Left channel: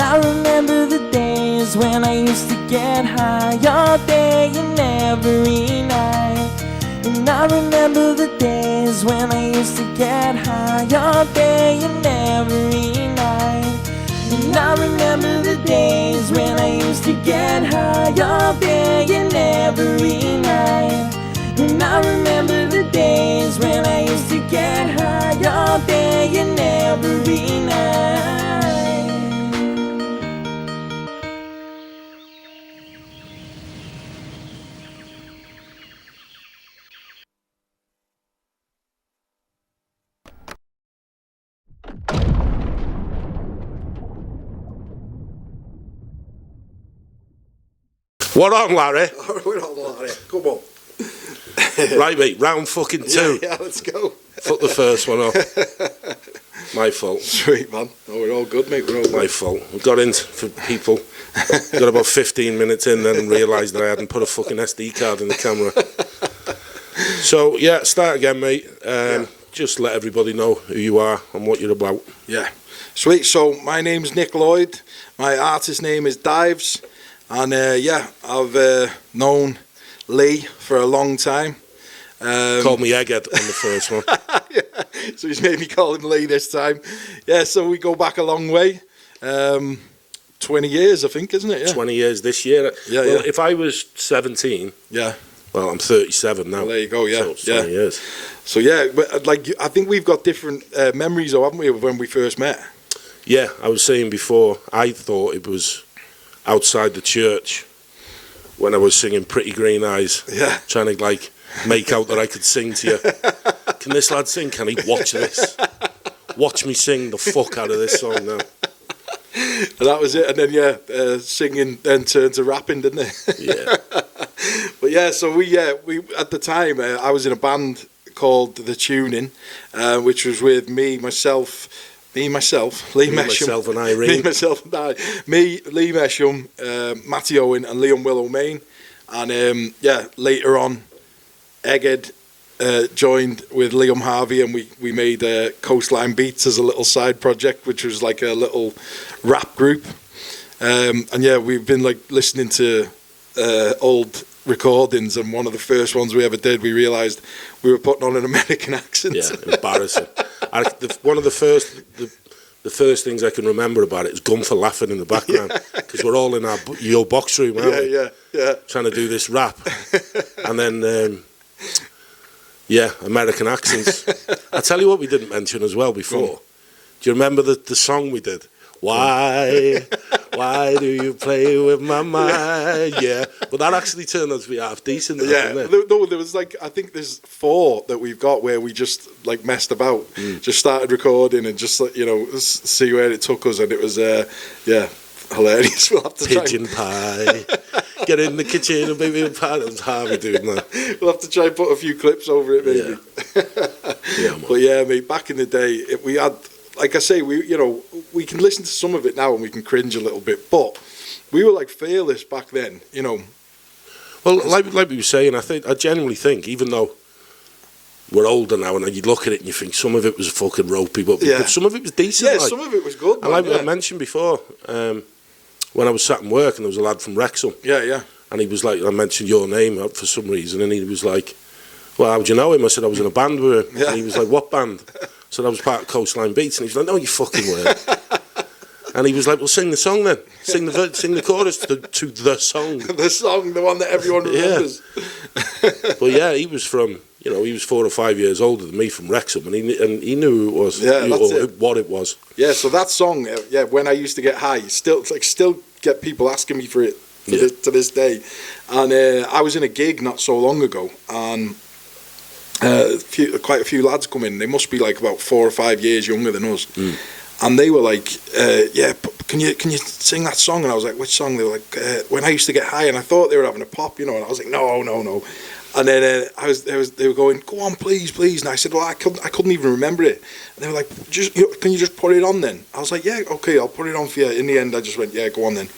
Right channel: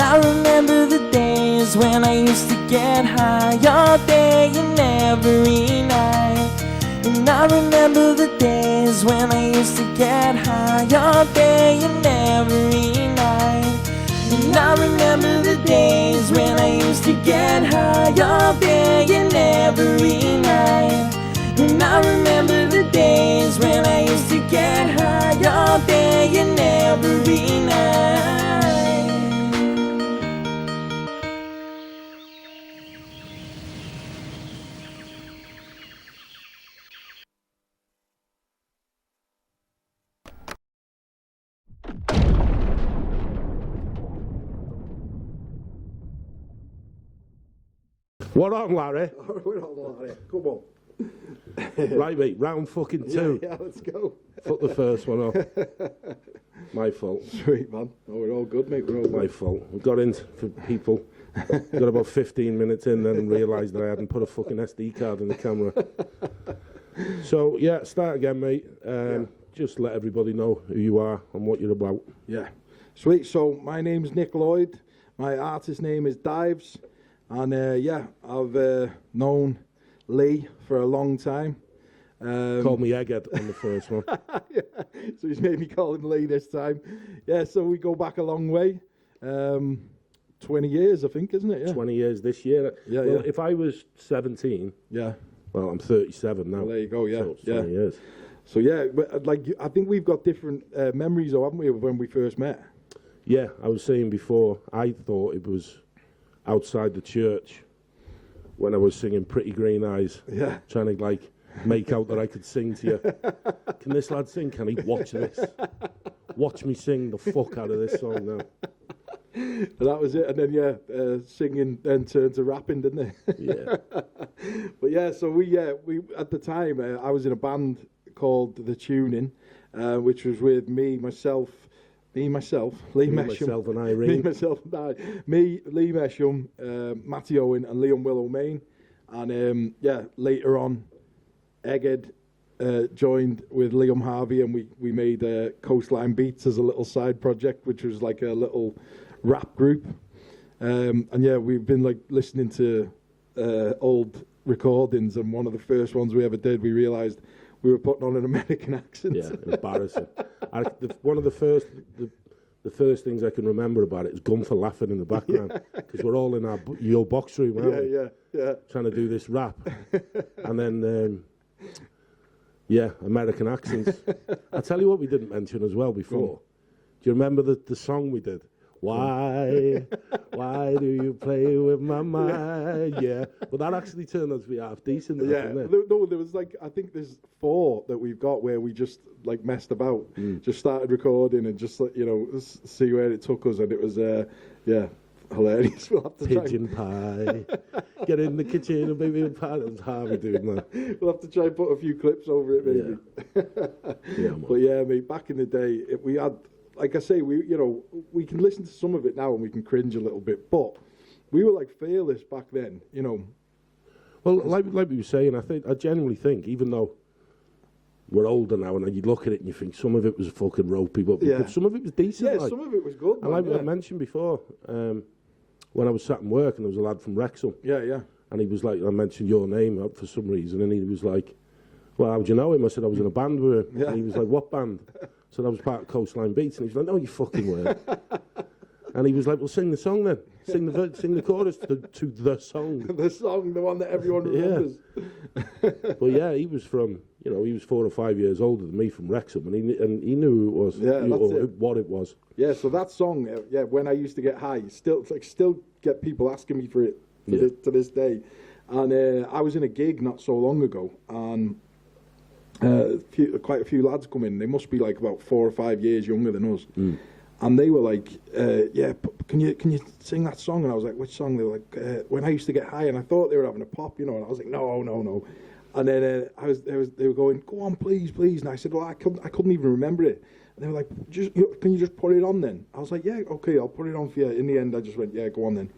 And I remember the days when I used to get high all day and every night. And I remember the days when I used to get high all day and every night. And I remember the days when I used to get high all day and every night. And I remember the days when I used to get high all day and every night. What on, Larry? We're on, Larry. Come on. Right, mate, round fucking 2. Yeah, let's go. Fuck the first one up. My fault. Sweet, man. Oh, we're all good, mate. We're all My good. fault. We got in for people. Got about 15 minutes in, then realised that I hadn't put a fucking SD card in the camera. So, yeah, start again, mate. Just let everybody know who you are and what you're about. Yeah. Sweet. So, my name's Nick Lloyd. My artist name is Diives. And, yeah, I've known Lee for a long time. Called me Egghead on the first one. Yeah. So he's made me call him Lee this time. Yeah, so we go back a long way. 20 years, I think, isn't it? Yeah. 20 years this year. Yeah, well, yeah. if I was 17, Yeah. well, I'm 37 now. Well, there you go, yeah. So it's 20 years. So, yeah, but, like, I think we've got different memories, though, haven't we, of when we first met? Yeah, I was saying before, I thought it was outside the church when I was singing Pretty Green Eyes. Yeah. Trying to, like, make out that I could sing to you. Can this lad sing? Can he? Watch this. Watch me sing the fuck out of this song now. And that was it. And then, yeah, singing then turned to rapping, didn't it? Yeah. But, yeah, so we at the time, I was in a band called The Tuning, which was with Lee Mesham. Myself and Irene. Me, Lee Mesham, Matty Owen and Liam Willow Main. And, yeah, later on, Egghead joined with Liam Harvey, and we made Coastline Beats as a little side project, which was like a little rap group. And, yeah, we've been, like, listening to old recordings, and one of the first ones we ever did, we realised we were putting on an American accent. Yeah, embarrassing. One of the first things I can remember about it is Gun for laughing in the background, because we're all in your box room, aren't we? Yeah. Trying to do this rap, and then yeah, American accents. I tell you what, we didn't mention as well before. Do you remember the song we did? Why do you play with my mind? Yeah, but that actually turned out to be half decent. Yeah, no, there was like, I think there's 4 that we've got where we just like messed about, just started recording and just like, you know, see where it took us, and it was yeah, hilarious. We'll have to Pigeon pie, get in the kitchen and baby a pie. That was Harvey doing that. We'll have to try and put a few clips over it, maybe. Yeah, But yeah, mate, back in the day, we had. Like I say, we can listen to some of it now and we can cringe a little bit, but we were like fearless back then, you know. Well, like we were saying, I genuinely think, even though we're older now, and you look at it and you think some of it was fucking ropey, but some of it was decent. Yeah, some of it was good. And like I mentioned before, when I was sat in work and there was a lad from Wrexham. Yeah. And he was like, I mentioned your name for some reason, and he was like, well, how'd you know him? I said, I was in a band with him. Yeah. And he was like, what band? So I was part of Coastline Beats, and he was like, no, you fucking weren't. And he was like, well, sing the song then. Sing the chorus to the song. The song, the one that everyone remembers. Yeah. But yeah, he was from, you know, he was 4 or 5 years older than me, from Wrexham, and he knew who it was, what it was. Yeah, so that song, when I used to get high, still get people asking me for it to this day. And I was in a gig not so long ago, and quite a few lads come in. They must be like about 4 or 5 years younger than us, and they were like, "Yeah, can you sing that song?" And I was like, "Which song?" They were like, "When I used to get high," and I thought they were having a pop, you know. And I was like, "No." And then they were going, "Go on, please." And I said, "Well, I couldn't even remember it." And they were like, "Can you just put it on then?" I was like, "Yeah, okay, I'll put it on for you." In the end, I just went, "Yeah, go on then."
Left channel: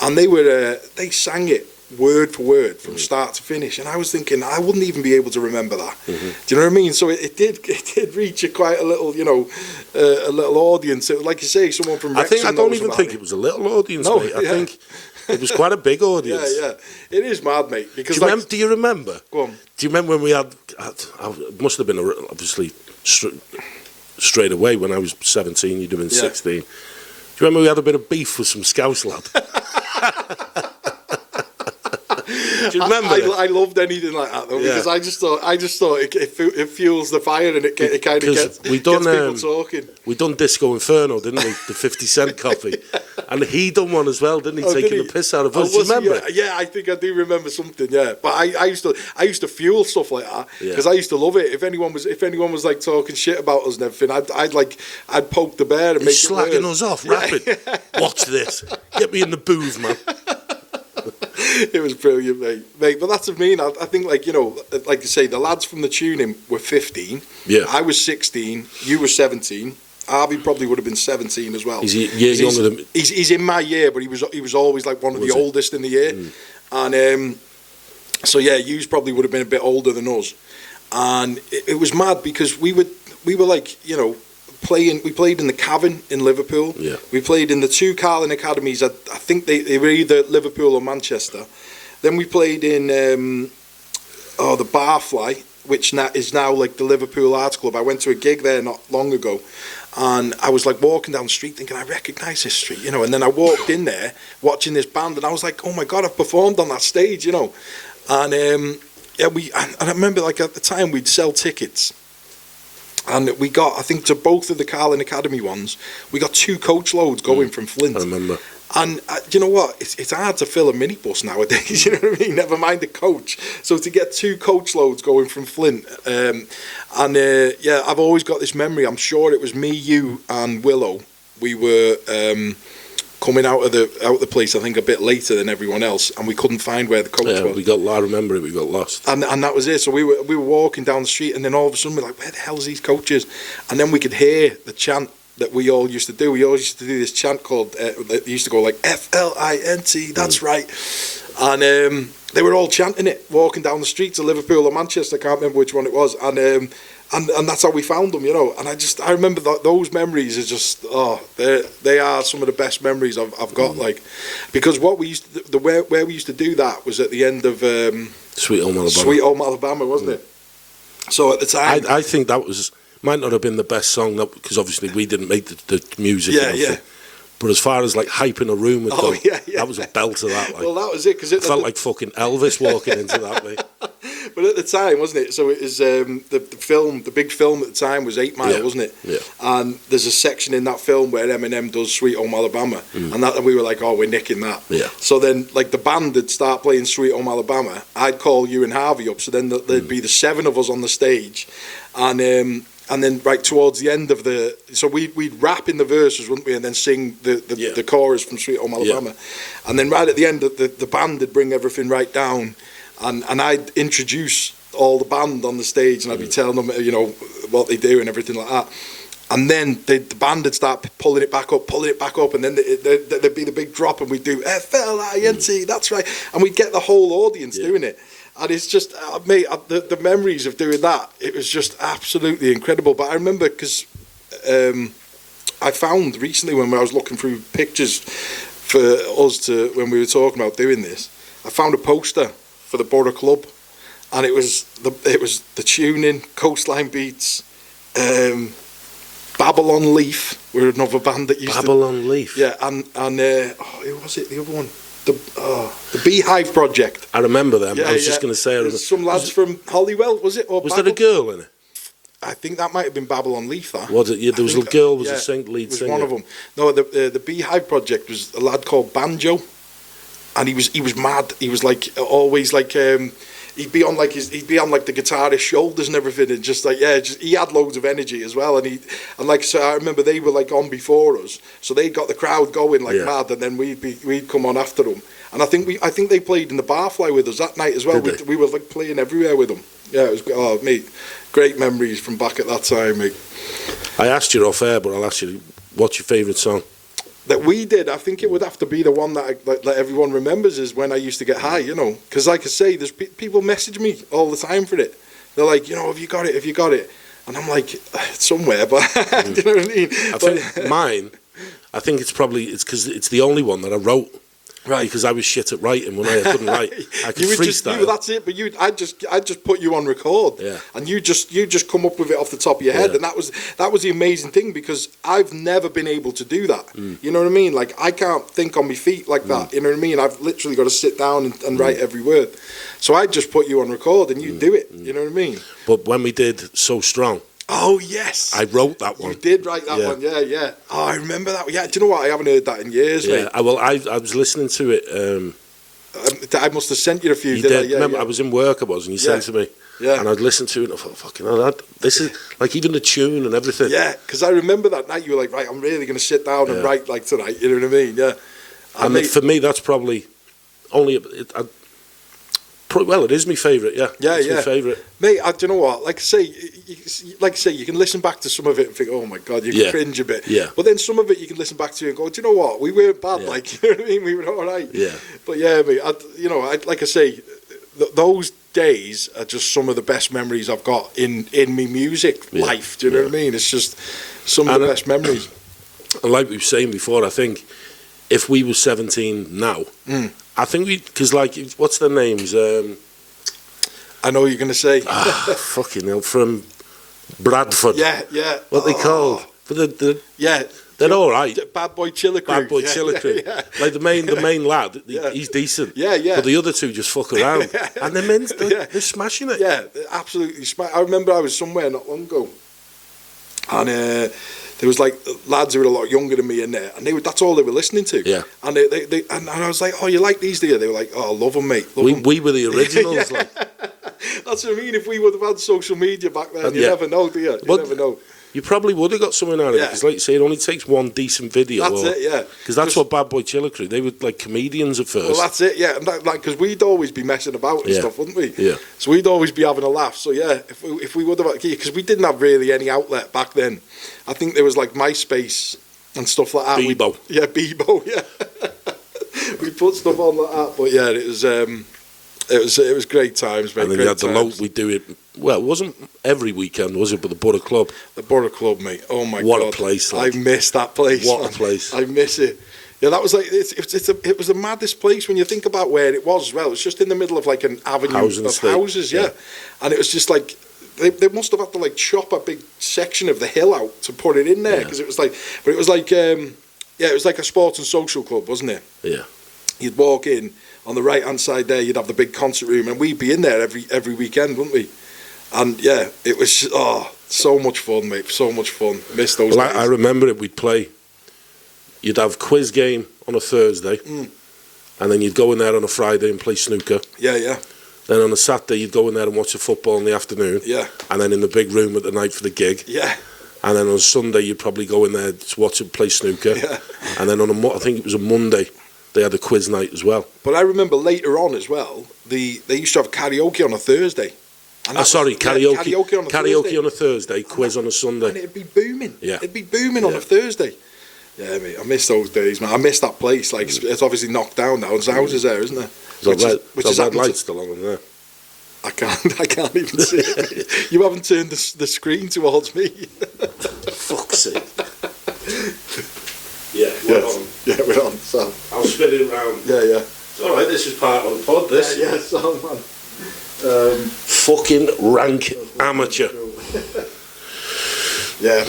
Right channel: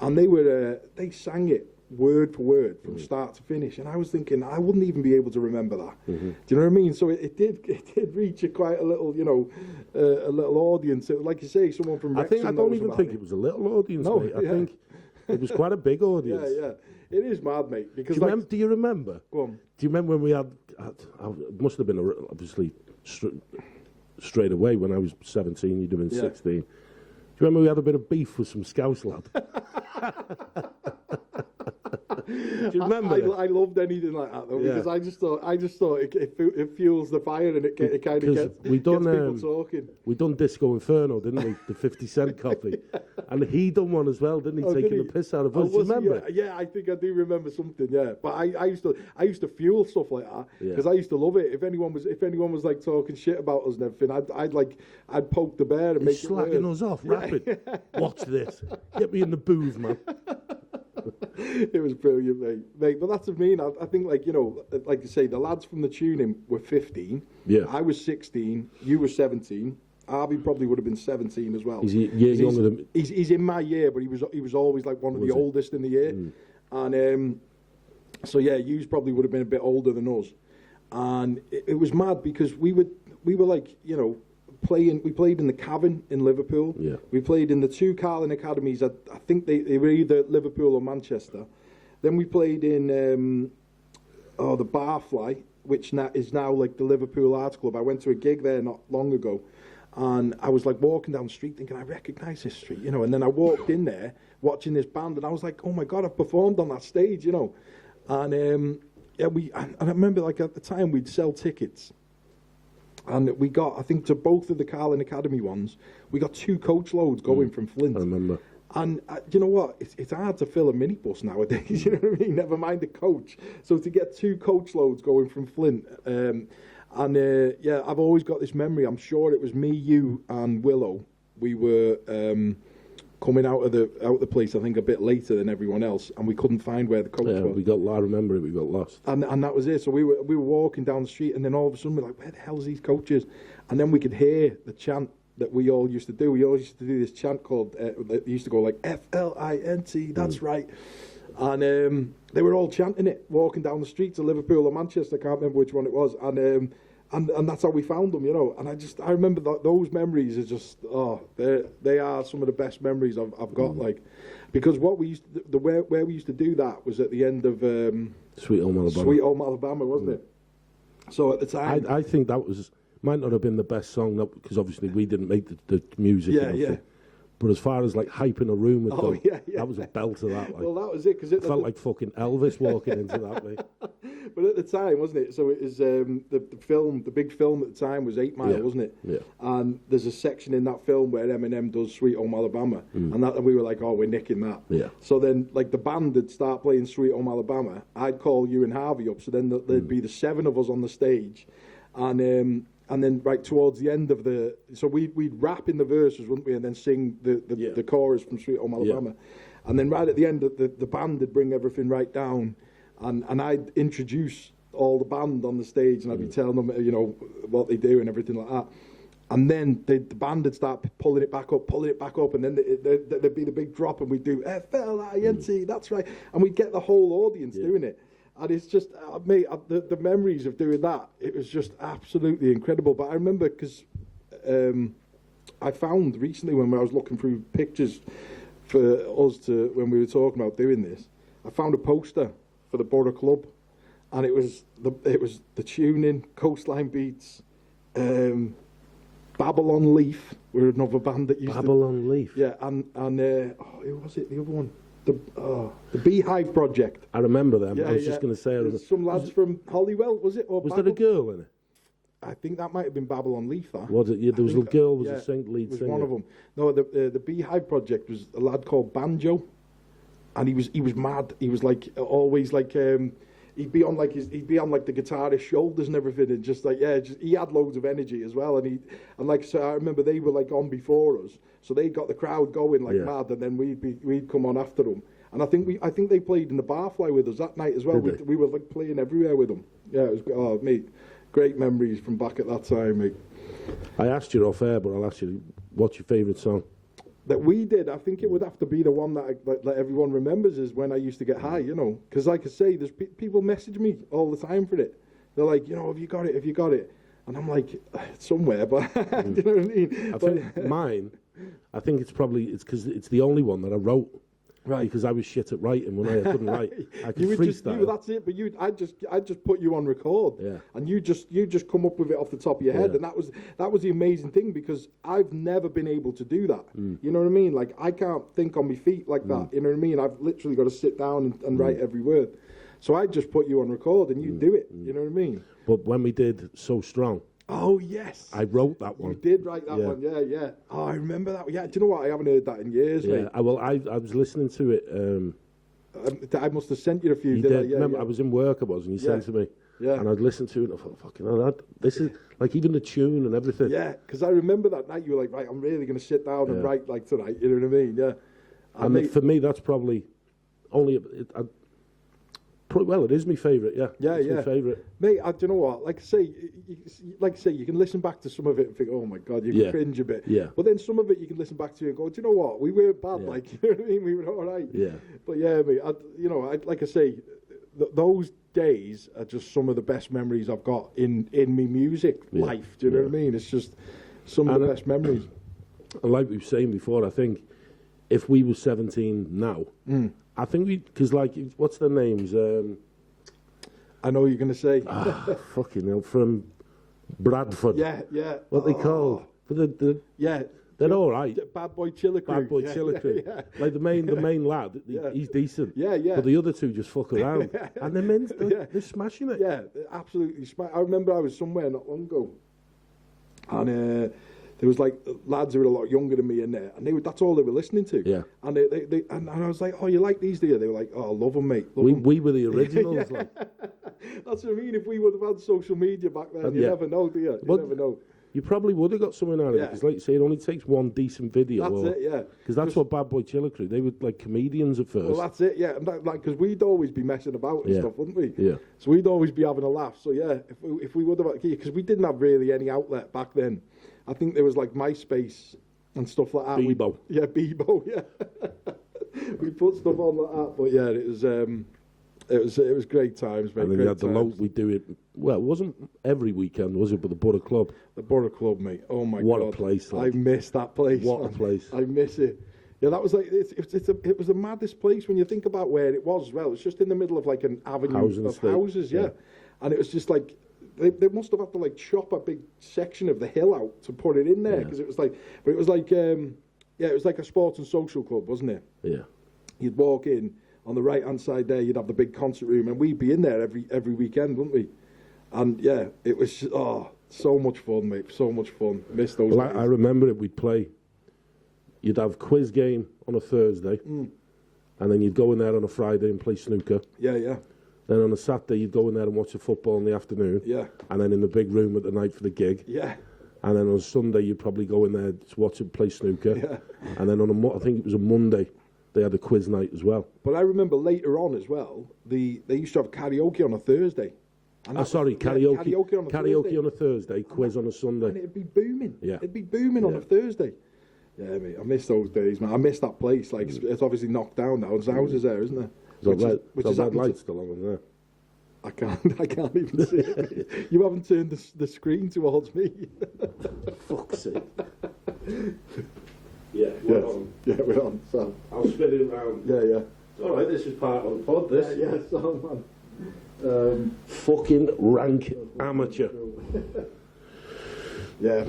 And they sang it word for word from start to finish, and I was thinking I wouldn't even be able to remember that. Do you know what I mean? So it did reach quite a little, you know, a little audience. It, like you say, someone from Wrexham I don't knows even about think it. it was a little audience, No, mate. I yeah. think it was quite a big audience. Yeah, it is mad, mate. Because Do you remember? Go on. Do you remember when we had it must have been obviously straight away when I was 17, you'd have been 16. Do you remember we had a bit of beef with some Scouse lad? Do you remember? I loved anything like that though, because I just thought it fuels the fire, and it kind of gets people talking. We done Disco Inferno, didn't we? The 50 cent coffee, and he done one as well, didn't he? Taking the piss out of us. Do you remember? Yeah, I think I do remember something. Yeah, but I used to fuel stuff like that because I used to love it. If anyone was like talking shit about us and everything, I'd poke the bear and make it worse. Slagging us off, rapid. Watch this. Get me in the booth, man. It was brilliant, mate. But that's what I mean. I think, like, you know, like you say, the lads from the tuning were 15. Yeah. I was 16. You were 17. Harvey probably would have been 17 as well. He's a year younger than me. He's in my year, but he was always like one of the oldest in the year. And so yeah, you probably would have been a bit older than us. And it was mad because we were like, you know, we played in the Cavern in Liverpool. Yeah. We played in the two Carling academies. I think they were either Liverpool or Manchester. Then we played in the Barfly, which is now like the Liverpool Arts Club. I went to a gig there not long ago, and I was like walking down the street thinking, I recognise this street, you know. And then I walked in there watching this band, and I was like, oh my God, I've performed on that stage, you know. And I remember, like, at the time we'd sell tickets. And we got, I think, to both of the Carling Academy ones, we got 2 coach loads going from Flint. I remember. And you know what? It's hard to fill a minibus nowadays, you know what I mean? Never mind a coach. So to get 2 coach loads going from Flint. I've always got this memory. I'm sure it was me, you, and Willow. We were coming out of the place, I think, a bit later than everyone else, and we couldn't find where the coach was. I remember it, we got lost. And that was it. So we were walking down the street, and then all of a sudden we're like, where the hell's these coaches? And then we could hear the chant that we all used to do. We always used to do this chant called, that used to go like, F-L-I-N-T, that's right. And they were all chanting it, walking down the streets of Liverpool or Manchester, I can't remember which one it was. And that's how we found them, you know. And I remember those memories are just, they are some of the best memories I've got, like, because what we used to, where we used to do that was at the end of Sweet Home Alabama. Sweet Home Alabama, wasn't it? So at the time, I think that might not have been the best song, because obviously we didn't make the music. Yeah. But as far as like hyping a room with them, that was a belt of that. Like, well, that was it, because it felt like fucking Elvis walking into that. Mate. But at the time, wasn't it? So it was the big film at the time was 8 Mile, wasn't it? Yeah. And there's a section in that film where Eminem does Sweet Home Alabama, and we were like, oh, we're nicking that. Yeah. So then, like, the band would start playing Sweet Home Alabama. I'd call you and Harvey up, so then there'd be the 7 of us on the stage, and then right towards the end of so we'd rap in the verses, wouldn't we, and then sing the chorus from Sweet Home Alabama. Yeah. And then right at the end, the band would bring everything right down, and I'd introduce all the band on the stage, and I'd be telling them, you know, what they do and everything like that. And then the band would start pulling it back up, and then there'd be the big drop, and we'd do F-L-I-N-T, that's right. And we'd get the whole audience doing it. And it's just, mate, the memories of doing that, it was just absolutely incredible. But I remember, because I found recently when I was looking through pictures for us when we were talking about doing this, I found a poster for the Borough Club, and it was the tuning, Coastline Beats, Babylon Leaf were another band that used Babylon Leaf? Yeah, and who was it, the other one? The Beehive Project. I remember them. I was just going to say. There's some lads from Hollywell, was it? Or was there a girl in it? I think that might have been Babylon Leaf. That was it? Yeah, there was a girl. Was a lead singer. One of them. No, the Beehive Project was a lad called Banjo, and he was mad. He was like always like. He'd be on like the guitarist's shoulders and everything, and just like he had loads of energy as well, and so I remember they were like on before us, so they got the crowd going like mad, and then we'd come on after them, and I think they played in the Barfly with us that night as well. We were like playing everywhere with them. Yeah, it was mate, great memories from back at that time, mate. I asked you off air, but I'll ask you, what's your favourite song? that we did, I think it would have to be the one that everyone remembers is when I used to get high, you know. Because like I say, there's people message me all the time for it. They're like, you know, have you got it? Have you got it? And I'm like, it's somewhere, but do you know what I mean? I think mine, I think it's because it's the only one that I wrote. Right, because I was shit at writing when I couldn't write. I could freestyle. That's it. But I just put you on record, yeah. And you just come up with it off the top of your head, yeah. and that was the amazing thing because I've never been able to do that. You know what I mean? Like I can't think on my feet like that. You know what I mean? I've literally got to sit down and write every word. So I just put you on record and you do it. You know what I mean? But when we did So Strong. Oh yes, I wrote that one. You did write that one, yeah. Oh, I remember that. Yeah, do you know what? I haven't heard that in years, yeah. mate. I was listening to it. I must have sent you a few. You did did. I? Yeah, remember, yeah. I was in work. I was, and you sent to me. Yeah. And I'd listen to it, and I thought, fucking hell, this is like even the tune and everything. Yeah, because I remember that night you were like, right, I'm really going to sit down and write like tonight. You know what I mean? Yeah. And for me, that's probably only. Well, it is my favourite, yeah. Yeah, it's yeah. my favourite. Mate, do you know what? Like I say, you can listen back to some of it and think, oh my God, you can cringe a bit. Yeah. But then some of it you can listen back to and go, do you know what? We weren't bad, like, you know what I mean? We were all right. Yeah. But yeah, mate, like I say, those days are just some of the best memories I've got in me music life. Do you know what I mean? It's just some of the best memories. And like we were saying before, I think if we were 17 now, I think because like, what's their names? I know what you're going to say. Fucking hell, from Bradford. Yeah. What they called? But they're all right. Bad Boy Chiller Crew. Bad Boy Chiller Crew. Yeah. Like the main lad, he's decent. Yeah. But the other two just fuck around. And they're smashing it. Yeah, absolutely. I remember I was somewhere not long ago, and there was like lads who were a lot younger than me in there, and that's all they were listening to. Yeah. And and I was like, oh, you like these, do you? They were like, oh, I love them, mate. Love them. We were the originals. Like. That's what I mean. If we would have had social media back then, you never know, do you? You never know. You probably would have got something out of it, because like you say, it only takes one decent video. That's it, yeah. Because that's what Bad Boy Chiller Crew, they were like comedians at first. Well, that's it, yeah. And because we'd always be messing about and stuff, wouldn't we? Yeah. So we'd always be having a laugh. So yeah, if we would have, because we didn't have really any outlet back then. I think there was like MySpace and stuff like that. Bebo. Bebo, yeah. We put stuff on like that, but yeah, it was great times, mate. And then you had the load, we'd do it. Well, it wasn't every weekend, was it? But the Borough Club. The Borough Club, mate. Oh my God. What a place. Like. I miss that place. What a place. I miss it. Yeah, that was like, it was the maddest place when you think about where it was as well. It's just in the middle of like an avenue of houses, yeah. And it was just like, they must have had to like chop a big section of the hill out to put it in there, because it was like, but it was like, it was like a sports and social club, wasn't it? Yeah. You'd walk in, on the right-hand side there, you'd have the big concert room, and we'd be in there every weekend, wouldn't we? And yeah, it was just, so much fun, mate. So much fun. Miss those days. I remember it. We'd play. You'd have quiz game on a Thursday, and then you'd go in there on a Friday and play snooker. Yeah. Then on a Saturday, you'd go in there and watch the football in the afternoon. Yeah. And then in the big room at the night for the gig. Yeah. And then on Sunday, you'd probably go in there to watch it play snooker. Yeah. And then I think it was a Monday, they had a quiz night as well. But I remember later on as well, they used to have karaoke on a Thursday. Karaoke. Karaoke on a Thursday, quiz on a Sunday. And it'd be booming. Yeah. It'd be booming on a Thursday. Yeah, mate, I miss those days, man. I miss that place. Like, it's obviously knocked down now. There's houses there, isn't there? There's red lights still on there. I can't even see it. You haven't turned the screen towards me. Fuck's sake. Yeah, we're on. Yeah, we're on. So I'll spin it around. Yeah. It's all right. This is part of the pod. This. Yeah. So man. Fucking rank amateur. Yeah.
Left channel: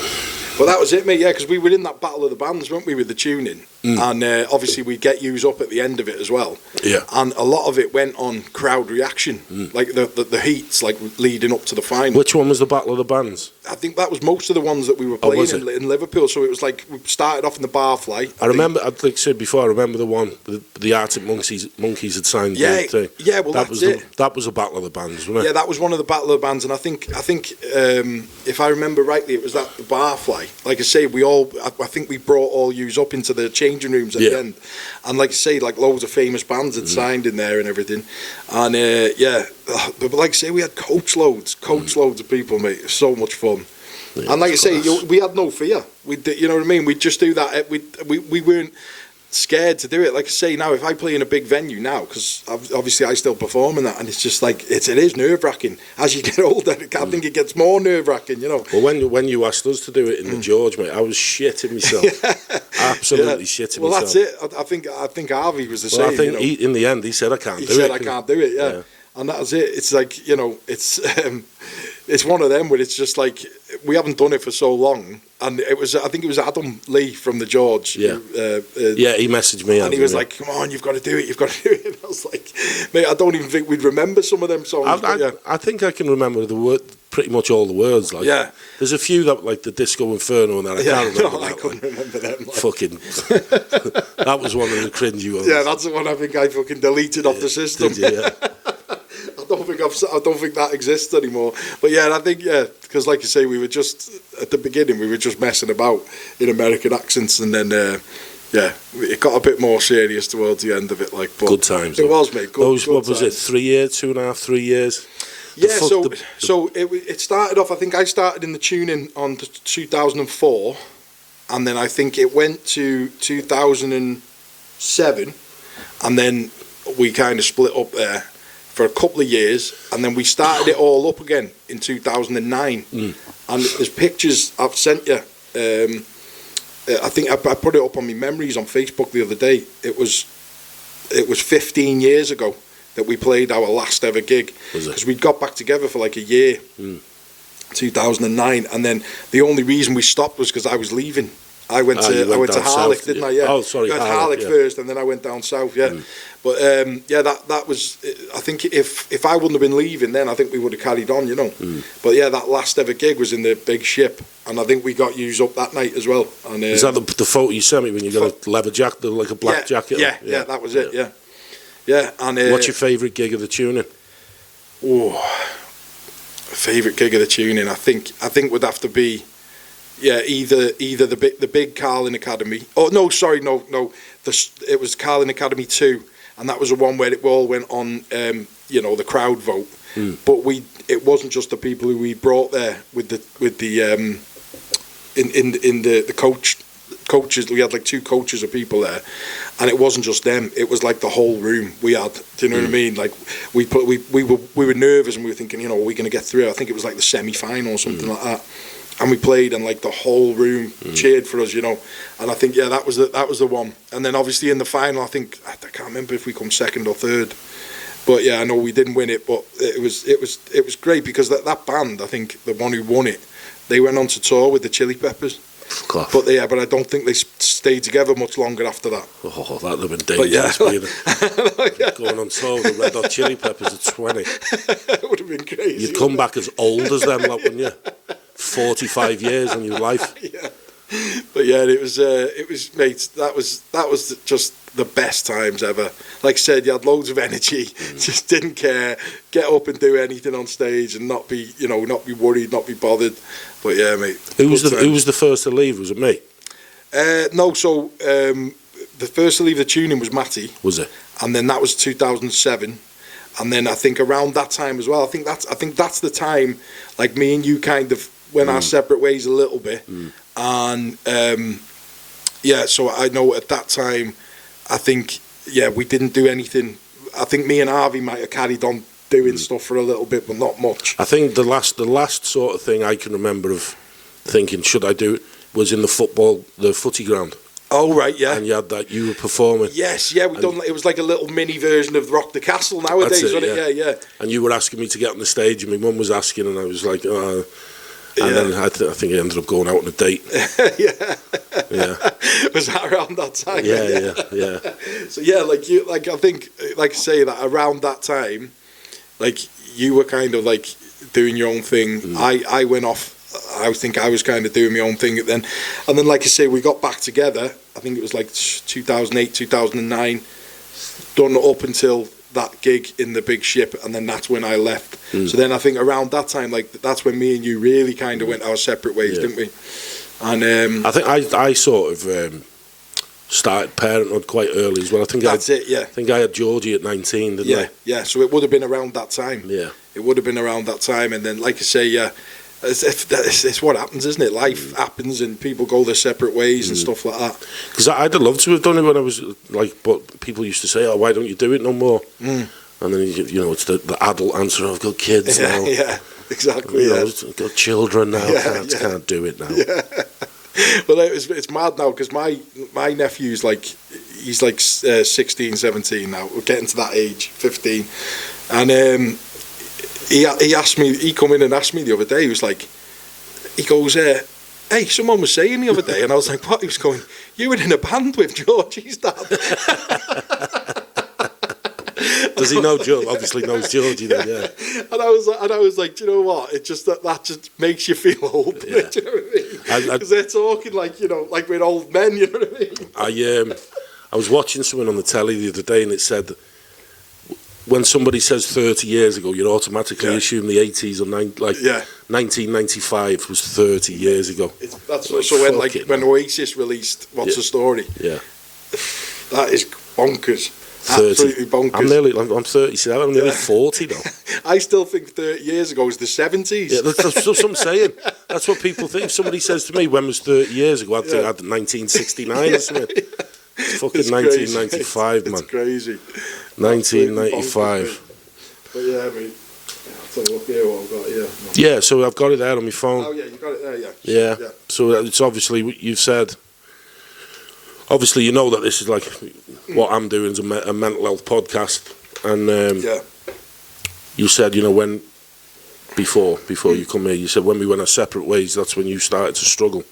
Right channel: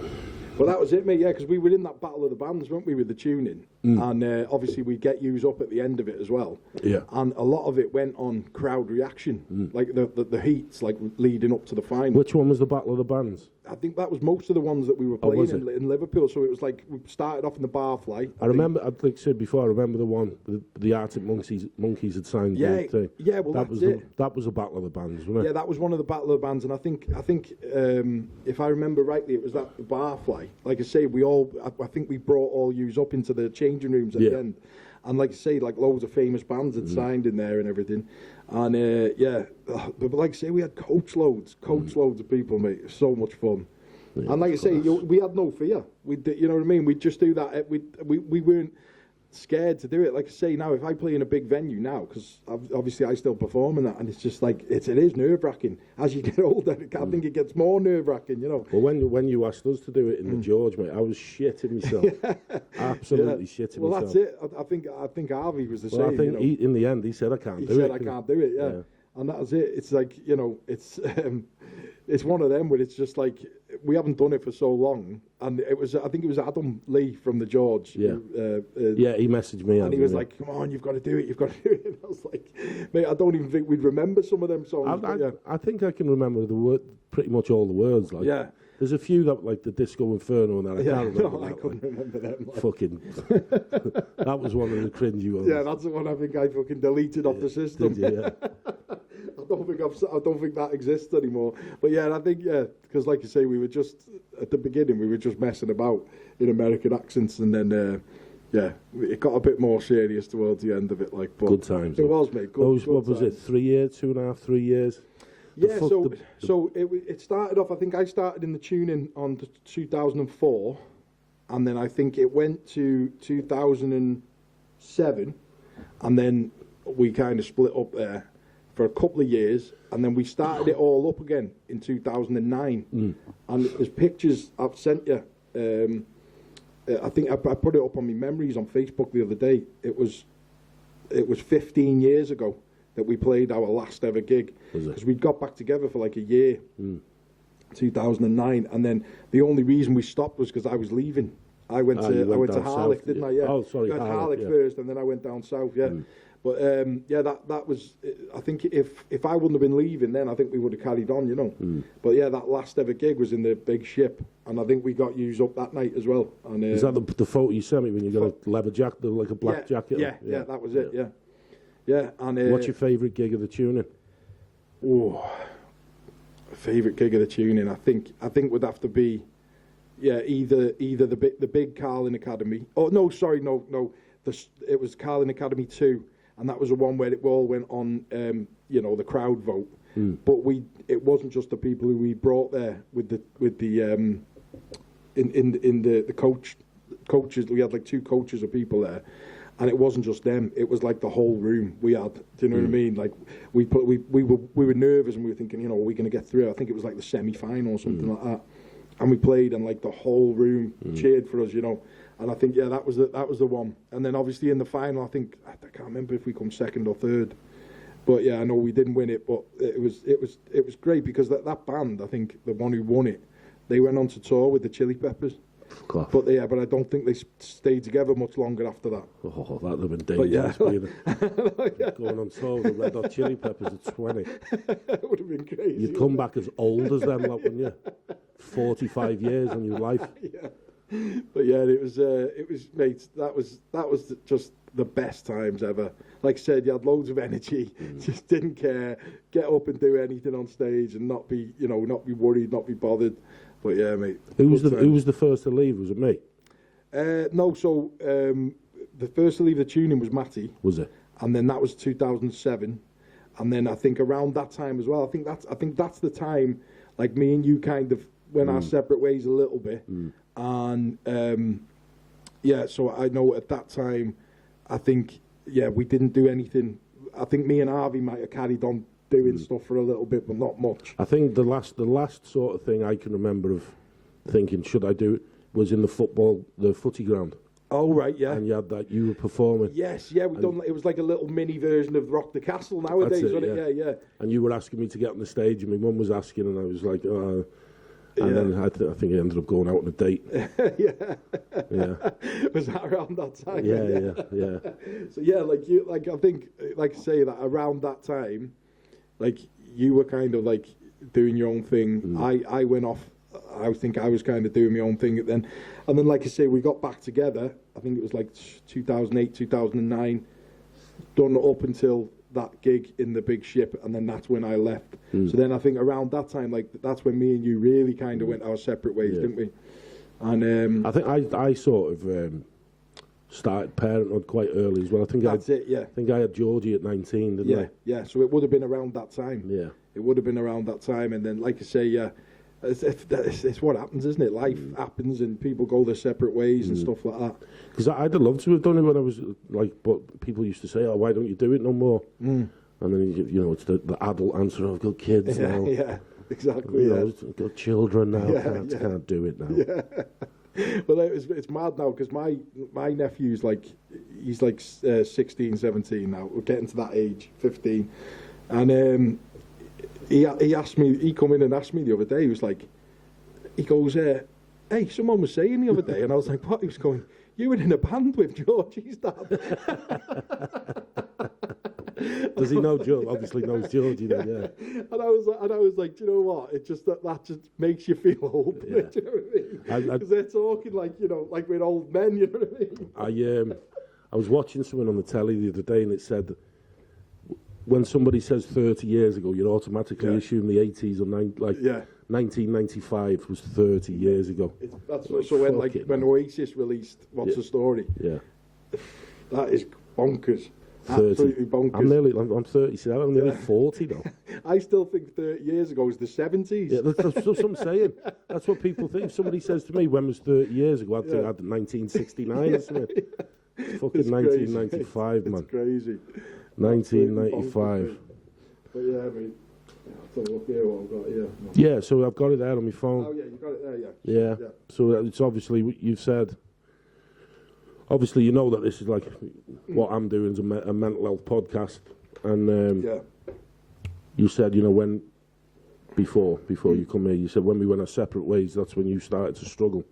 Well, that was it, mate. Yeah, because we were in that battle of the bands, weren't we, with the tuning? And obviously we'd get yous up at the end of it as well. Yeah. And a lot of it went on crowd reaction, like the heats, like leading up to the final. Which one was the Battle of the Bands? I think that was most of the ones that we were playing in Liverpool. So it was like we started off in the Barfly. I remember, like I said before, I remember the one the Arctic Monkeys had signed. Yeah, yeah. Well, that was it. That was a Battle of the Bands, wasn't it? Yeah, that was one of the Battle of the Bands, and I think if I remember rightly, it was the Barfly. Like I say, I think we brought all yous up into the changing rooms at the end, and like I say, like loads of famous bands had signed in there and everything, and but like I say, we had coach loads of people, mate. It was so much fun. Yeah, and like I it's say, class. we had no fear. You know what I mean? We'd just do that. We weren't scared to do it. Like I say, now if I play in a big venue now, because obviously I still perform in that, and it's just like it is nerve wracking. As you get older, I think it gets more nerve wracking. You know. Well, when you asked us to do it in the George, mate, I was shitting myself. Absolutely shitting well, myself. Well, that's it. I think Harvey was the same. Well, I think you know? in the end he said I can't do it. He said I can't do it. Yeah. And that was it. It's like, you know, it's one of them where it's just like we haven't done it for so long, and I think it was Adam Lee from the George. Yeah, he messaged me, and he was like, "Come on, you've got to do it, you've got to do it." And I was like, "Mate, I don't even think we'd remember some of them songs." I think I can remember the word, pretty much all the words. Like, there's a few that like the Disco Inferno and that I can't remember. I couldn't remember them. Like. Fucking, that was one of the cringy ones. Yeah, that's the one I think I fucking deleted off the system. Did you? Yeah. I don't think that exists anymore. But yeah, I think because like you say, we were just at the beginning we were just messing about in American accents, and then it got a bit more serious towards the end of it. Like, but good times. It was, mate. Good what times. was it? 3 years, 2.5, 3 years. Yeah. So it started off. I think I started in the tuning on 2004, and then I think it went to 2007, and then we kind of split up there for a couple of years, and then we started it all up again in 2009. And there's pictures I've sent you. I think I put it up on my memories on Facebook the other day. It was 15 years ago that we played our last ever gig, because we'd got back together for like a year, 2009, and then the only reason we stopped was because I was leaving. I went to Harlech, didn't I? Yeah. Oh, sorry. I went to Harlech first, and then I went down south. Yeah. But that was. I think if I wouldn't have been leaving, then I think we would have carried on. You know. But yeah, that last ever gig was in the Big Ship, and I think we got used up that night as well. And is that the photo you sent me when you got a leather jacket, like a black jacket? Yeah, that was it. Yeah. And what's your favourite gig of the tuning? Oh, favourite gig of the tuning. I think would have to be. Yeah, either the big Carlin Academy. Oh no, sorry, no. It was Carlin Academy 2, and that was the one where it all went on. The crowd vote. But it wasn't just the people who we brought there with the coaches. We had like 2 coaches of people there, and it wasn't just them. It was like the whole room we had. Do you know what I mean? Like we were nervous, and we were thinking, are we going to get through? I think it was like the semi-final or something like that. And we played, and like the whole room cheered for us, And I think that was the one. And then obviously in the final, I can't remember if we come second or third, but yeah, I know we didn't win it. But it was great because that band, I think the one who won it, they went on to tour with the Chili Peppers. But I don't think they stayed together much longer after that. Oh, that would have been dangerous. Going on tour with the Red Hot Chili Peppers at 20. It would have been crazy. You'd come back as old as them, like, wouldn't you? 45 years in your life. Yeah. But yeah, it was mate, that was just the best times ever. Like I said, you had loads of energy, just didn't care, get up and do anything on stage and not be worried, not be bothered. But yeah, mate. Who was the first to leave? Was it me? No, so the first to leave the tuning was Matty. Was it? And then that was 2007. And then I think around that time as well, I think that's the time, like me and you kind of went our separate ways a little bit. And so I know at that time, I think we didn't do anything. I think me and Harvey might have carried on doing stuff for a little bit, but not much. I think the last sort of thing I can remember of thinking, should I do it, was in the footy ground. Oh right, yeah. And you were performing. Yes, yeah, it was like a little mini version of Rock the Castle nowadays, wasn't it? Yeah. And you were asking me to get on the stage, and my mum was asking, and I was like, then I think I ended up going out on a date. Yeah. Was that around that time? Yeah. So yeah, I think, like I say, that around that time, like you were kind of like doing your own thing. I went off. I think I was kind of doing my own thing then. And then, like I say, we got back together. I think it was like 2008, 2009, done up until that gig in the Big Ship, and then that's when I left. So then I think around that time, like that's when me and you really kind of went our separate ways, didn't we? And I think I sort of started parenthood quite early as well. I think that's it. Yeah. I think I had Georgie at 19, didn't I? Yeah. So it would have been around that time. Yeah. It would have been around that time, and then, like I say, it's what happens, isn't it? Life happens and people go their separate ways and stuff like that. Because I'd have loved to have done it when I was like, but people used to say, "Oh, why don't you do it no more?" And then it's the adult answer: "I've got kids now." Yeah, exactly. I've got children now. Can't do it now. Yeah. Well, it's mad now because my nephew's he's 16, 17 now. We're getting to that age, 15, and he asked me. He come in and asked me the other day. He was like, he goes, "Hey, someone was saying the other day," and I was like, "What?" He was going, "You were in a band with Georgie's dad." Does he know George? Obviously knows Georgie then, yeah. And I was like, do you know what? It just that just makes you feel old. Do you know what I mean? Because they're talking like we're old men. You know what I mean? I was watching someone on the telly the other day, and it said when somebody says 30 years ago, you automatically assume the 80s or 1995 was 30 years ago. So when Oasis released "What's the Story," that is bonkers. 30. Absolutely bonkers. I'm 37. I'm nearly 40 now. I still think 30 years ago was the 70s. Yeah, that's what I'm saying. That's what people think. If somebody says to me, "When was 30 years ago?" I'd think I had 1969 or something. It's fucking 1995, man. It's crazy. 1995. But yeah, I mean, I'll take a look here what I've got here. Yeah, so I've got it there on my phone. Oh yeah, you got it there, Yeah. So it's obviously, you've said, obviously you know that this is like, what I'm doing is a mental health podcast. And you said, when, before you come here, you said when we went our separate ways, that's when you started to struggle.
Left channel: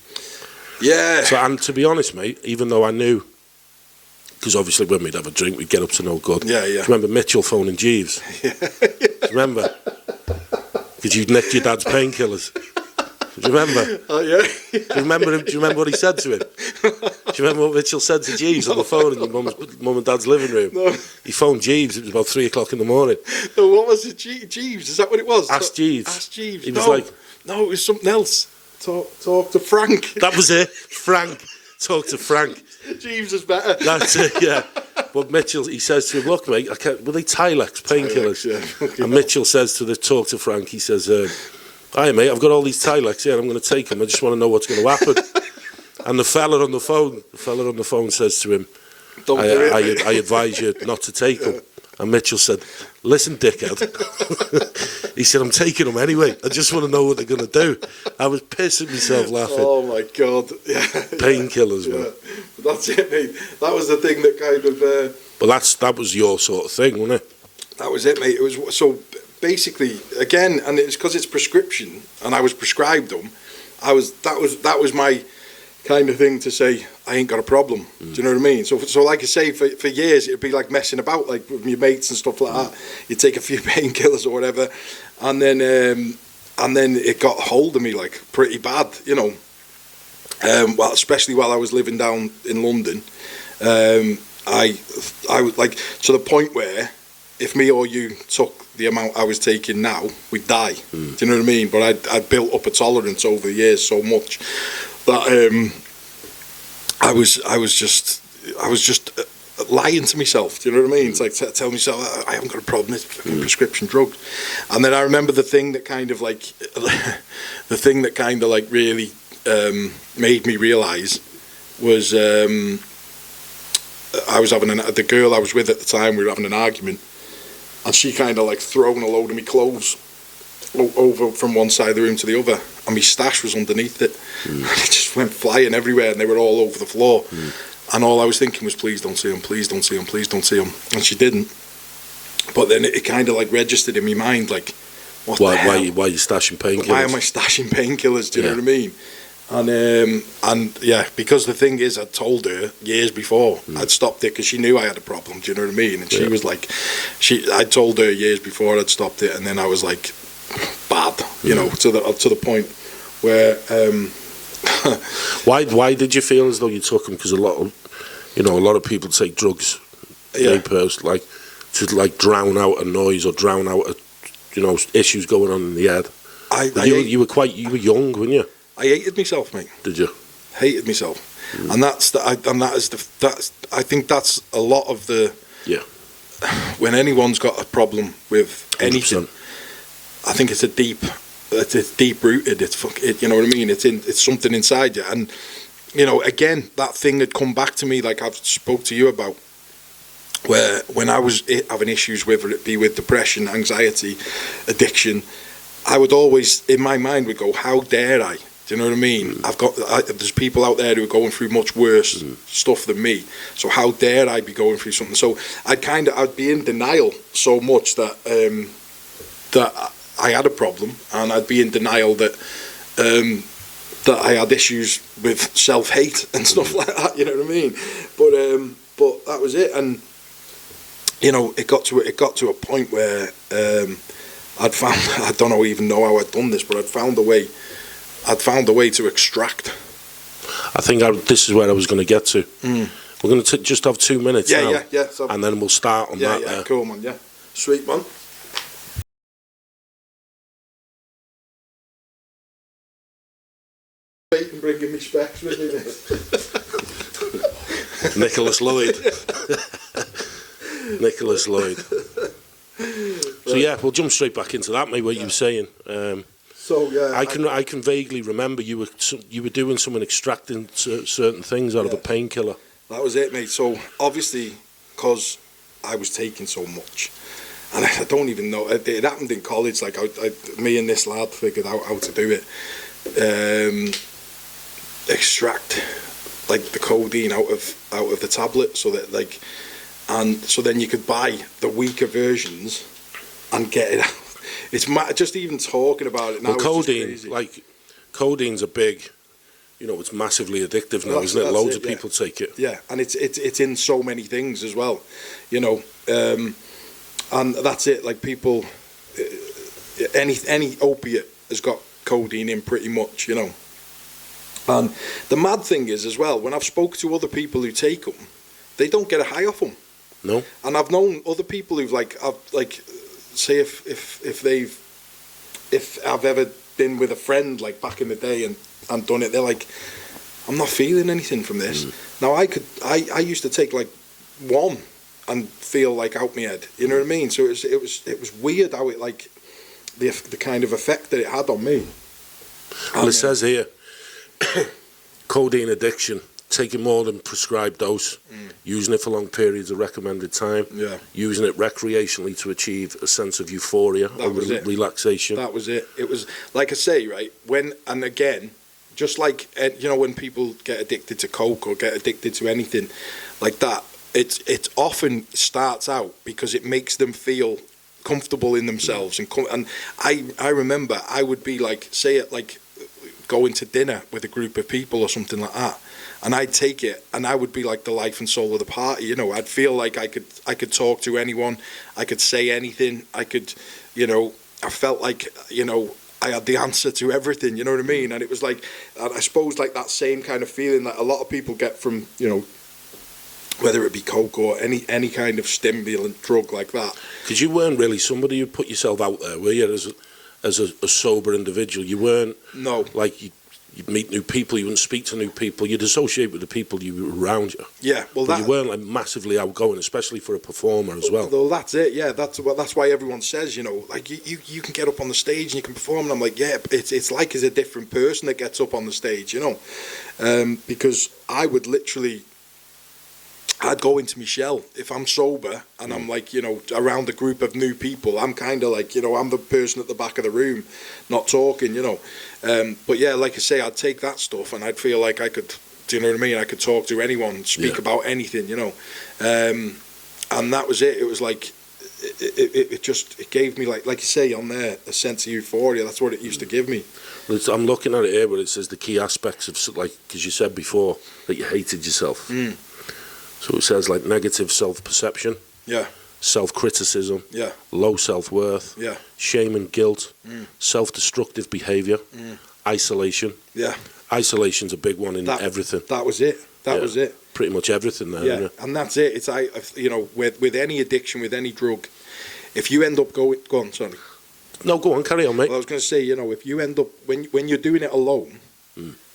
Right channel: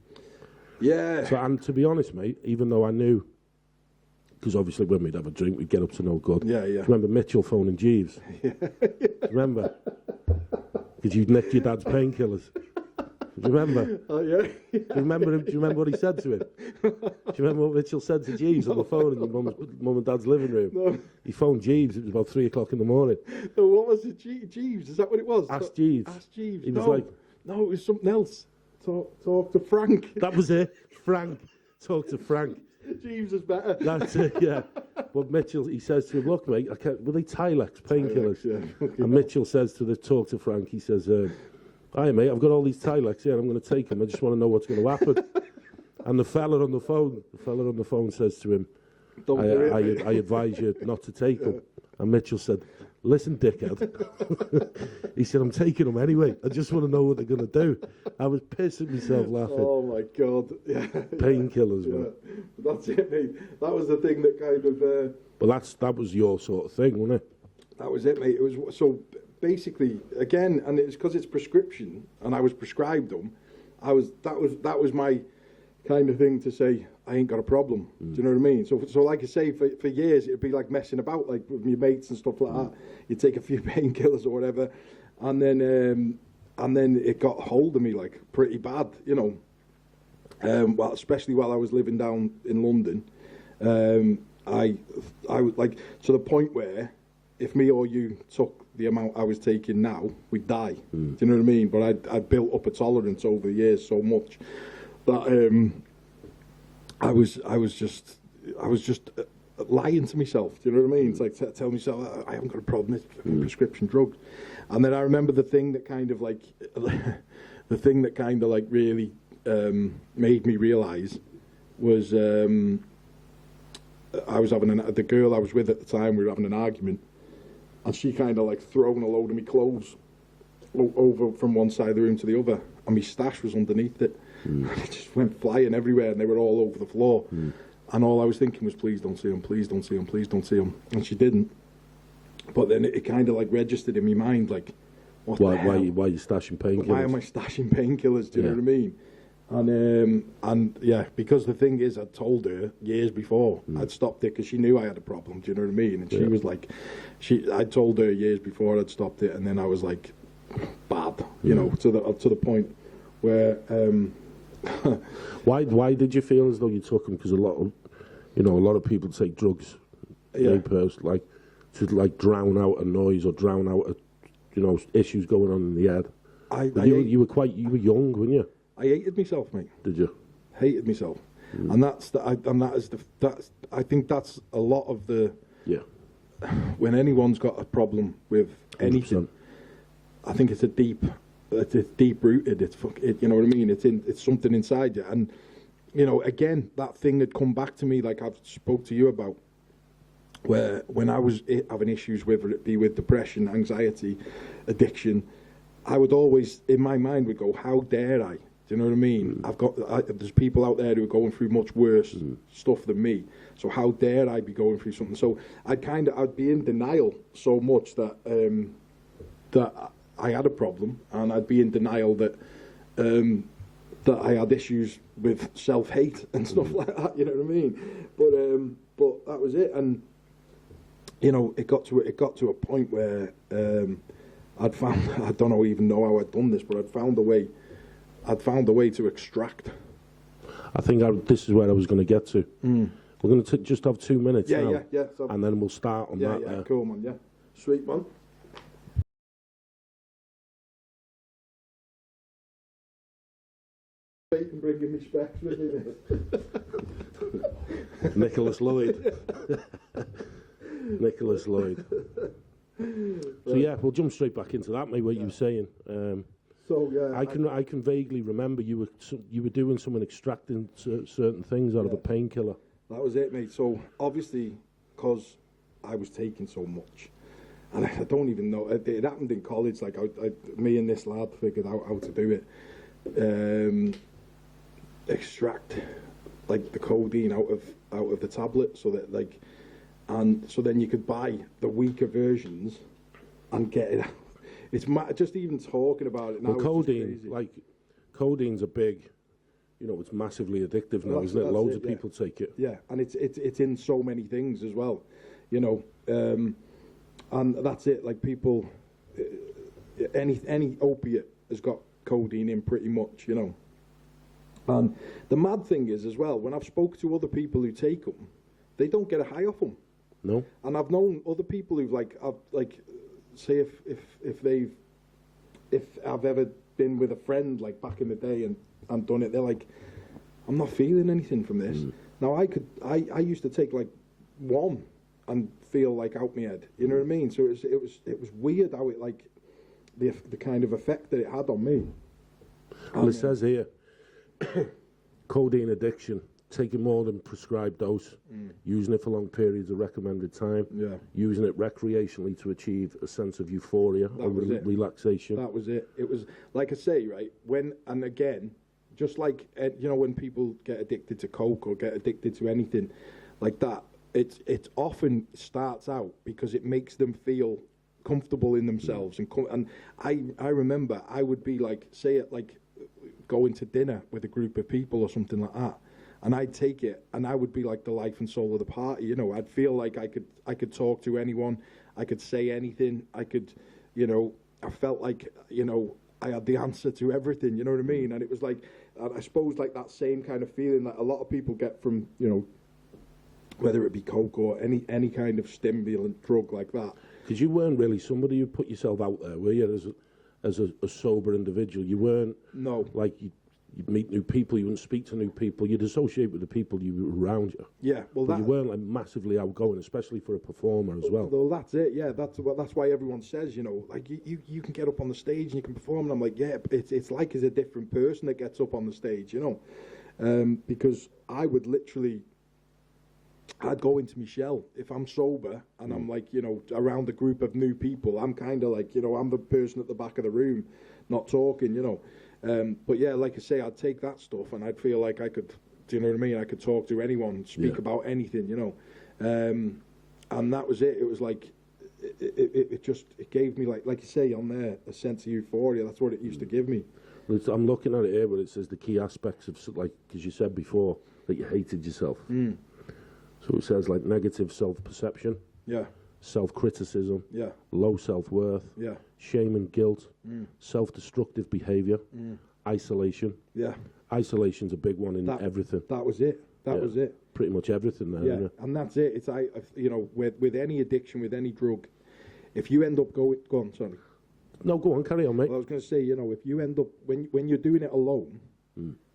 Yeah. So, and to be honest, mate, even though I knew, because obviously when we'd have a drink, we'd get up to no good. Yeah. Do you remember Mitchell phoning Jeeves? Do you remember? Because you'd nicked your dad's painkillers. Do you remember? Oh, yeah. Do you remember him? Do you remember what he said to him? Do you remember what Mitchell said to Jeeves on the phone in your mum and dad's living room? No. He phoned Jeeves. It was about 3 o'clock in the morning. No, what was it? Jeeves? Is that what it was? Ask Jeeves. Ask Jeeves. He was like, no, it was something else. Talk to Frank. That was it. Frank. Talk to Frank. Jeeves is better. That's it, yeah. But Mitchell, he says to him, "Look, mate, were they Tylex painkillers?" Yeah. And Mitchell says to talk to Frank, he says, "Hi, mate, I've got all these Tylex here, and I'm going to take them. I just want to know what's going to happen." And the fella on the phone says to him, I advise you not to take them. And Mitchell said, "Listen, dickhead." He said, "I'm taking them anyway. I just want to know what they're going to do." I was pissing myself laughing. Oh, my God. Yeah. Painkillers, man. But that's it, mate. That was the thing that kind of... But that was your sort of thing, wasn't it? That was it, mate. It was so basically, again, and it's because it's prescription, and I was prescribed them. That was my kind of thing to say, I ain't got a problem. Do you know what I mean? So like I say, for years it'd be like messing about, like with your mates and stuff like that. You'd take a few painkillers or whatever, and then it got hold of me like pretty bad, well, especially while I was living down in London. I was like to the point where if me or you took the amount I was taking now, we'd die. Do you know what I mean? But I'd built up a tolerance over the years so much that I was just lying to myself. Do you know what I mean? It's like tell myself I haven't got a problem. It's fucking prescription drugs. And then I remember the thing that kind of really made me realise was I was having the girl I was with at the time. We were having an argument, and she kind of like thrown a load of my clothes over from one side of the room to the other, and my stash was underneath it. And it just went flying everywhere, and they were all over the floor. And all I was thinking was, please don't see them, please don't see them, please don't see them. And she didn't. But then it kind of like registered in my mind, like, why are you stashing painkillers? Why am I stashing painkillers? Do you know what I mean? And yeah, because the thing is, I'd told her years before I'd stopped it because she knew I had a problem. Do you know what I mean? And she was like, I told her years before I'd stopped it, and then I was like, bad, to the point where. Why did you feel as though you took them? Because a lot of people take drugs, like to like drown out a noise or drown out issues going on in the head. You were young, weren't you? I hated myself, mate. Did you? Hated myself, and I think that's a lot of the. Yeah. When anyone's got a problem with anything, 100%. I think it's a deep it's deep rooted. You know what I mean? It's something inside you. And you know, again, that thing had come back to me, like I've spoke to you about, where when I was having issues, whether it be with depression, anxiety, addiction, I would always, in my mind, would go, how dare I? Do you know what I mean? There's people out there who are going through much worse stuff than me. So how dare I be going through something? So I'd be in denial so much that that I had a problem, and I'd be in denial that that I had issues with self-hate and stuff like that. You know what I mean? But that was it, and you know, it got to a point where I'd found, I don't even know how I'd done this, but I'd found a way to extract. I think this is where I was going to get to. We're going to just have 2 minutes now, So, and then we'll start on that. Yeah, cool, man. Yeah, sweet, man. And bringing me specs with me. Nicholas Lloyd. Nicholas Lloyd. So yeah, we'll jump straight back into that, mate. What you were saying. So yeah, I can vaguely remember you were doing something, extracting certain things out of a painkiller. That was it, mate. So obviously, because I was taking so much, and I don't even know. It happened in college. Like me and this lad figured out how to do it. Extract like the codeine out of the tablet, so that like, and so then you could buy the weaker versions and get it out. It's just even talking about it now. Well, codeine's a big, you know, it's massively addictive now, isn't it? Loads of people take it. Yeah, and it's in so many things as well, you know, and that's it. Like people, any opiate has got codeine in pretty much, you know. And the mad thing is as well, when I've spoke to other people who take them, they don't get a high off them. No. And I've known other people who've say if I've ever been with a friend like back in the day and done it, they're like, I'm not feeling anything from this. Now I used to take like one and feel like out my head, you know what I mean? So it was weird how it like the kind of effect that it had on me. Well, it says here, codeine addiction, taking more than prescribed dose, using it for long periods of recommended time, using it recreationally to achieve a sense of euphoria or relaxation. That was it. It was, like I say, right, and again, just like, you know, when people get addicted to coke or get addicted to anything like that, it often starts out because it makes them feel comfortable in themselves. And I remember I would be like, say it like going to dinner with a group of people or something like that, and I'd take it and I would be like the life and soul of the party, you know. I'd feel like I could talk to anyone, I could say anything, I could, you know, I felt like, you know, I had the answer to everything, you know what I mean? And it was like, I suppose like that same kind of feeling that a lot of people get from, you know, whether it be coke or any kind of stimulant drug like that. Because you weren't really somebody who put yourself out there, were you, as a sober individual? You weren't. No. Like you'd meet new people, you wouldn't speak to new people, you'd associate with the people you were around you. Yeah, well, but you weren't like massively outgoing, especially for a performer as well. Well, that's it. Yeah, that's why everyone says, you know, like you can get up on the stage and you can perform, and I'm like, yeah, it's like it's a different person that gets up on the stage, you know, because I would literally. I'd go into my shell if I'm sober and I'm like, you know, around a group of new people. I'm kind of like, you know, I'm the person at the back of the room, not talking, you know. But yeah, like I say, I'd take that stuff and I'd feel like I could, do you know what I mean? I could talk to anyone, speak about anything, you know. And that was it. It was like, it gave me, like you say on there, a sense of euphoria. That's what it used to give me. I'm looking at it here where it says the key aspects of, like, because you said before that you hated yourself. So it says like negative self-perception, self-criticism, low self-worth, shame and guilt, self-destructive behaviour, isolation. Isolation's a big one in everything. That was it. That was it. Pretty much everything there. Yeah, and that's it. It's you know, with any addiction, with any drug, if you end up go on, sorry. No, go on, carry on, mate. Well, I was going to say, you know, if you end up when you're doing it alone,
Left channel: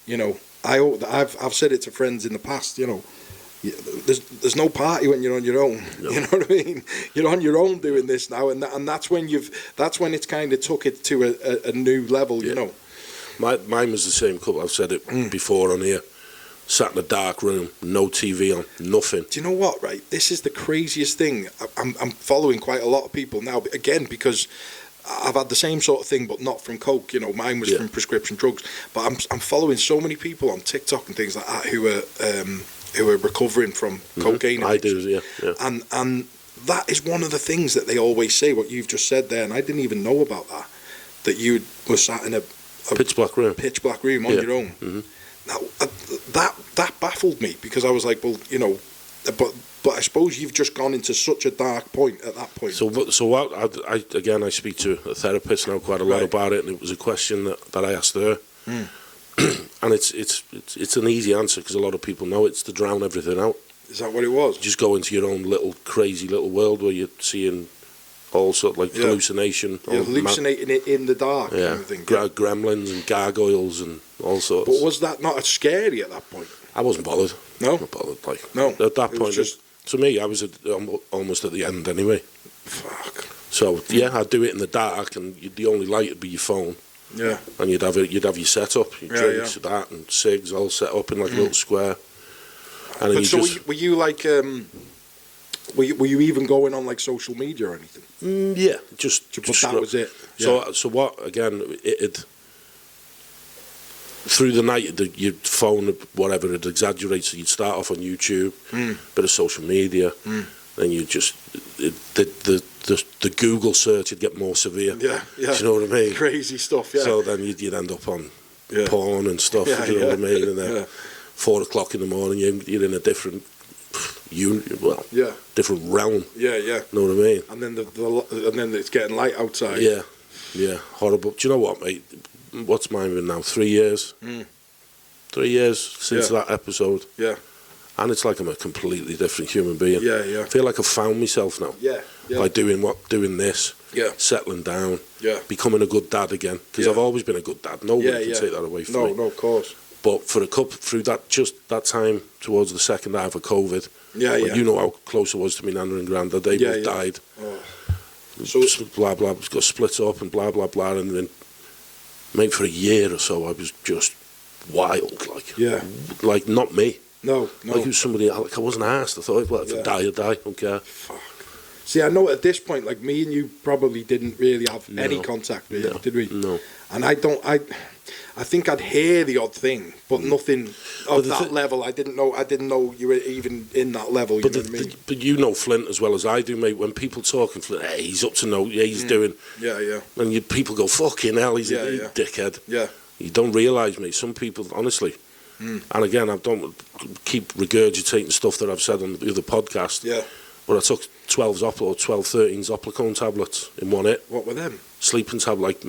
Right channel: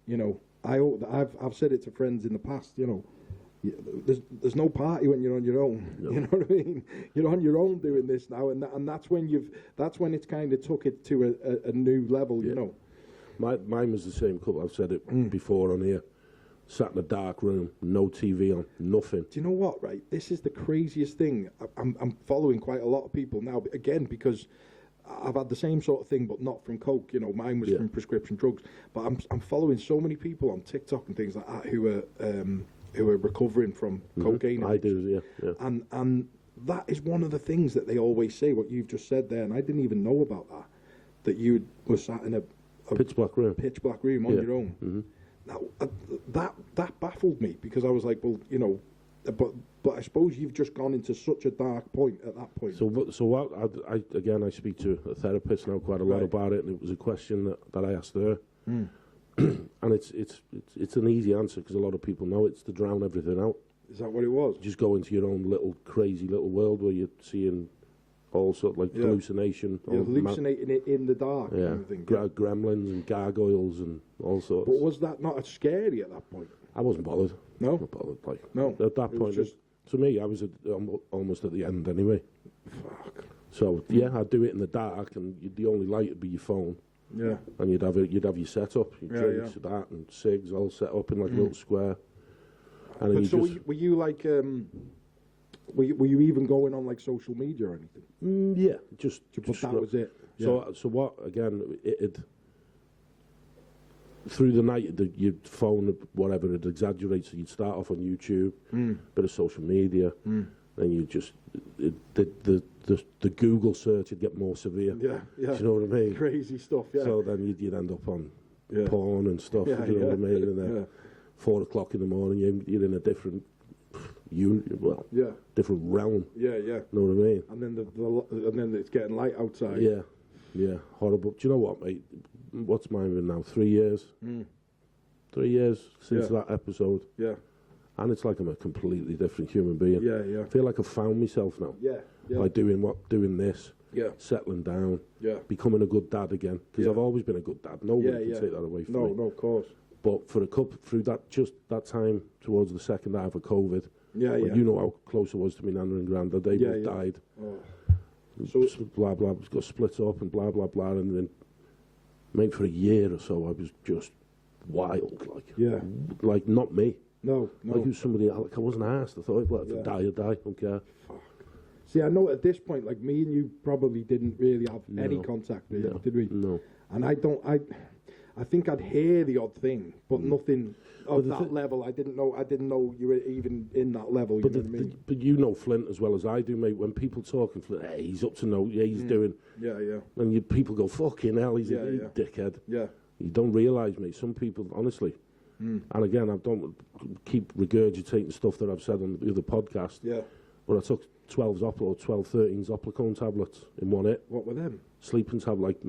you know, I've said it to friends in the past, you know. there's no party when you're on your own. No. You know what I mean? You're on your own doing this now, and that's when it's kind of took it to a new level. You know. Mine was the same couple. I've said it before on here. Sat in a dark room, no TV on, nothing. Do you know what? Right, this is the craziest thing. I'm following quite a lot of people now, again, because I've had the same sort of thing, but not from coke. You know, mine was from prescription drugs. But I'm following so many people on TikTok and things like that who are recovering from cocaine addiction. I do, yeah. And that is one of the things that they always say. What you've just said there, and I didn't even know about that. That you were sat in a pitch black room on your own. Mm-hmm. Now that baffled me, because I was like, well, you know, but I suppose you've just gone into such a dark point at that point. So what? I speak to a therapist now quite a lot about it, and it was a question that I asked her, and it's an easy answer because a lot of people know it's to drown everything out. Is that what it was? Just go into your own little crazy little world where you're seeing all sort of like hallucination. You're hallucinating it in the dark. Yeah, kind of thing. Gremlins and gargoyles and all sorts. But was that not scary at that point? I wasn't bothered. No? Not bothered. Like, no. At that point, to me, I was almost at the end anyway. Fuck. So, yeah, I'd do it in the dark, and the only light would be your phone. Yeah. And you'd have your setup, your drinks, that, and cigs all set up in like a little square. And but so were you like... Were you even going on like social media or anything? Yeah, just that was it. Yeah. So what? Again, it through the night, your phone, whatever, it exaggerates. So you'd start off on YouTube, bit of social media, then you just the Google search would get more severe. Yeah. Do you know what I mean? Crazy stuff. Yeah. So then you'd end up on porn and stuff. Do you know what I mean? And then 4 o'clock in the morning, you're in a different. Different realm. Yeah. Know what I mean? And then and then it's getting light outside. Yeah, horrible. Do you know what, mate? What's mine been now? 3 years. 3 years since that episode. Yeah. And it's like I'm a completely different human being. Yeah. I feel like I've found myself now. Yeah. By doing this. Yeah. Settling down. Yeah. Becoming a good dad again. Because I've always been a good dad. Nobody can take that away from me. No, of course. But for through that time towards the second half of COVID, you know how close I was to my nana and granddad. They both died. Oh. So blah blah, got split up and blah blah blah, and then maybe for a year or so I was just wild, like not me. No. Like it was somebody. Like I wasn't asked. I thought, well, if I die, I die. Don't care. Fuck. See, I know at this point, like me and you probably didn't really have any contact, really, did we? No. And I think I'd hear the odd thing, but nothing of that level. I didn't know you were even in that level. You know what I mean? But you know Flint as well as I do, mate. When people talk in Flint, hey, he's up to no, he's doing. Yeah. And people go, fucking hell, he's a dickhead. Yeah. You don't realise, mate. Some people, honestly, and again, I don't keep regurgitating stuff that I've said on the other podcast. Yeah. But I took 13 Zoplicone tablets in one hit. What were them? Sleeping tablet,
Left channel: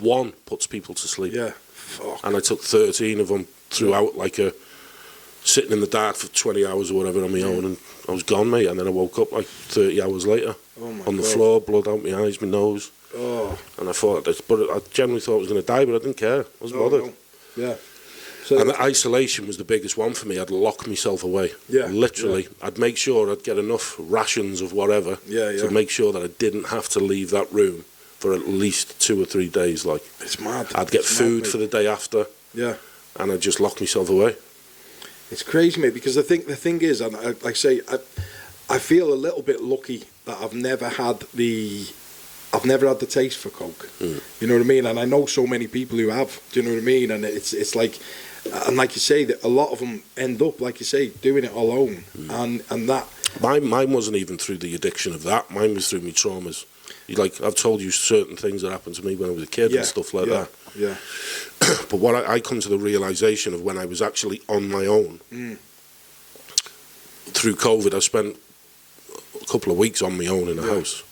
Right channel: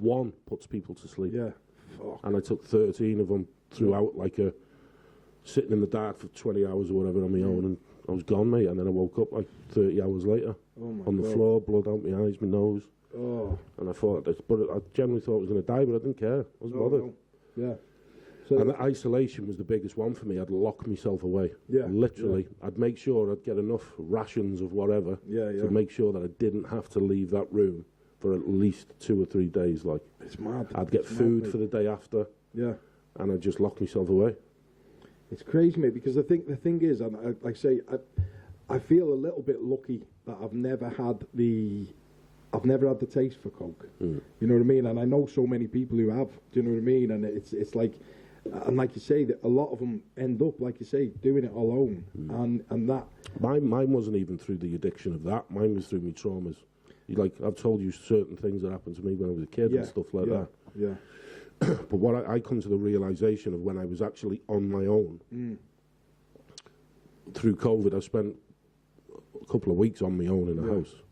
one puts people to sleep. Yeah. Fuck. And I took 13 of them throughout, sitting in the dark for 20 hours or whatever on my own, and I was gone, mate. And then I woke up 30 hours later on the floor, blood out my eyes, my nose. Oh. And I thought, but I generally thought I was going to die, but I didn't care. I wasn't bothered. No. Yeah. So and the isolation was the biggest one for me. I'd lock myself away. Yeah. Literally. Yeah. I'd make sure I'd get enough rations of whatever to make sure that I didn't have to leave that room for at least 2 or 3 days. It's mad. I'd get food for the day after. Yeah. And I'd just lock myself away. It's crazy, mate, because the thing is, and I feel a little bit lucky that I've never had the taste for coke. You know what I mean? And I know so many people who have. Do you know what I mean? And it's like, and like you say, that a lot of them end up, like you say, doing it alone, and that. Mine wasn't even through the addiction of that. Mine was through my traumas. I've told you certain things that happened to me when I was a kid and stuff like that. Yeah. But what I come to the realisation of when I was actually on my own through COVID, I spent a couple of weeks on my own in the house.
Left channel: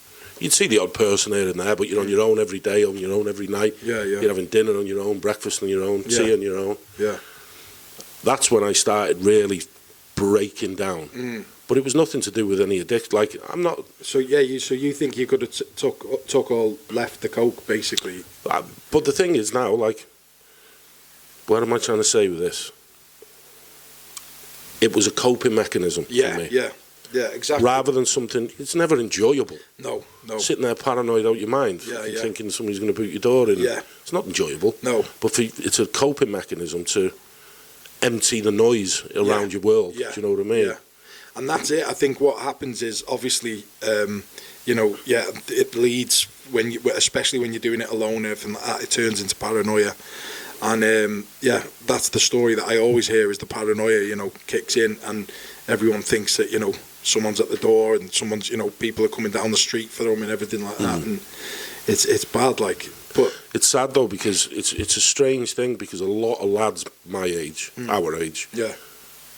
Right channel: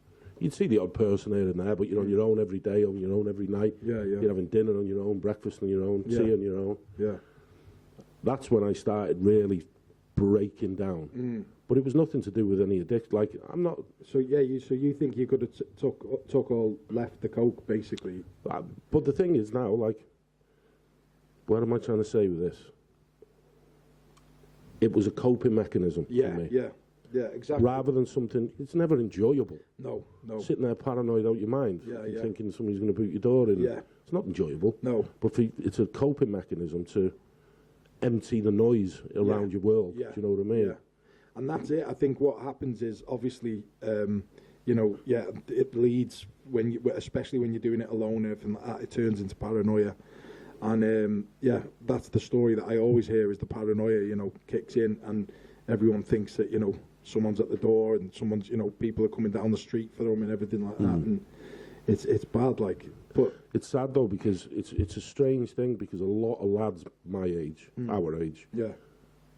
You'd see the odd person here and there, but you're on your own every day, on your own every night. Yeah. You're having dinner on your own, breakfast on your own, tea on your own. Yeah. That's when I started really breaking down. But it was nothing to do with any addiction. Like, I'm not. So you think you could have took or left the coke basically? But the thing is now, what am I trying to say with this? it was a coping mechanism Yeah, for me. yeah, exactly. Rather than something, it's never enjoyable. No. Sitting there paranoid out your mind, Yeah. thinking somebody's going to boot your door in. Yeah. It's not enjoyable. No. But it's a coping mechanism to empty the noise around your world. Yeah. Do you know what I mean? Yeah. And that's it. I think what happens is obviously, it leads especially when you're doing it alone, everything like that, it turns into paranoia. And that's the story that I always hear is the paranoia, kicks in and everyone thinks that, someone's at the door and someone's, people are coming down the street for them and everything like that. And it's bad, like, but it's sad though, because it's a strange thing, because a lot of lads my age, our age,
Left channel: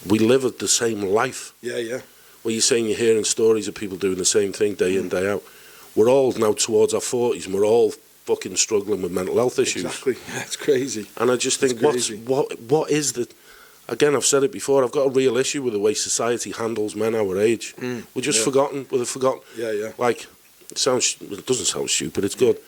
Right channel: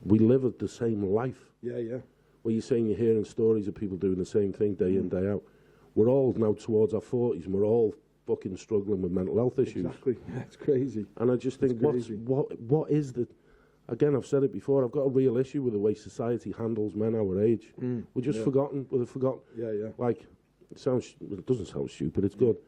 we live at the same life. Yeah. Well, you're saying you're hearing stories of people doing the same thing day in, day out. We're all now towards our 40s and we're all fucking struggling with mental health issues. Exactly. It's crazy. And I just think, what is the... Again, I've said it before, I've got a real issue with the way society handles men our age. We're just forgotten. We're forgotten. Yeah. Like, it doesn't sound stupid, it's good.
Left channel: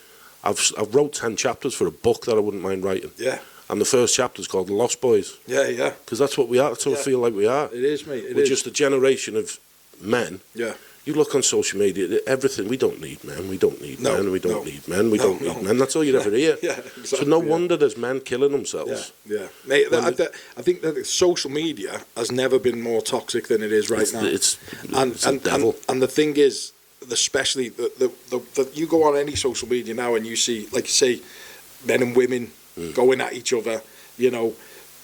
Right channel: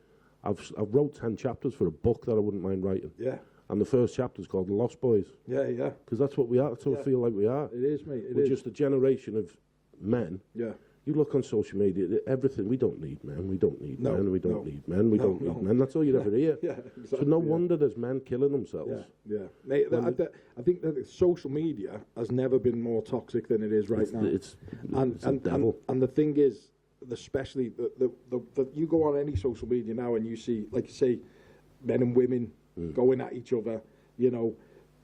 I've wrote 10 chapters for a book that I wouldn't mind writing. Yeah. And the first chapter is called The Lost Boys. Yeah. Because that's what we are. That's what I feel like we are. It is, mate. We're just a generation of men. Yeah. You look on social media, everything, we don't need men, we don't need men, we don't need men, we No, don't need men. That's all you'd ever hear. Yeah, exactly. So no wonder there's men killing themselves. Yeah. Mate, I think that social media has never been more toxic than it is right now. It's the devil. And the thing is, especially the you go on any social media now and you see, like you say, men and women going at each other,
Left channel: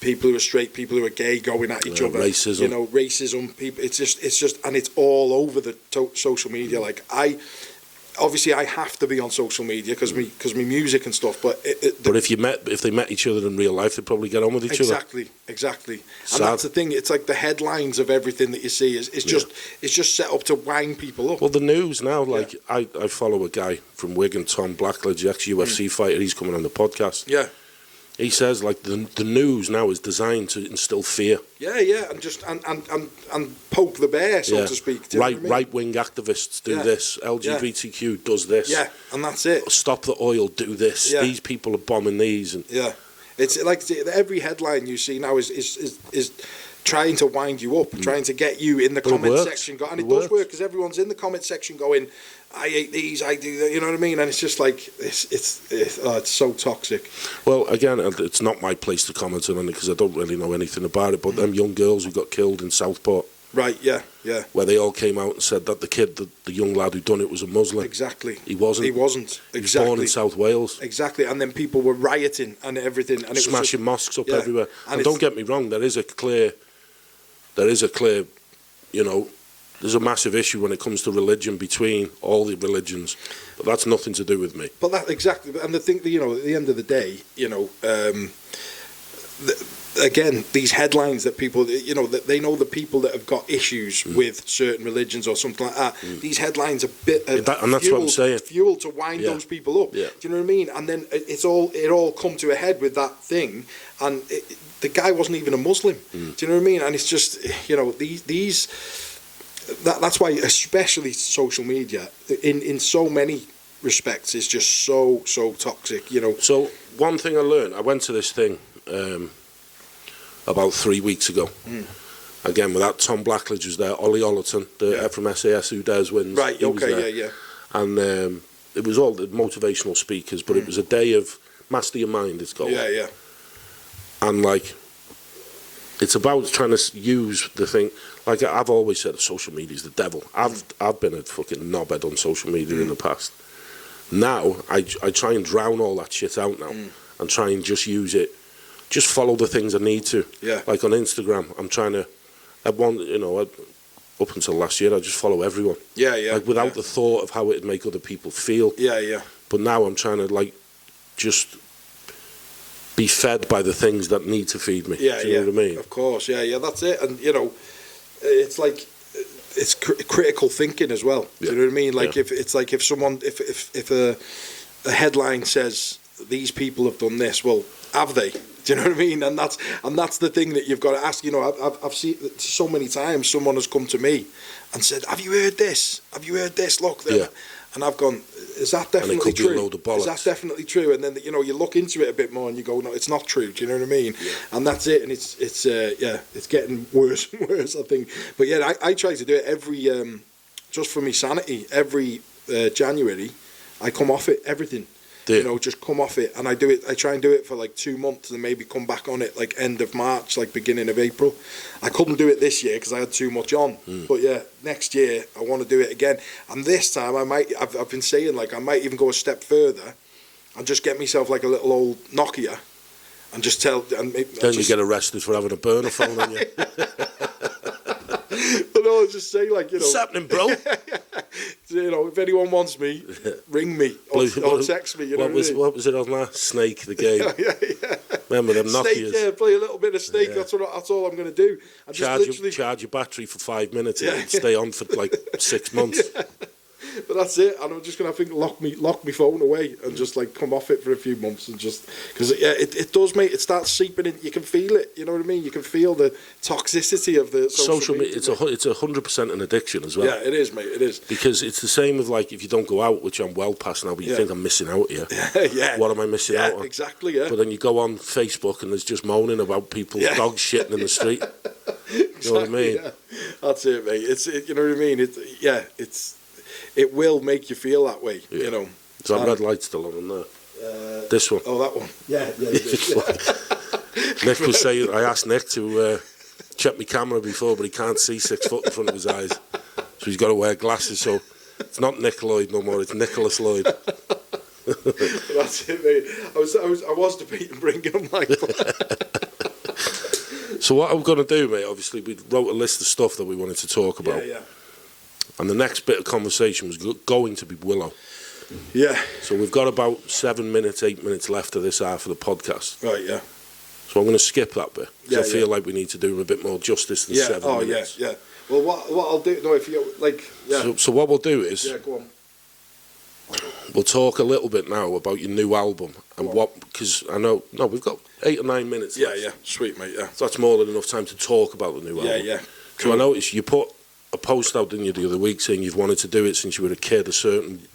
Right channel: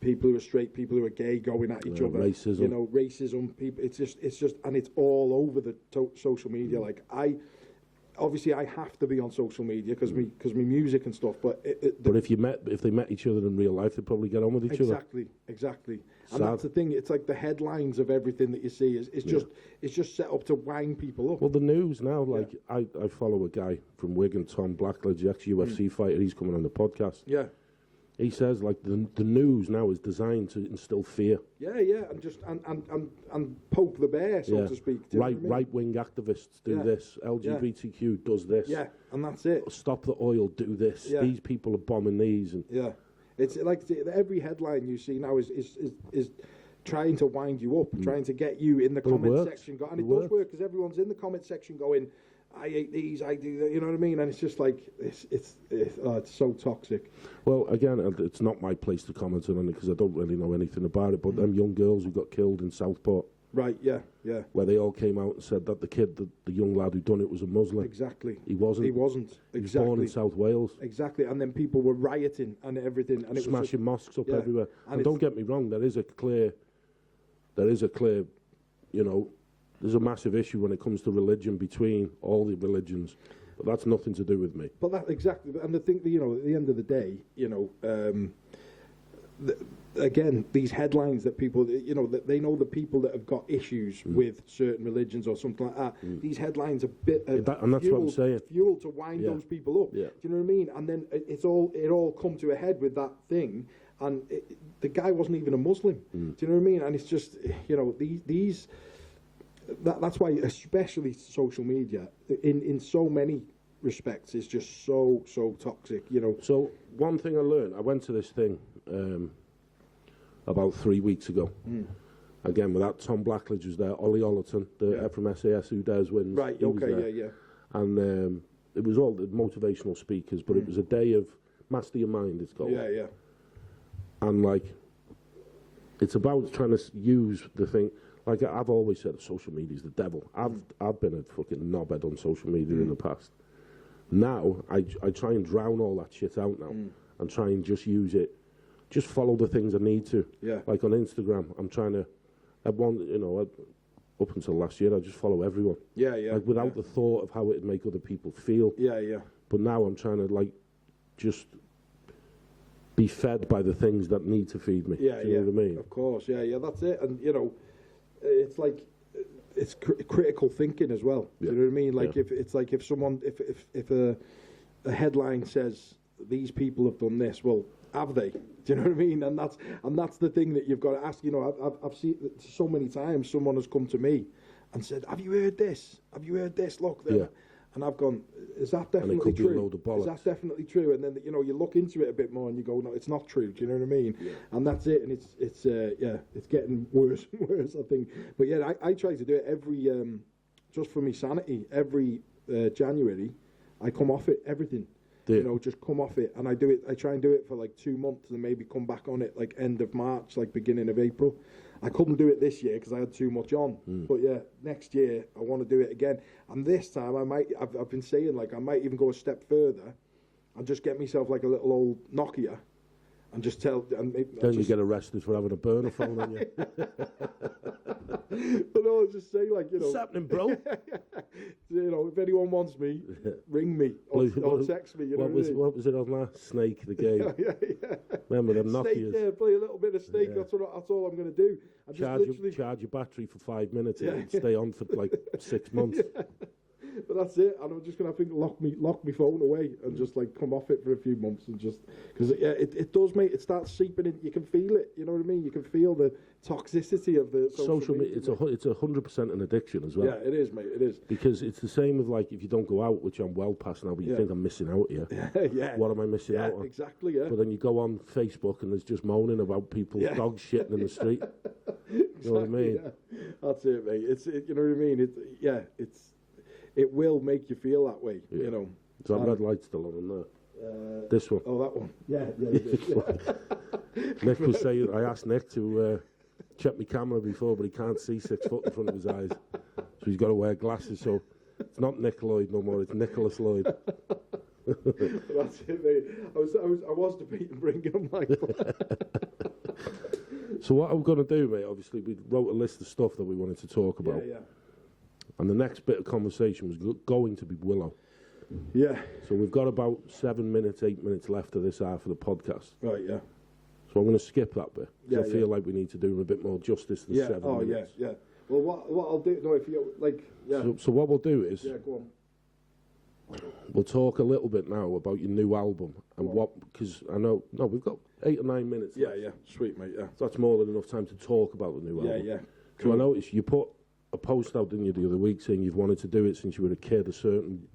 people who are straight, people who are gay going at each other. Racism. Racism, people, it's just, and it's all over the social media. Like I have to be on social media because me music and stuff, but but if they met each other in real life, they'd probably get on with each other. Exactly. Sad. And that's the thing. It's like the headlines of everything that you see is it's just set up to wind people up. Well, the news now, like I follow a guy from Wigan, Tom Blackledge, ex-UFC fighter. He's coming on the podcast. Yeah. He says, like, the news now is designed to instill fear. Yeah, and just and poke the bear, so to speak. Do you know what I mean? Right-wing activists do this. LGBTQ does this. Yeah, and that's it. Stop the oil, do this. Yeah. These people are bombing these. And it's like every headline you see now is trying to wind you up, trying to get you in the comment section. And it does work because everyone's in the comment section going, I hate these, I do that, you know what I mean? And it's just like, it's so toxic. Well, again, it's not my place to comment on it because I don't really know anything about it, but them young girls who got killed in Southport. Right, yeah. Where they all came out and said that the young lad who done it was a Muslim. Exactly. He wasn't. Exactly. He was born in South Wales. Exactly, and then people were rioting and everything. And it smashing mosques up everywhere. And don't get me wrong, there is a clear, there's a massive issue when it comes to religion between all the religions, but that's nothing to do with me. But that exactly, and the thing, at the end of the day, again, these headlines that people, that they know the people that have got issues with certain religions or something like that. These headlines are and that's what I'm saying. Fuel to wind those people up. Yeah. Do you know what I mean? And then it all come to a head with that thing, and the guy wasn't even a Muslim. Do you know what I mean? And it's just, these. That's why, especially social media, in so many respects, is just so toxic. So one thing I learned, I went to this thing about 3 weeks ago. Again, with that Tom Blackledge was there, Ollie Ollerton, from SAS who dares wins. Right. Okay. Yeah. And it was all the motivational speakers, but it was a day of master your mind. It's called. Yeah. And like, it's about trying to use the thing. Like I've always said, social media is the devil. I've been a fucking knobhead on social media in the past. Now I try and drown all that shit out now and try and just use it. Just follow the things I need to. Yeah. Like on Instagram, I'm trying to. Up until last year, I just follow everyone. Yeah. Like without the thought of how it'd make other people feel. Yeah. But now I'm trying to just be fed by the things that need to feed me. Yeah. Do you know what I mean? Of course. Yeah. That's it. And it's like it's critical thinking as well. Do you know what I mean? Like if someone if a headline says these people have done this, well, have they? Do you know what I mean? And that's the thing that you've got to ask. You know, I've seen so many times someone has come to me and said, "Have you heard this? Have you heard this? Look." Yeah. And I've gone, "Is that definitely could be a true? load of bollocks. Is that definitely true?" And then, you know, you look into it a bit more and you go, "No, it's not true." Do you know what I mean? Yeah. And that's it. And it's getting worse and worse, I think. But yeah, I try to do it every just for me sanity. Every January, I come off it, everything. Yeah. You know, just come off it, and I do it. I try and do it for like 2 months, and maybe come back on it like end of March, like beginning of April. I couldn't do it this year because I had too much on. But yeah, next year I want to do it again. And this time I might. I've been saying like I might even go a step further, and just get myself like a little old Nokia, and just tell. And Then you get arrested for having a burner phone on you. But no, just say like, you know, What's happening, bro? you know, if anyone wants me, ring me or text me. You know what was it on that? Snake, the game. yeah. Remember them Snake, Nokias? yeah, play a little bit of Snake. Yeah. That's all I'm going to do. I just Charge your battery for 5 minutes Yeah. and stay on for like 6 months. But that's it, and I'm just gonna lock my phone away and just like come off it for a few months and just because it does, mate. It starts seeping in. You can feel it. You know what I mean? You can feel the toxicity of the social media. It's 100% an addiction as well. Yeah, it is, mate. It is. Because it's the same with like if you don't go out, which I'm well past now, but you think I'm missing out here. Yeah. What am I missing out on? Exactly. Yeah. But then you go on Facebook and there's just moaning about people's dogs shitting in the street. You know what I mean? Yeah. That's it, mate. You know what I mean? It will make you feel that way, you know. Is that red light still on there? This one. Oh, that one. Yeah. Nick was saying, I asked Nick to check my camera before, but he can't see 6 foot in front of his eyes. So he's got to wear glasses. So it's not NIK Lloyd no more, it's Nicholas Lloyd. That's it, mate. I was debating bringing him like that. So what I'm going to do, mate, obviously we wrote a list of stuff that we wanted to talk about. Yeah. And the next bit of conversation was going to be Willow. Yeah. So we've got about 7 minutes, 8 minutes left of this half of the podcast. Right, yeah. So I'm going to skip that bit. Yeah, I feel like we need to do him a bit more justice than 7 minutes. Yeah. Well, what I'll do, no, if you, like, yeah. So what we'll do is, Yeah, go on. we'll talk a little bit now about your new album and because I know, we've got 8 or 9 minutes left. Yeah. Sweet, mate, yeah. So that's more than enough time to talk about the new album. Yeah. So I noticed you put a post out, didn't you, the other week saying you've wanted to do it since you were a kid, a certain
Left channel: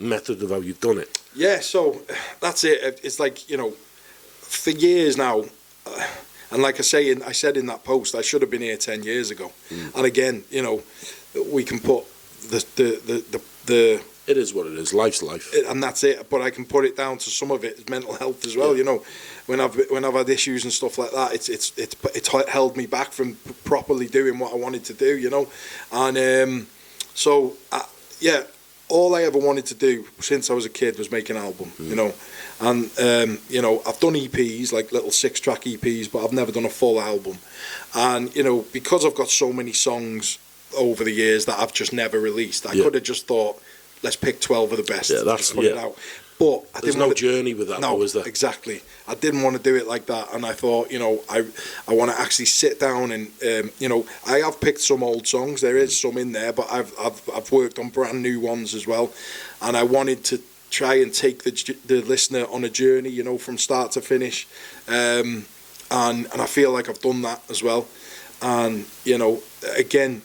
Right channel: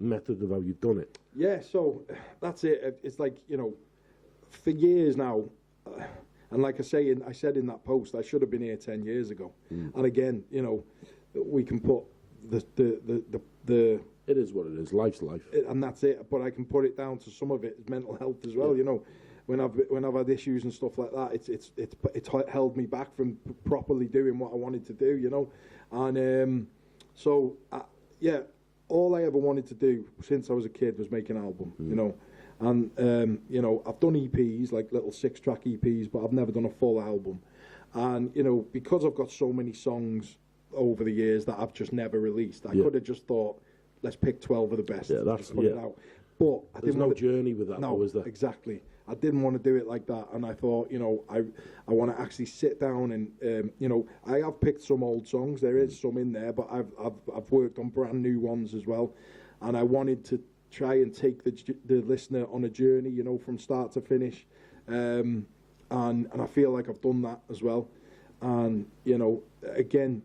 method of how you've done it. Yeah, so that's it. It's like, you know, for years now, and like I said in that post, I should have been here 10 years ago. And again, you know, we can put the It is what it is. Life's life. And that's it. But I can put it down to some of it is mental health as well. You know, when I've had issues and stuff like that, it's held me back from properly doing what I wanted to do. You know, and all I ever wanted to do since I was a kid was make an album. You know, and you know, I've done EPs, like little 6-track EPs, but I've never done a full album. And you know, because I've got so many songs over the years that I've just never released, I could have just thought, let's pick 12 of the best and just put it out. But there's no journey with that, no, though, is there? Exactly. I didn't want to do it like that, and I thought, you know, I want to actually sit down and, you know, I have picked some old songs. There is some in there, but I've worked on brand new ones as well, and I wanted to try and take the listener on a journey, you know, from start to finish, and I feel like I've done that as well, and you know, again.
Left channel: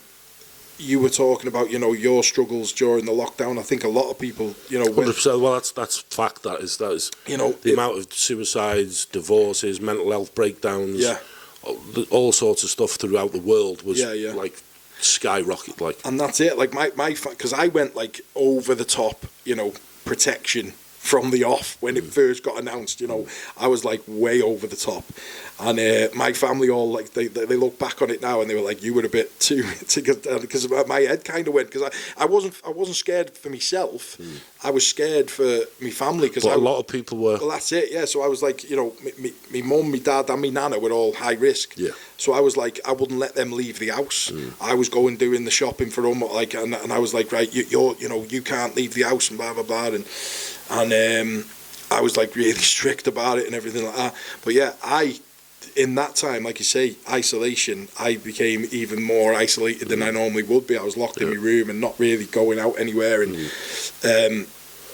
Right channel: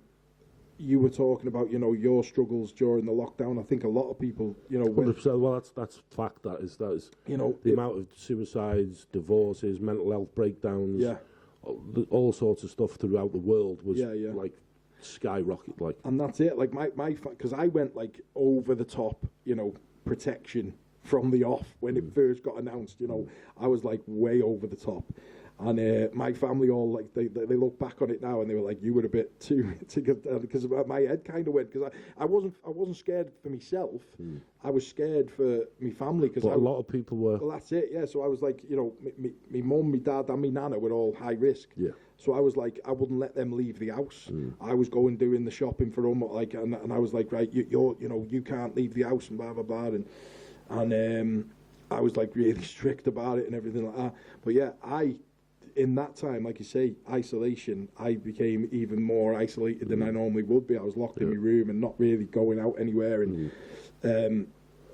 You were talking about, you know, your struggles during the lockdown. I think a lot of people, you know, 100%. Well, that's fact. That is, you know, the amount of suicides, divorces, mental health breakdowns, all sorts of stuff throughout the world was like skyrocket. Like, and that's it. Like my because I went like over the top, you know, protection from the off when it first got announced. You know, I was like way over the top. And my family all like they look back on it now and they were like, you were a bit too because my head kind of went because I wasn't scared for myself. I was scared for my family because a lot of people were. Well, that's it. Yeah. So I was like, you know, my mum, my dad, and my nana were all high risk. Yeah. So I was like, I wouldn't let them leave the house. I was going doing the shopping for them, like, and I was like, right, you know, you can't leave the house and blah blah blah, and I was like really strict about it and everything like that. But yeah, in that time, like you say, isolation, I became even more isolated than I normally would be. I was locked in my room and not really going out anywhere. And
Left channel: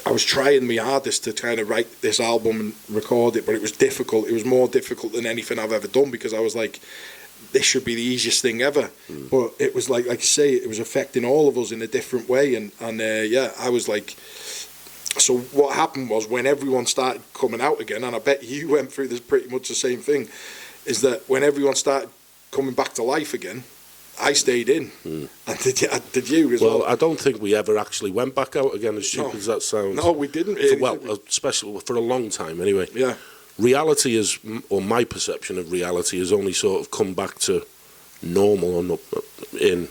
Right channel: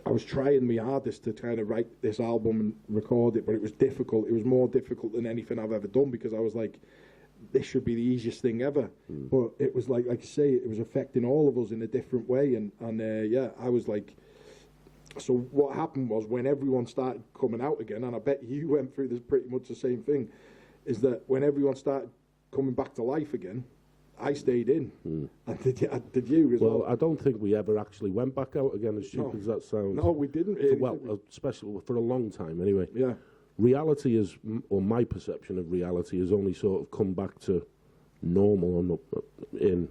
I was trying my hardest to kind of write this album and record it, but it was difficult. It was more difficult than anything I've ever done, because I was like, this should be the easiest thing ever. But it was like you say, it was affecting all of us in a different way. And yeah, I was like, so what happened was, when everyone started coming out again, and I bet you went through this pretty much the same thing, is that when everyone started coming back to life again, I stayed in. And did you as well? Well, I don't think we ever actually went back out again, as stupid as that sounds. No, we didn't really. Well, especially for a long time anyway. Yeah. Reality is, or my perception of reality, has only sort of come back to normal or not in,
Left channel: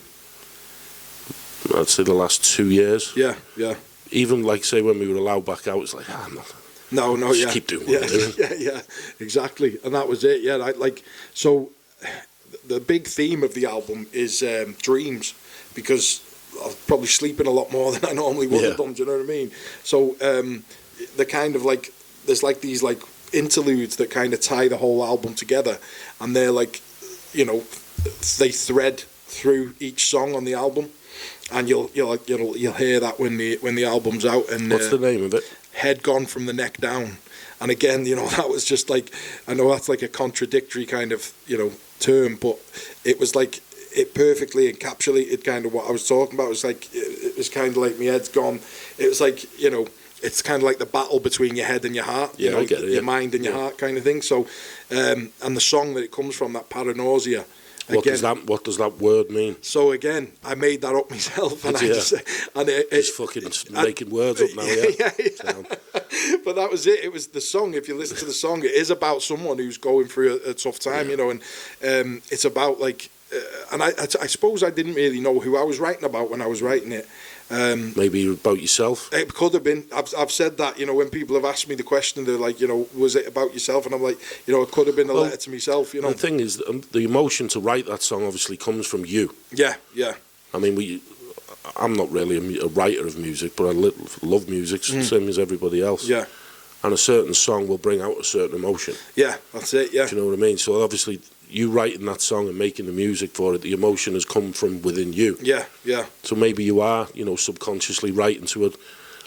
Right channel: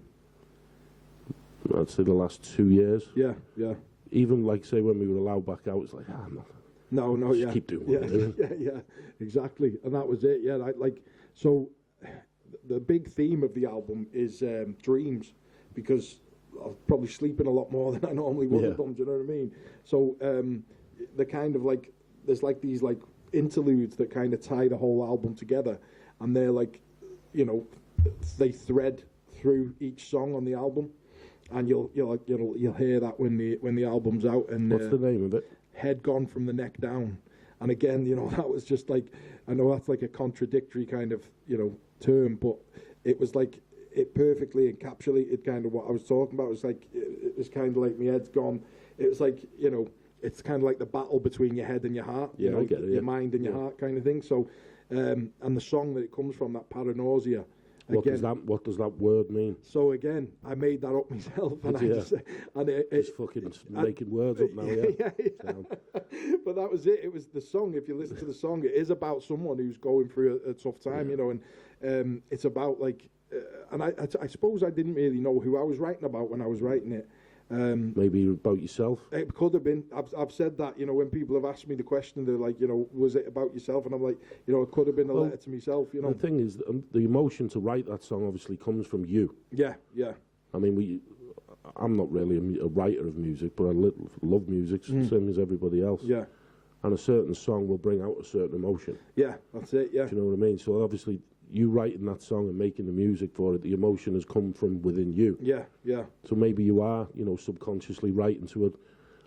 I'd say, the last 2 years. Yeah, yeah. Even like, say, when we were allowed back out, it's like, No, just yeah. keep doing what we're doing. Yeah, exactly. And that was it, yeah. So the big theme of the album is dreams, because I was probably sleeping a lot more than I normally would have done, do you know what I mean? So the kind of like, there's like these like interludes that kind of tie the whole album together, and they're like, you know, they thread through each song on the album, and you'll hear that when the album's out. And what's the name of it? Head Gone From the Neck Down. And again, you know, that was just like, I know that's like a contradictory kind of, you know, term, but it was like, it perfectly encapsulated kind of what I was talking about. It was like, it was kind of like, my head's gone. It was like, you know, it's kind of like the battle between your head and your heart. Yeah, you know, I get it. Your mind and your heart kind of thing. So, and the song that it comes from, that Paranoia. What does that word mean? So again, I made that up myself, and Just fucking making words up now. Yeah. But that was it. It was the song. If you listen to the song, it is about someone who's going through a tough time, you know, and it's about like, and I suppose I didn't really know who I was writing about when I was writing it. Maybe about yourself. It could have been. I've said that, you know, when people have asked me the question, they're like, you know, was it about yourself? And I'm like, you know, it could have been a letter to myself, you know. The thing is, the emotion to write that song obviously comes from you. Yeah. I mean, I'm not really a writer of music, but I love music, same as everybody else. Yeah. And a certain song will bring out a certain emotion. Yeah, that's it, yeah. Do you know what I mean? So obviously, you writing that song and making the music for it, the emotion has come from within you. Yeah. So maybe you are, you know, subconsciously writing to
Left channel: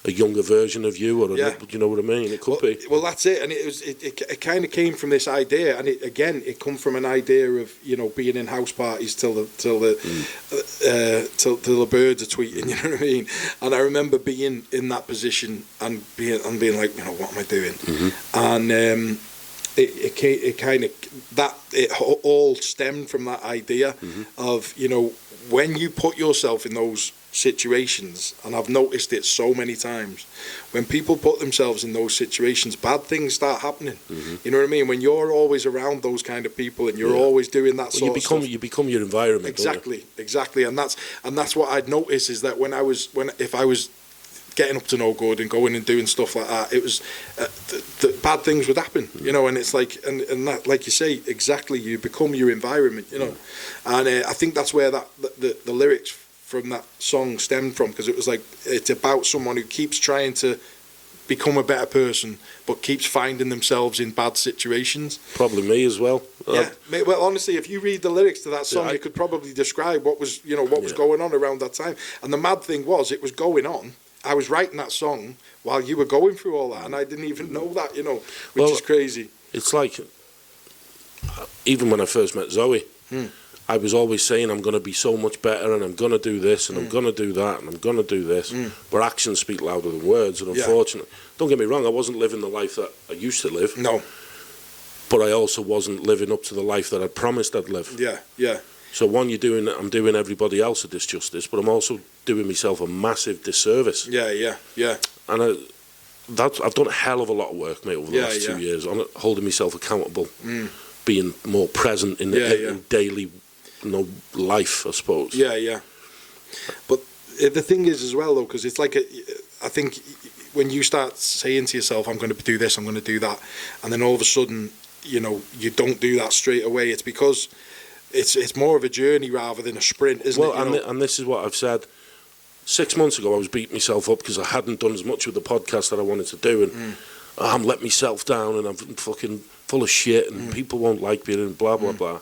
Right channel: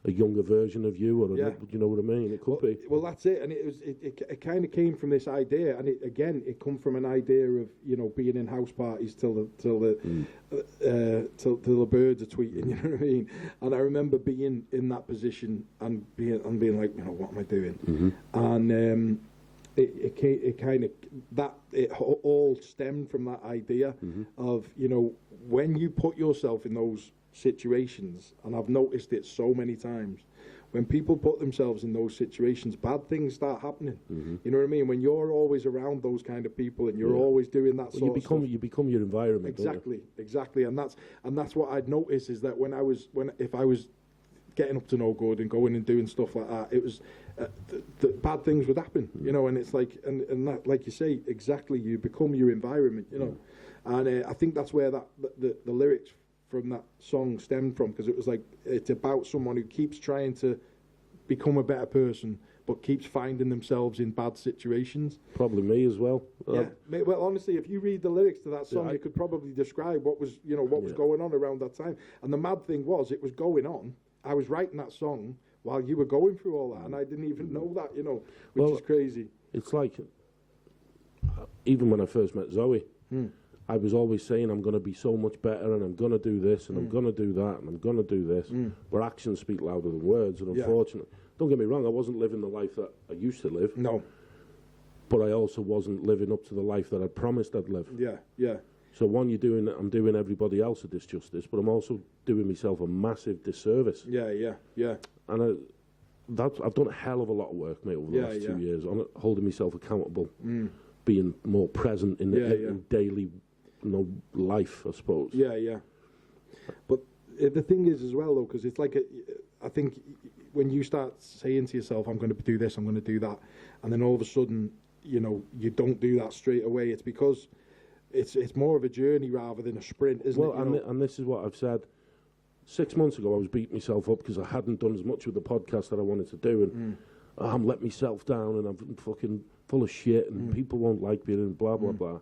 a younger version of you, or you know what I mean? It could be. Well, that's it, and it kind of came from this idea, and it come from an idea of, you know, being in house parties till the birds are tweeting, you know what I mean? And I remember being in that position and being like, you know, what am I doing? And it all stemmed from that idea of, you know, when you put yourself in those situations, and I've noticed it so many times, when people put themselves in those situations, bad things start happening. You know what I mean? When you're always around those kind of people and you're always doing that sort of stuff, you become your environment. Exactly, and that's what I'd noticed, is that if I was getting up to no good and going and doing stuff like that, it was the bad things would happen, you know. And it's like, and that, like you say, exactly, you become your environment, you know. And I think that's where the lyrics from that song stemmed from, because it was like, it's about someone who keeps trying to become a better person but keeps finding themselves in bad situations. Probably me as well. Yeah, well, honestly, if you read the lyrics to that song, you could probably describe what was going on around that time. And the mad thing was, it was going on. I was writing that song while you were going through all that, and I didn't even know that, you know, which is crazy. It's like, even when I first met Zoe, I was always saying, I'm going to be so much better, and I'm going to do this, and I'm going to do that, and I'm going to do this. But actions speak louder than words, and unfortunately, don't get me wrong, I wasn't living the life that I used to live. No. But I also wasn't living up to the life that I promised I'd live. Yeah. So I'm doing everybody else a disjustice, but I'm also doing myself a massive disservice. Yeah. And I've done a hell of a lot of work, mate, over the last 2 years on holding myself accountable, being more present in the daily, you know, life, I suppose. Yeah. But the thing is as well, though, because it's like, I think when you start saying to yourself, I'm going to do this, I'm going to do that, and then all of a sudden, you know, you don't do that straight away, it's because it's more of a journey rather than a sprint, isn't it? Well, and this is what I've said. 6 months ago, I was beating myself up because I hadn't done as much with the podcast that I wanted to do, and I'm letting myself down, and I'm fucking full of shit, and people won't like me, and blah, blah, blah.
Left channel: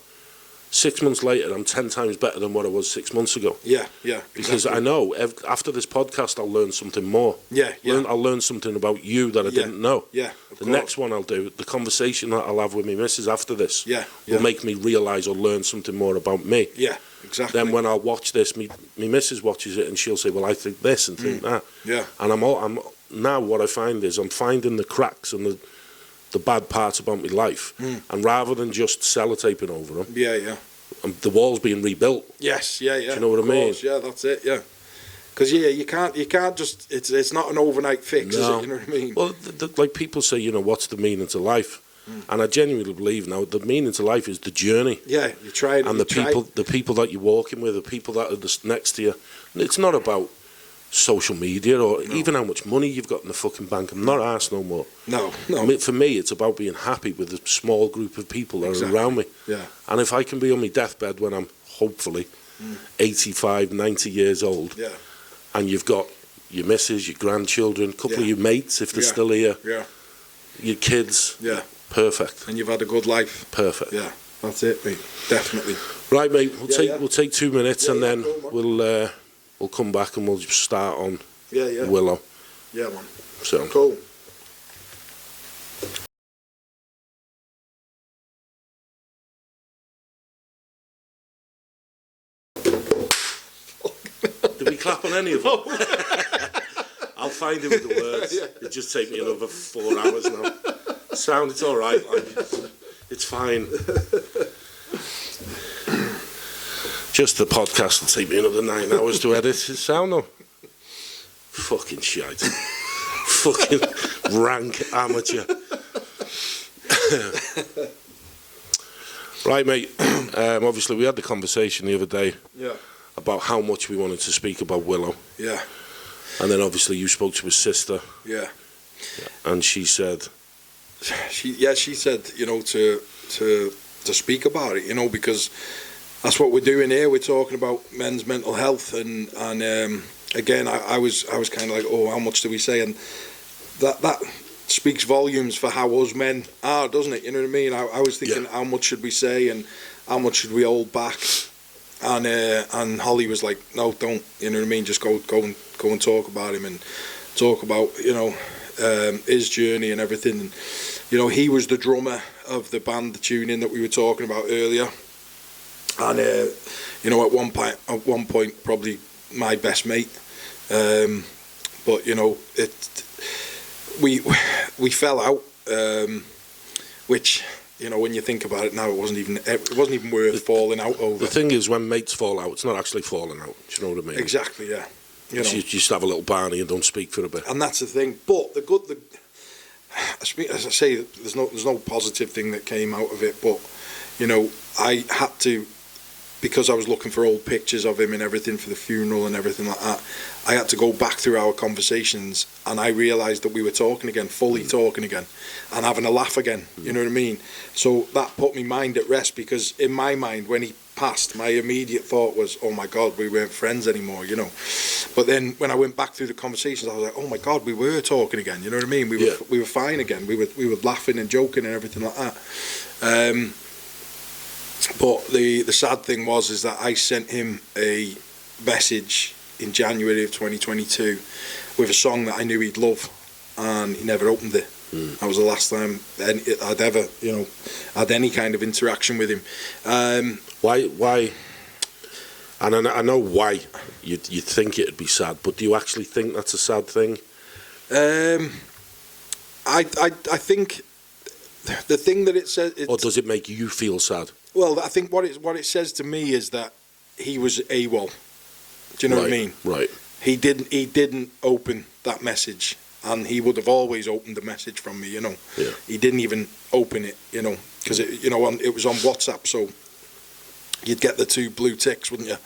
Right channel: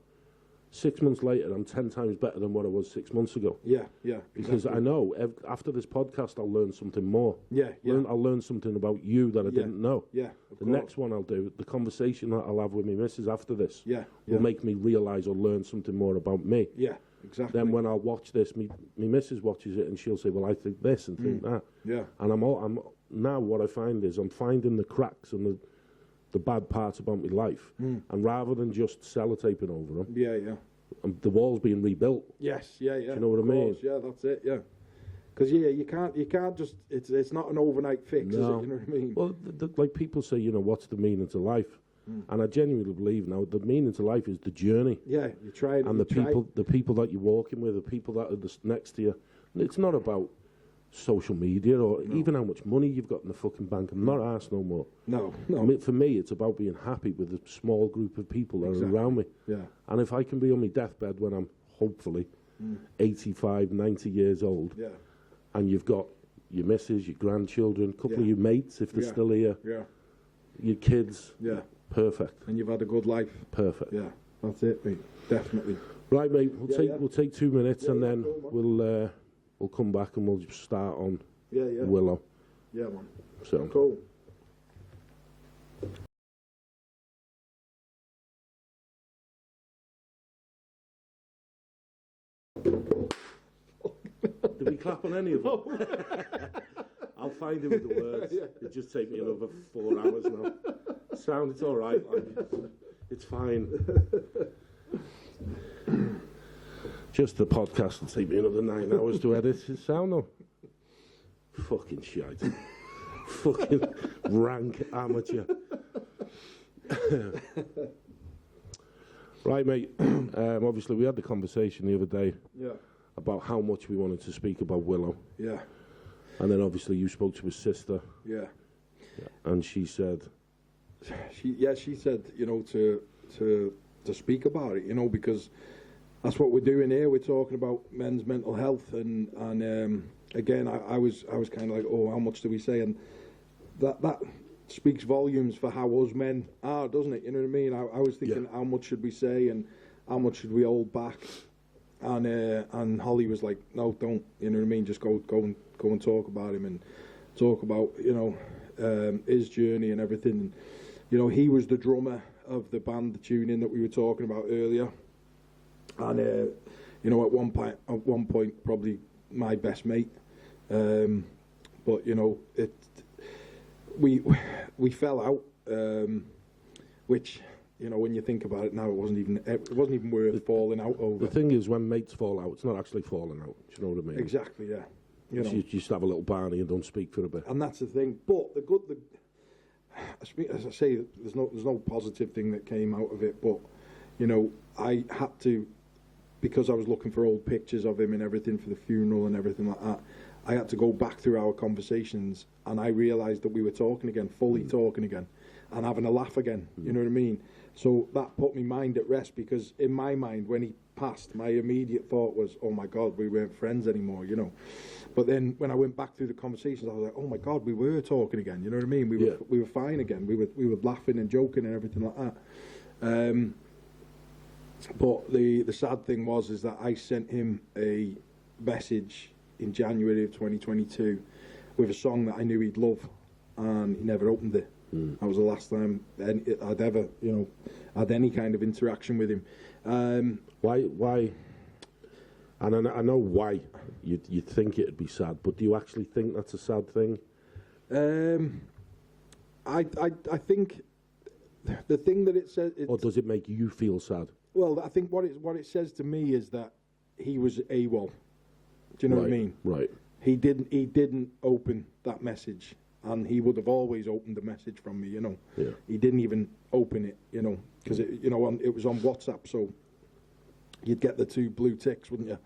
6 months later, I'm 10 times better than what I was 6 months ago. Yeah, yeah. Because exactly. I know after this podcast, I'll learn something more. Yeah, yeah. I'll learn something about you that I didn't know. Yeah, the next one I'll do, the conversation that I'll have with my missus after this, will make me realise or learn something more about me. Yeah, exactly. Then when I watch this, my missus watches it and she'll say, well, I think this and think that. Yeah. And I'm now what I find is I'm finding the cracks and the bad parts about my life. And rather than just sellotaping over them, the wall's being rebuilt. Yes, yeah. Do you know what I mean? Yeah, that's it, yeah. Because you can't just, it's not an overnight fix, is it? You know what I mean? Well, like people say, you know, what's the meaning to life? And I genuinely believe now the meaning to life is the journey. Yeah, you try it. And the people that you're walking with, the people that are just next to you. It's not about social media or even how much money you've got in the fucking bank. I'm not arsed no more. No. I mean, for me, it's about being happy with a small group of people that are around me. Yeah. And if I can be on my deathbed when I'm hopefully 85, 90 years old, and you've got your missus, your grandchildren, a couple of your mates, if they're still here, your kids, perfect. And you've had a good life. Perfect. Yeah, that's it, mate. Definitely. Right, mate. We'll take 2 minutes and then cool, we'll come back and we'll just start on Willow. Yeah, man. So cool. Did we clap on any of them? I'll find it with the words. It'll just take me another 4 hours now. Sound, it's all right. It's fine. Just the podcast will take me another 9 hours to edit. It's sound though. Fucking shite. Fucking rank amateur. Right, mate. Obviously, we had the conversation the other day about how much we wanted to speak about Willow. Yeah. And then obviously you spoke to his sister. Yeah. And she said... She said, you know, to speak about it, you know, because that's what we're doing here. We're talking about men's mental health, and again, I was kind of like, oh, how much do we say? And that speaks volumes for how us men are, doesn't it? You know what I mean? I was thinking, how much should we say, and how much should we hold back? And Holly was like, no, don't. You know what I mean? Just go and talk about him and talk about, you know, his journey and everything. And, you know, he was the drummer of the band, the Tune In, that we were talking about earlier. And you know, at one point, probably my best mate. But you know, we fell out, which, you know, when you think about it now, it wasn't even worth falling out over. The thing is, when mates fall out, it's not actually falling out. Do you know what I mean? Exactly, yeah. You know. You just have a little Barney and don't speak for a bit. And that's the thing. But as I say, there's no positive thing that came out of it. But you know, I had to, because I was looking for old pictures of him and everything for the funeral and everything like that, I had to go back through our conversations, and I realised that we were talking again, fully talking again, and having a laugh again. You know what I mean? So that put my mind at rest, because in my mind, when he passed, my immediate thought was, oh my God, we weren't friends anymore, you know. But then when I went back through the conversations, I was like, oh my God, we were talking again. You know what I mean? We were fine again. We were laughing and joking and everything like that. But the sad thing was that I sent him a message in January of 2022 with a song that I knew he'd love, and he never opened it. That was the last time I'd ever, you know, had any kind of interaction with him. Why? And I know why you'd think it'd be sad, but do you actually think that's a sad thing? I think the thing that it says... Or does it make you feel sad? Well, I think what it says to me is that he was AWOL. Do you know what I mean? Right. He didn't open that message, and he would have always opened the message from me, you know. Yeah. He didn't even open it, you know, because it was on WhatsApp, so you'd get the 2 blue ticks, wouldn't you?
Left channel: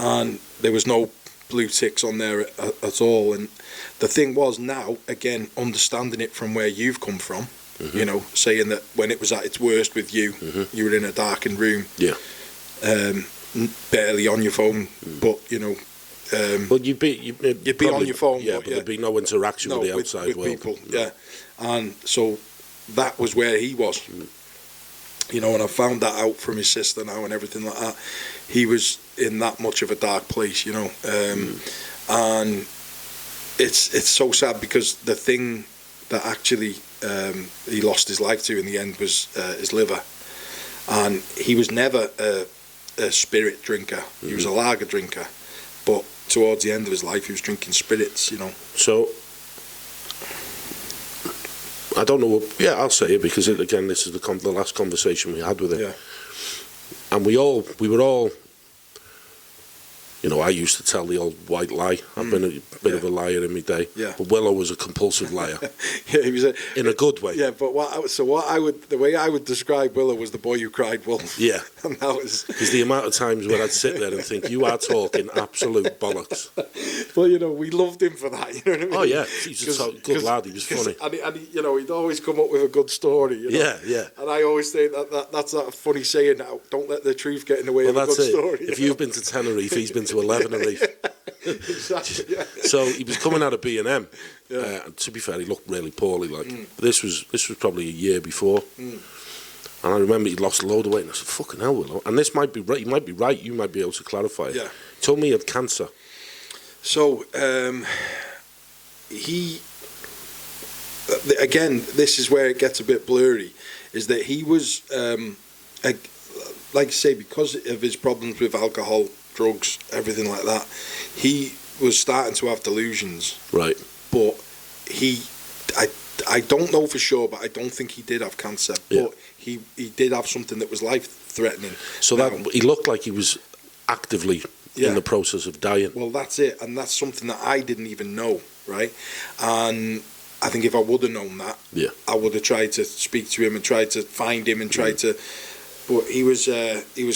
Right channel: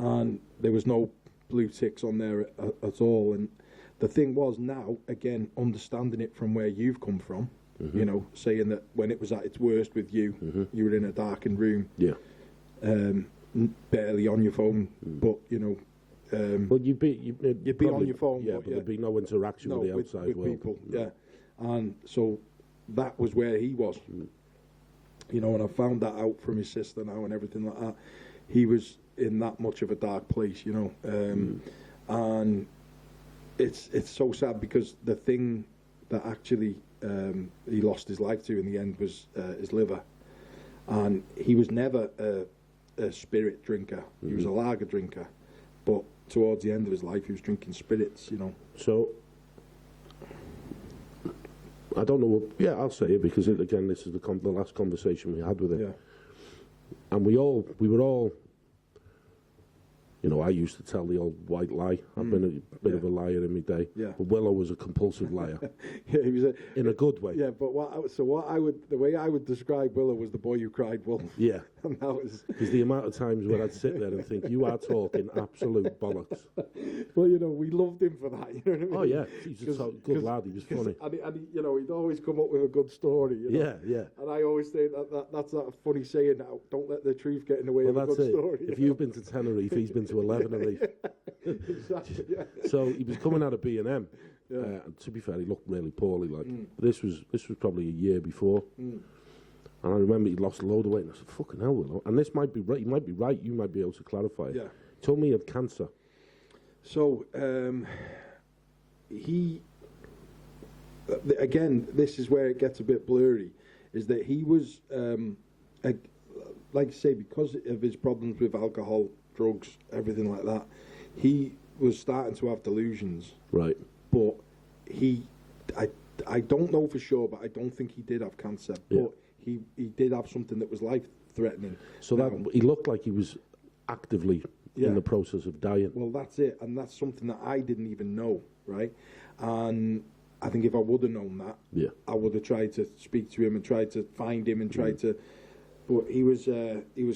And there was no blue ticks on there at all. And the thing was, now, again, understanding it from where you've come from, you know, saying that when it was at its worst with you, you were in a darkened room, barely on your phone, but, you know... well, you'd be probably, on your phone, but there'd be no interaction with the outside with world. People, and so that was where he was. you know, and I found that out from his sister now and everything like that. He was in that much of a dark place, you know, and it's so sad because the thing that actually he lost his life to in the end was his liver, and he was never a spirit drinker. He was a lager drinker, but towards the end of his life, he was drinking spirits, you know. So, I don't know. Yeah, I'll say it because again, this is the last conversation we had with him, and we were all. You know, I used to tell the old white lie. I've been a bit of a liar in my day. Yeah. But Willow was a compulsive liar. Yeah, he was in a good way. Yeah, but the way I would describe Willow was the boy who cried wolf. Yeah. And that was because the amount of times where I'd sit there and think, you are talking absolute bollocks. Well, you know, we loved him for that. You know what I mean? Oh yeah, he's a good lad. He was funny. And he, you know, he'd always come up with a good story. You know? Yeah, yeah. And I always say that's that funny saying. Don't let the truth get in the way of a good story. If you've been to Tenerife, he's been to 11 Tenerife. Exactly. Yeah. So he was coming out of B&M. Yeah. And to be fair, he looked really poorly. Like this was probably a year before. And I remember he'd lost a load of weight. And I said, "Fucking hell, Willow." And this might be right. You might be right. You might be able to clarify it. Yeah. He told me he had cancer. So he again, this is where it gets a bit blurry. Is that he was like I say, because of his problems with alcohol, drugs, everything like that, he was starting to have delusions. Right. But I don't know for sure, but I don't think he did have cancer. Yeah. But he did have something that was life-threatening. So that he looked like he was actively in the process of dying. Well, that's it, and that's something that I didn't even know, right? And I think if I would have known that, I would have tried to speak to him and tried to find him and tried to. But he was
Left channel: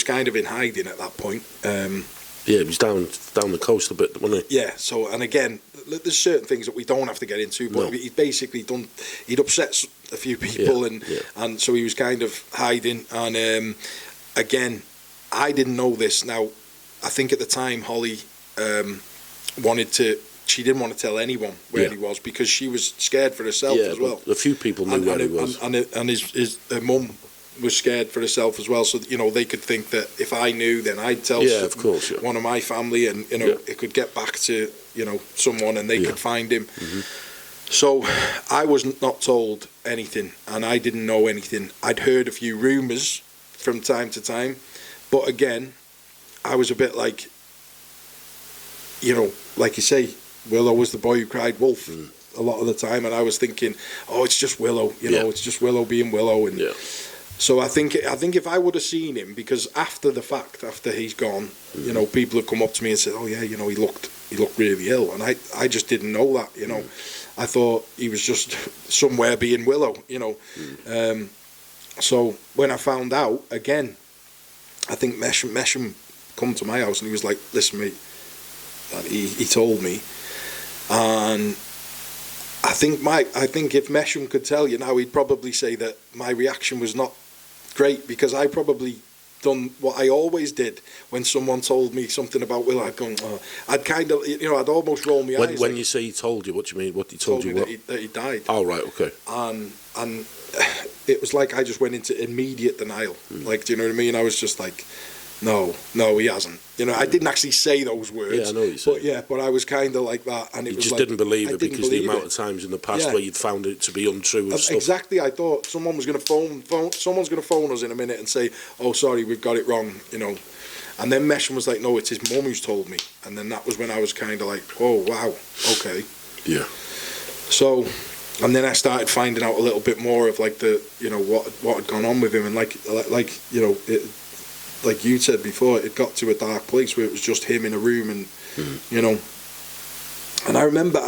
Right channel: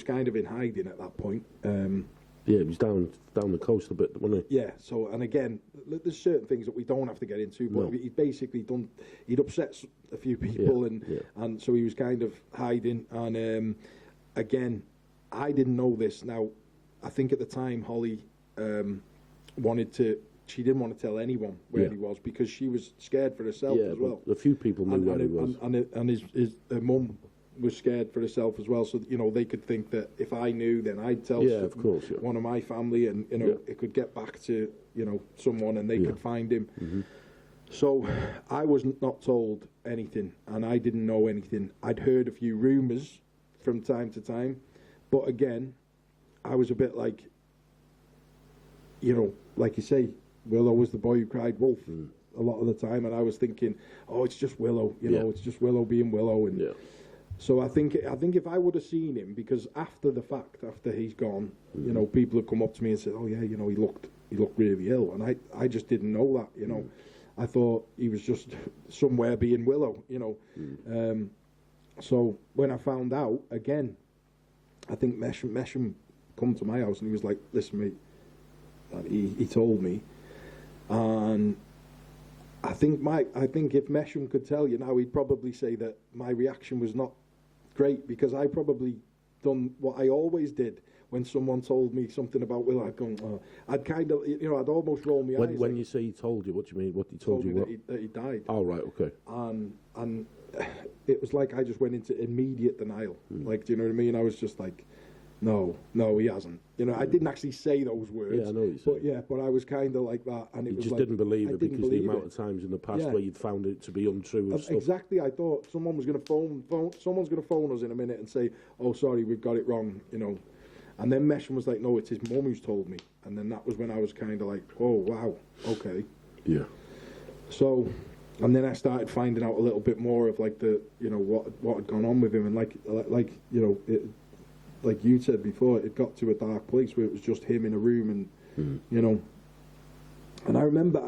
kind of in hiding at that point. Yeah, he was down the coast a bit, wasn't he? Yeah. So, and again, there's certain things that we don't have to get into, but he'd basically he'd upset a few people, and so he was kind of hiding. And again, I didn't know this. Now, I think at the time Holly she didn't want to tell anyone where he was because she was scared for herself as well. A few people knew where he was, and his mum was scared for herself as well, so you know they could think that if I knew, then I'd tell one of my family, and you know it could get back to someone, and they could find him. So I was not told anything, and I didn't know anything. I'd heard a few rumours from time to time, but again, I was a bit like, like you say, Willow was the boy who cried wolf a lot of the time, and I was thinking, oh, it's just Willow, it's just Willow being Willow, and. So I think if I would have seen him, because after the fact, after he's gone, people have come up to me and said, "Oh yeah, he looked really ill," and I just didn't know that, I thought he was just somewhere being Willow, So when I found out, again, I think Mesham come to my house and he was like, "Listen, mate," and he told me, and I think if Mesham could tell you now, he'd probably say that my reaction was not great, because I probably done what I always did when someone told me something about Will. I'd gone, I'd kind of, I'd almost roll my eyes. When you say he told you, what do you mean? What he told you? That he died. Oh, right, okay. And it was like I just went into immediate denial. Like, do you know what I mean? I was just like, no, he hasn't. I didn't actually say those words. Yeah, I know what you said. But I was kind of like that, and it was just like, didn't believe it because the amount it. of times in the past where you'd found it to be untrue and stuff. Exactly. I thought someone was going to phone. Someone's going to phone us in a minute and say, "Oh, sorry, we've got it wrong." And then Mesham was like, "No, it's his mum who's told me." And then that was when I was kind of like, "Oh, wow, okay." Yeah. So, and then I started finding out a little bit more of like the what had gone on with him, and like like you said before, it got to a dark place where it was just him in a room, and and I remember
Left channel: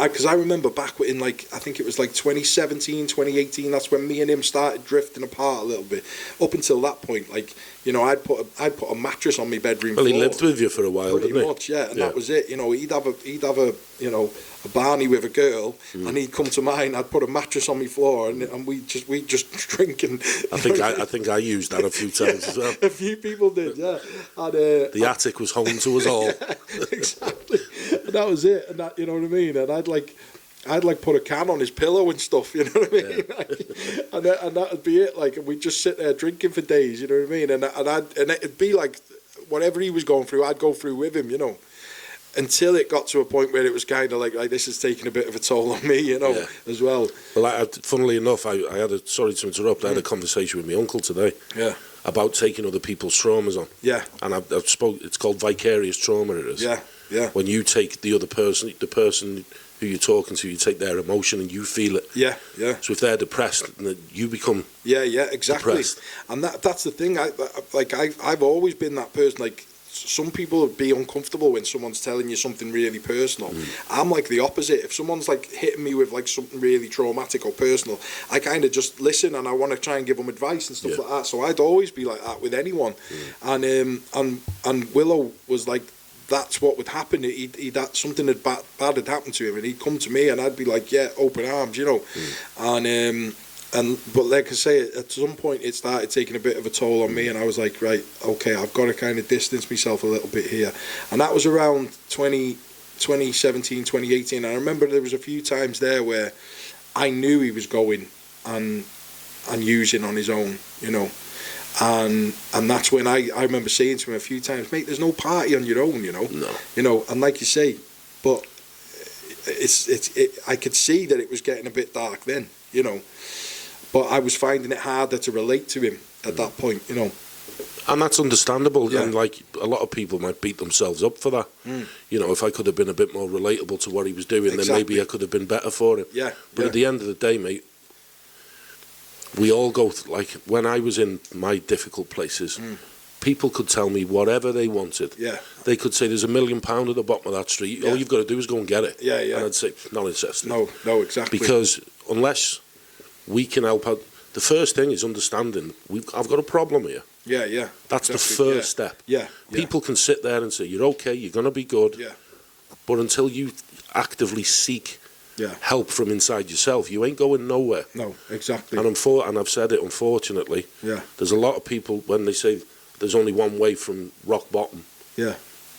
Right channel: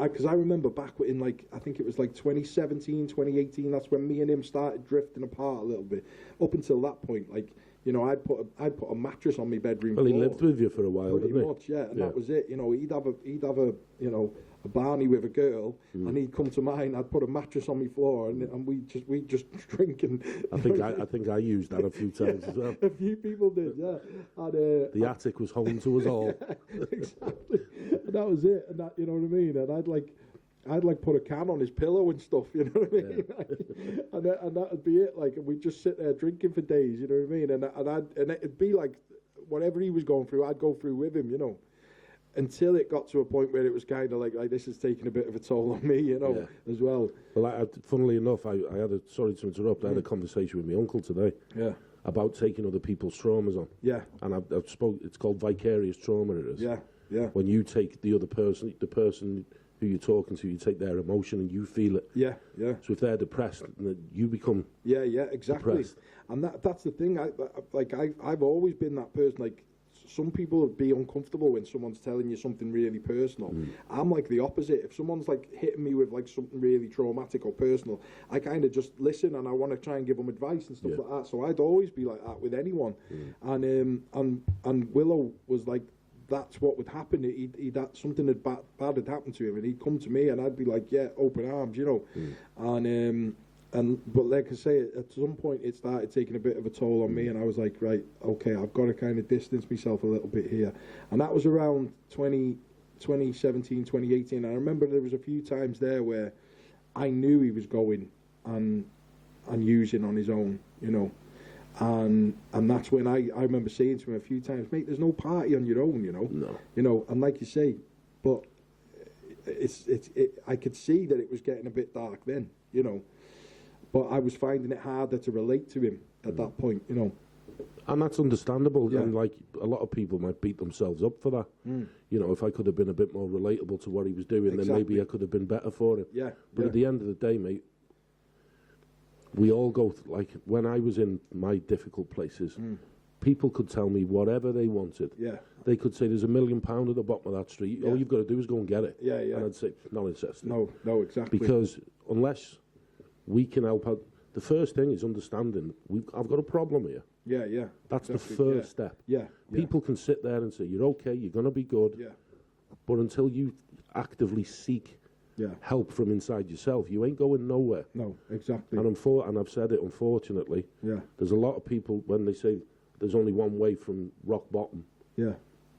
back in like, I think it was like 2017, 2018, that's when me and him started drifting apart a little bit. Up until that point, like, I'd put a mattress on my bedroom floor. Well, he lived with you for a while, didn't he? Pretty much, yeah, and that was it. He'd have a Barney with a girl, and he'd come to mine. I'd put a mattress on my floor, and we just drink. And I think I used that a few times as well. A few people did, yeah. And, the attic was home to us all. Yeah, exactly. And that was it. And that, you know what I mean? And I'd like put a can on his pillow and stuff, you know what I mean? Yeah. and that'd be it. Like, we'd just sit there drinking for days, you know what I mean? And it'd be like whatever he was going through, I'd go through with him, you know. Until it got to a point where it was kind of like this is taking a bit of a toll on me, you know, as well. Well, funnily enough, I had a, sorry to interrupt, I had a conversation with my uncle today. Yeah. About taking other people's traumas on. Yeah. And I've spoke. It's called vicarious trauma. It is. Yeah. Yeah. When you take the other person, the person who you're talking to, you take their emotion and you feel it. Yeah. Yeah. So if they're depressed, you become. Yeah. Yeah. Exactly. Depressed. And that's the thing. I've always been that person. Like, some people would be uncomfortable when someone's telling you something really personal. I'm like the opposite. If someone's like hitting me with like something really traumatic or personal, I kind of just listen and I want to try and give them advice and stuff like that. So I'd always be like that with anyone. And Willow was like, that's what would happen. He'd something bad had happened to him, and he'd come to me, and I'd be like, yeah, open arms, you know. But like I say, at some point it started taking a bit of a toll on me, and I was like, right, okay, I've got to kind of distance myself a little bit here. And that was around 2017, 2018. I remember there was a few times there where I knew he was going and using on his own, you know. And that's when I remember saying to him a few times, mate, there's no party on your own, you know. No. You know, and like you say, but I could see that it was getting a bit dark then, you know. But I was finding it harder to relate to him at that point, you know. And that's understandable. Yeah. And like a lot of people might beat themselves up for that. You know, if I could have been a bit more relatable to what he was doing, then maybe I could have been better for him. Yeah. But at the end of the day, mate, we all go like when I was in my difficult places, people could tell me whatever they wanted. Yeah. They could say there's £1 million at the bottom of that street. All you've got to do is go and get it. Yeah, yeah. And I'd say not interested. No, exactly. Because unless we can help out. The first thing is understanding I've got a problem here. Yeah, yeah. That's exactly. The first step. Yeah, yeah. People can sit there and say, you're okay, you're going to be good. Yeah. But until you actively seek help from inside yourself, you ain't going nowhere. No, exactly. And I've said it, unfortunately, there's a lot of people, when they say there's only one way from rock bottom. Yeah.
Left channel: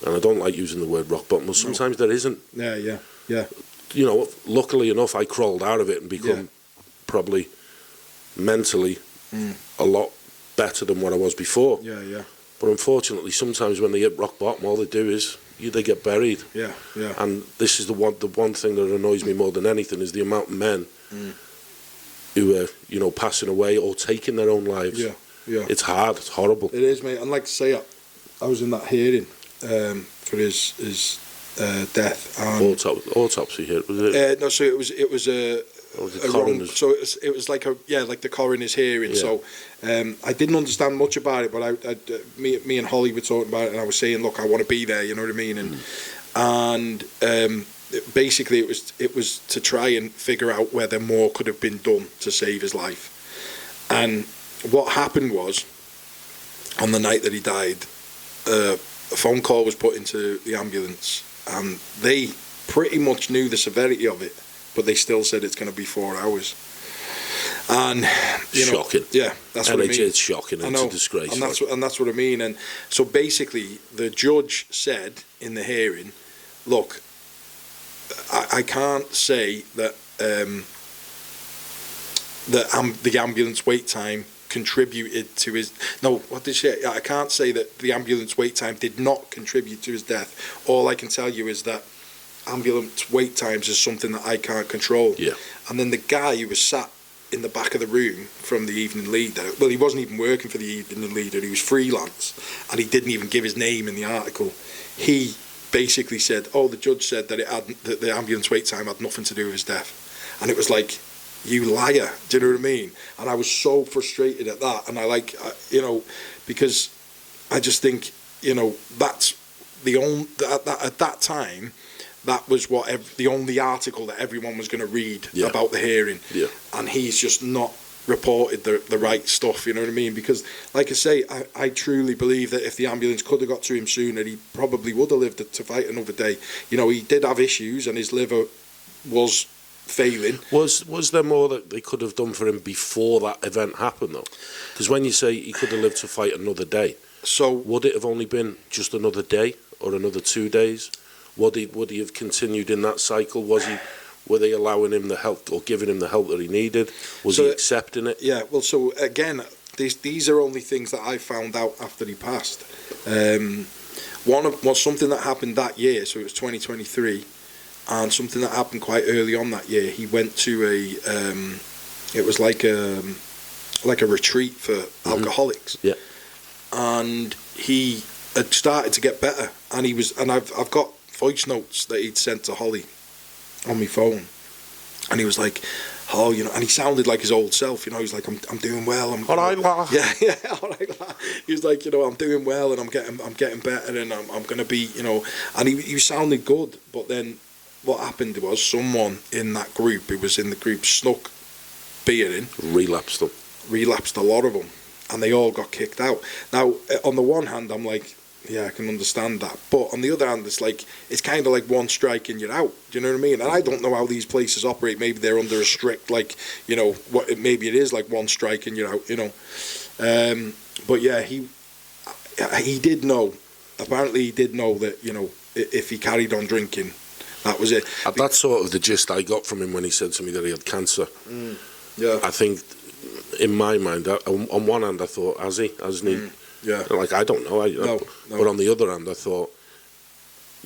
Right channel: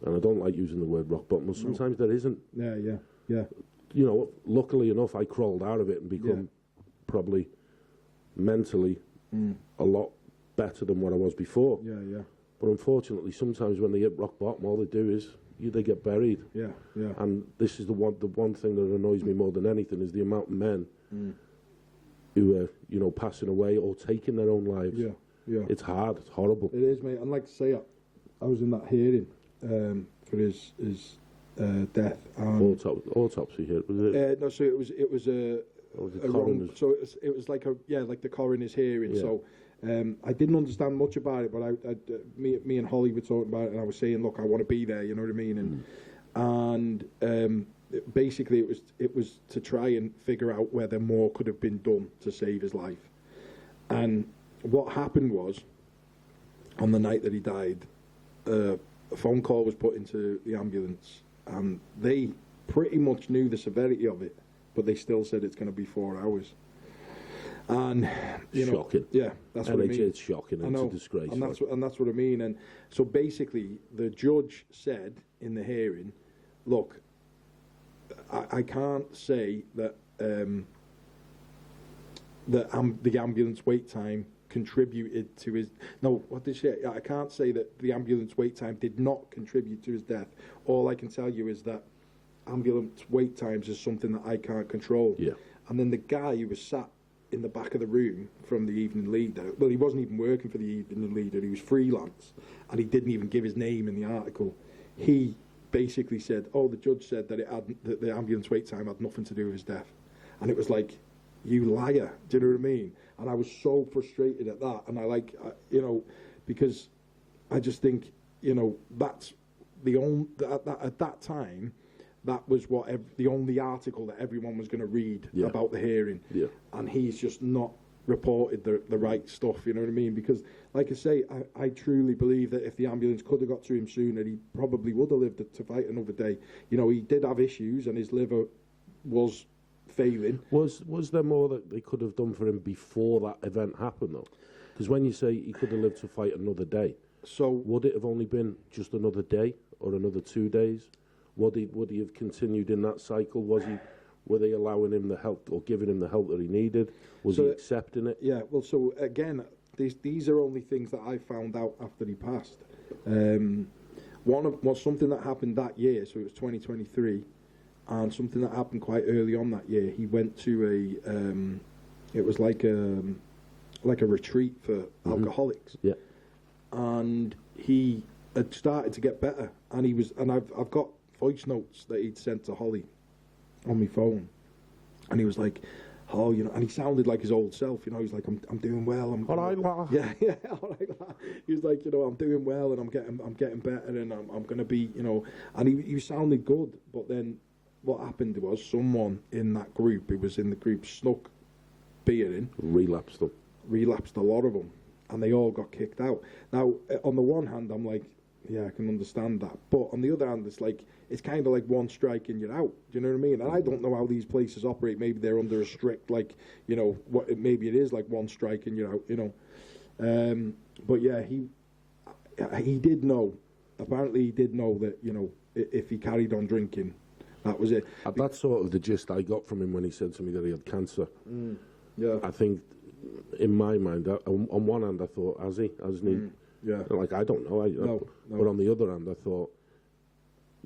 And I don't like using the word rock bottom, but sometimes there isn't. Yeah, yeah, yeah. You know, luckily enough, I crawled out of it and become probably mentally a lot better than what I was before. Yeah, yeah. But unfortunately, sometimes when they hit rock bottom, all they do is they get buried. Yeah, yeah. And this is the one thing that annoys me more than anything is the amount of men who are, you know, passing away or taking their own lives. Yeah, yeah. It's hard. It's horrible. It is, mate. And like to say, I was in that hearing for his death. And autopsy here, was it? No, so it was a. So it was like the coroner's hearing. Yeah. So I didn't understand much about it, but me and Holly were talking about it, and I was saying, look, I want to be there. You know what I mean? And basically it was to try and figure out whether more could have been done to save his life. And what happened was, on the night that he died, a phone call was put into the ambulance, and they pretty much knew the severity of it. But they still said it's going to be 4 hours. And, you know, shocking. Yeah, that's what I mean. It's shocking. It's a disgrace. And that's what I mean. And so basically, the judge said in the hearing, look, I can't say that the ambulance wait time contributed to his... No, what did she say? I can't say that the ambulance wait time did not contribute to his death. All I can tell you is that ambulance wait times is something that I can't control. Yeah. And then the guy who was sat in the back of the room from the Evening Leader, well, he wasn't even working for the Evening Leader, he was freelance, and he didn't even give his name in the article. He basically said, the judge said that the ambulance wait time had nothing to do with his death. And it was like, you liar, do you know what I mean? And I was so frustrated at that, and you know, because I just think, you know, that's the only, at that time, that was the only article that everyone was going to read about the hearing. Yeah. And he's just not reported the right stuff, you know what I mean? Because, like I say, I truly believe that if the ambulance could have got to him sooner, he probably would have lived to fight another day. You know, he did have issues, and his liver was failing. Was there more that they could have done for him before that event happened, though? Because when you say he could have lived to fight another day, so would it have only been just another day or another 2 days? Would he have continued in that cycle? Was Were they allowing him the help or giving him the help that he needed? Was So, he accepting it? Yeah, well, so again, these are only things that I found out after he passed. Was something that happened that year, so it was 2023, and something that happened quite early on that year. He went to it was like a retreat for alcoholics. Yeah. And he had started to get better, and I've got voice notes that he'd sent to Holly on my phone, and he was like, oh, you know, and he sounded like his old self, you know. He's like, I'm doing well. All right, la. Yeah, all right, la. He was like, you know, I'm doing well, and I'm getting better, and I'm gonna be, you know, and he sounded good. But then what happened was someone in that group, who was in the group, snuck beer in, relapsed a lot of them, and they all got kicked out. Now, on the one hand, I'm like, yeah, I can understand that. But on the other hand, it's kind of like one strike and you're out. Do you know what I mean? And I don't know how these places operate. Maybe they're under a strict, like, you know, maybe it is like one strike and you're out, you know. But yeah, he did know. Apparently he did know that, you know, if he carried on drinking, that was it. That's sort of the gist I got from him when he said to me that he had cancer. Yeah. I think, in my mind, on one hand, I thought, hasn't he? Yeah. Like, I don't know. No. But on the other hand, I thought,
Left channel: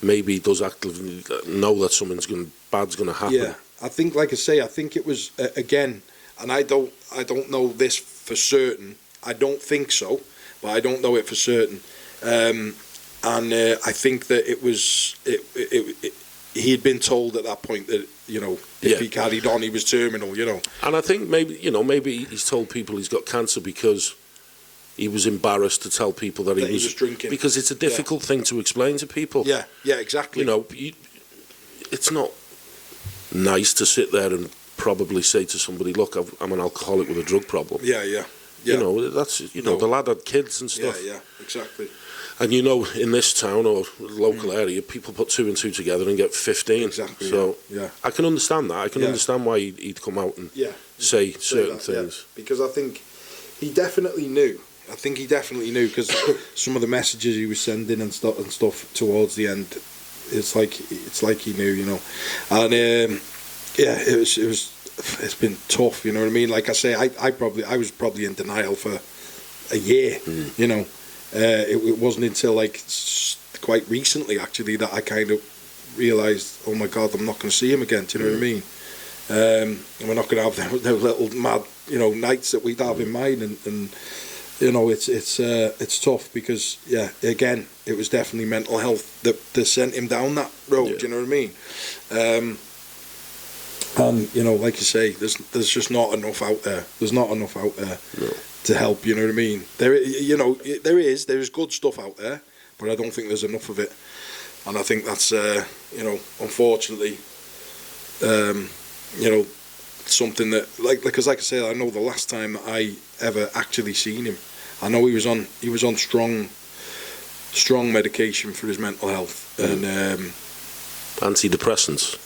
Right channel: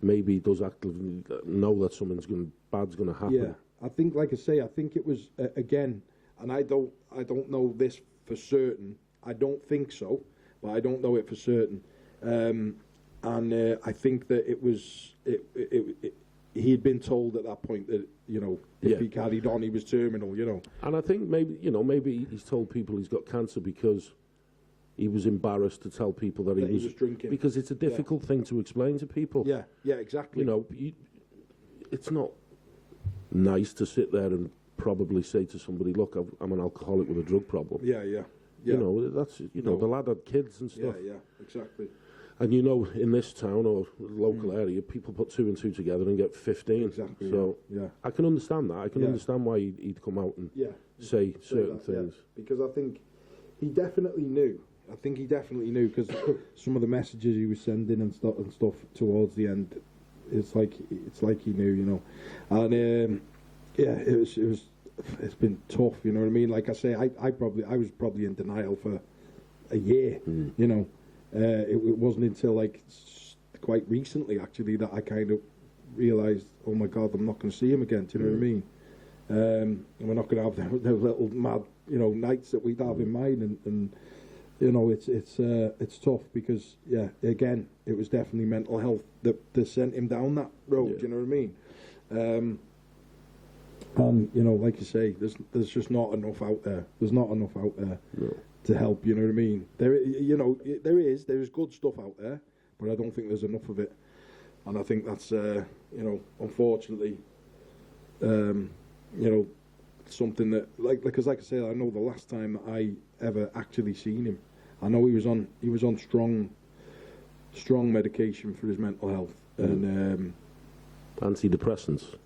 maybe he does actively know that something's bad's going to happen. Yeah. I think, like I say, I think it was, again, and I don't know this for certain. I don't think so, but I don't know it for certain. And I think that it was, he had been told at that point that, you know, if he carried on, he was terminal, you know. And I think maybe he's told people he's got cancer because he was embarrassed to tell people that he was drinking. Because it's a difficult thing to explain to people. Yeah, exactly. You know, it's not nice to sit there and probably say to somebody, look, I'm an alcoholic with a drug problem. Yeah. You know, that's, you know, the lad had kids and stuff. Yeah, exactly. And you know, in this town or local area, people put 2 and 2 together and get 15. Exactly. So yeah. I can understand that. I can understand why he'd come out and say certain things. Yeah. Because I think he definitely knew. Because some of the messages he was sending and stuff towards the end, it's like he knew, you know. And it's been tough, you know what I mean. Like I say, I was probably in denial for a year, you know. It wasn't until like quite recently actually that I kind of realised, oh my God, I'm not going to see him again. Do you know what I mean? And we're not going to have those little mad, you know, nights that we'd have in mind, and you know, it's tough because again, it was definitely mental health that sent him down that road. Do you know what I mean? And you know, like you say, there's just not enough out there. There's not enough out there. No. To help, you know what I mean? There is good stuff out there, but I don't think there's enough of it, and I think that's you know, unfortunately, you know, something that because like I said, I know the last time that I ever actually seen him, I know he was on strong medication for his mental health and antidepressants.